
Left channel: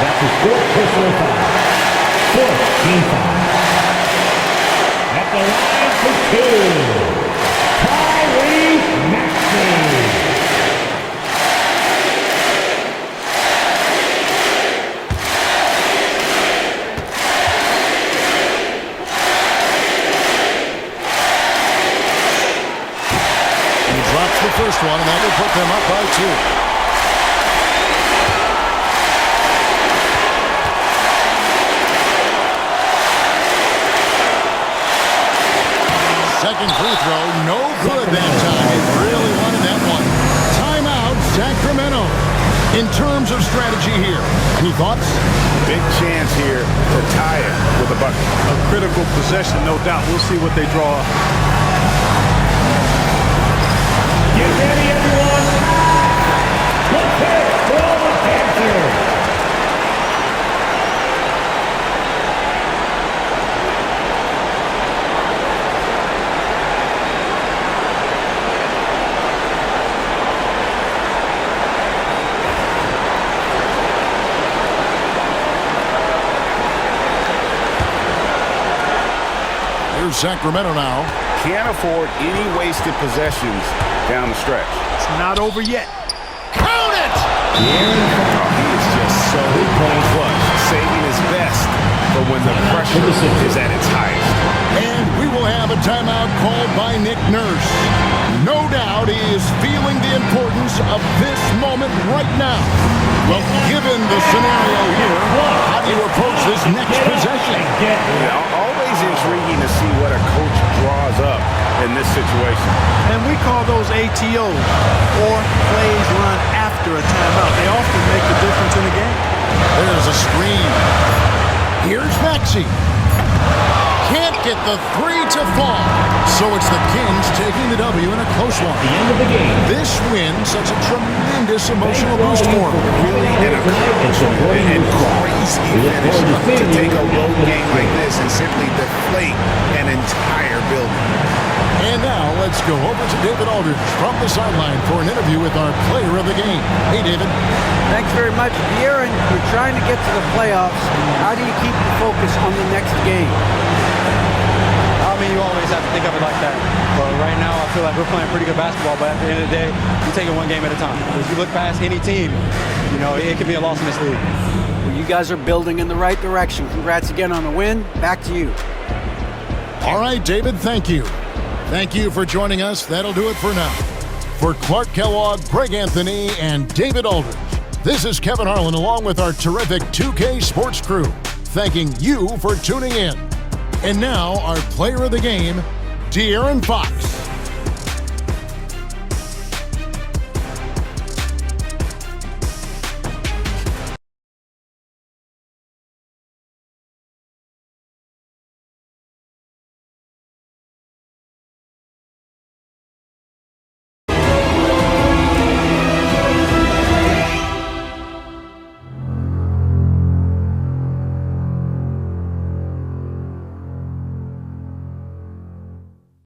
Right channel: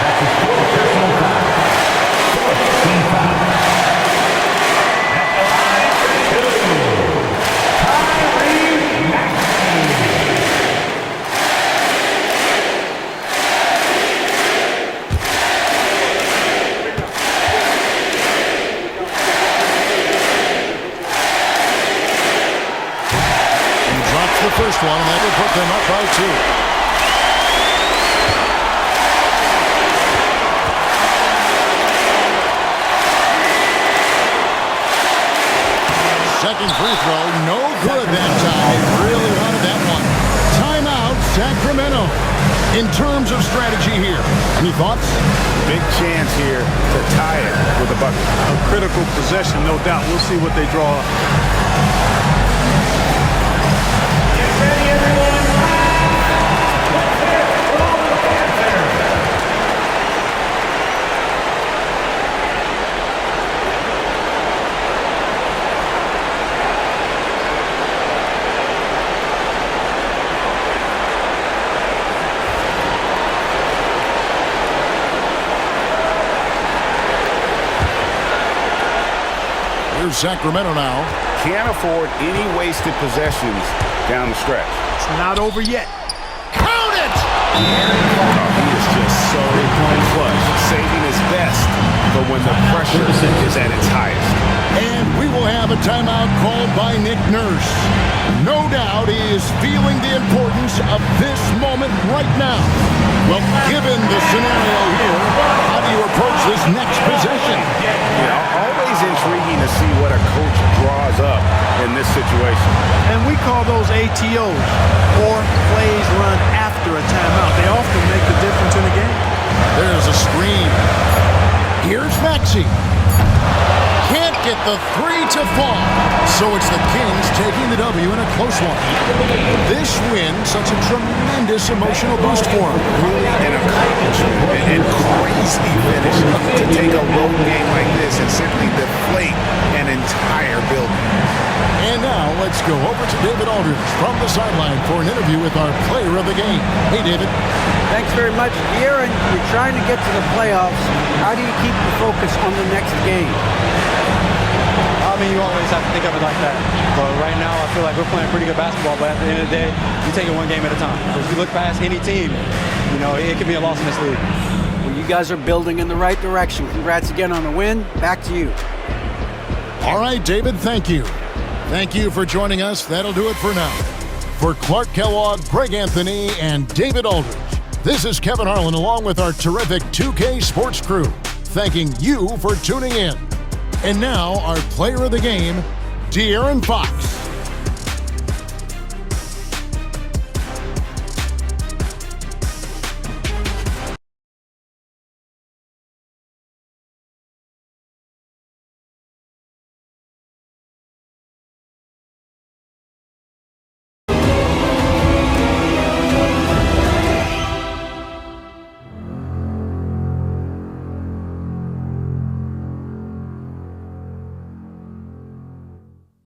That's his 4th personal foul. 4th team foul. At the line for 2. Maxey. Drops the first one, and that will put them up by 2. Second free throw, no good that time. He really wanted that one. Timeout, Sacramento. In terms of strategy here, any thoughts? Big chance here to tie it with a bucket. A critical possession, no doubt. We'll see what they draw up. Get ready, everyone. Let's hit it for all the Panthers. Here's Sacramento now. Can't afford any wasted possessions down the stretch. It's not over yet. Count it! Oh, he is just so clutch, saving his best for when the pressure is at its highest. And we will have a timeout called by Nick Nurse. No doubt he is feeling the importance of this moment right now. Well, given the scenario here, how do you approach this next possession? Yeah, always intriguing to see what a coach draws up in this situation. And we call those ATOs, or plays run after a timeout. They often make the difference in a game. There's a screen. Here's Maxey. Can't get the three to fall. So it's the Kings taking the W in a close one. This win, such a tremendous emotional boost for them. Really an accomplishment and crazy finish to take a road game like this and simply deflate an entire building. And now let's go over to David Aldridge from the sideline for an interview with our player of the game. Hey, David. Thanks very much. De'Aaron, you're trying to get to the playoffs. How do you keep the focus on the next game? I mean, you always have to think of it like that. But right now, I feel like we're playing pretty good basketball. But at the end of the day, you take it one game at a time. If you look past any team, you know, it could be a loss in this league. Well, you guys are building in the right direction. Congrats again on the win. Back to you. All right, David, thank you. Thank you for joining us. That'll do it for now. For Clark Kellogg, Greg Anthony, and David Aldridge, this is Kevin Harlan along with our terrific 2K Sports crew, thanking you for tuning in. And now, our player of the game, De'Aaron Fox.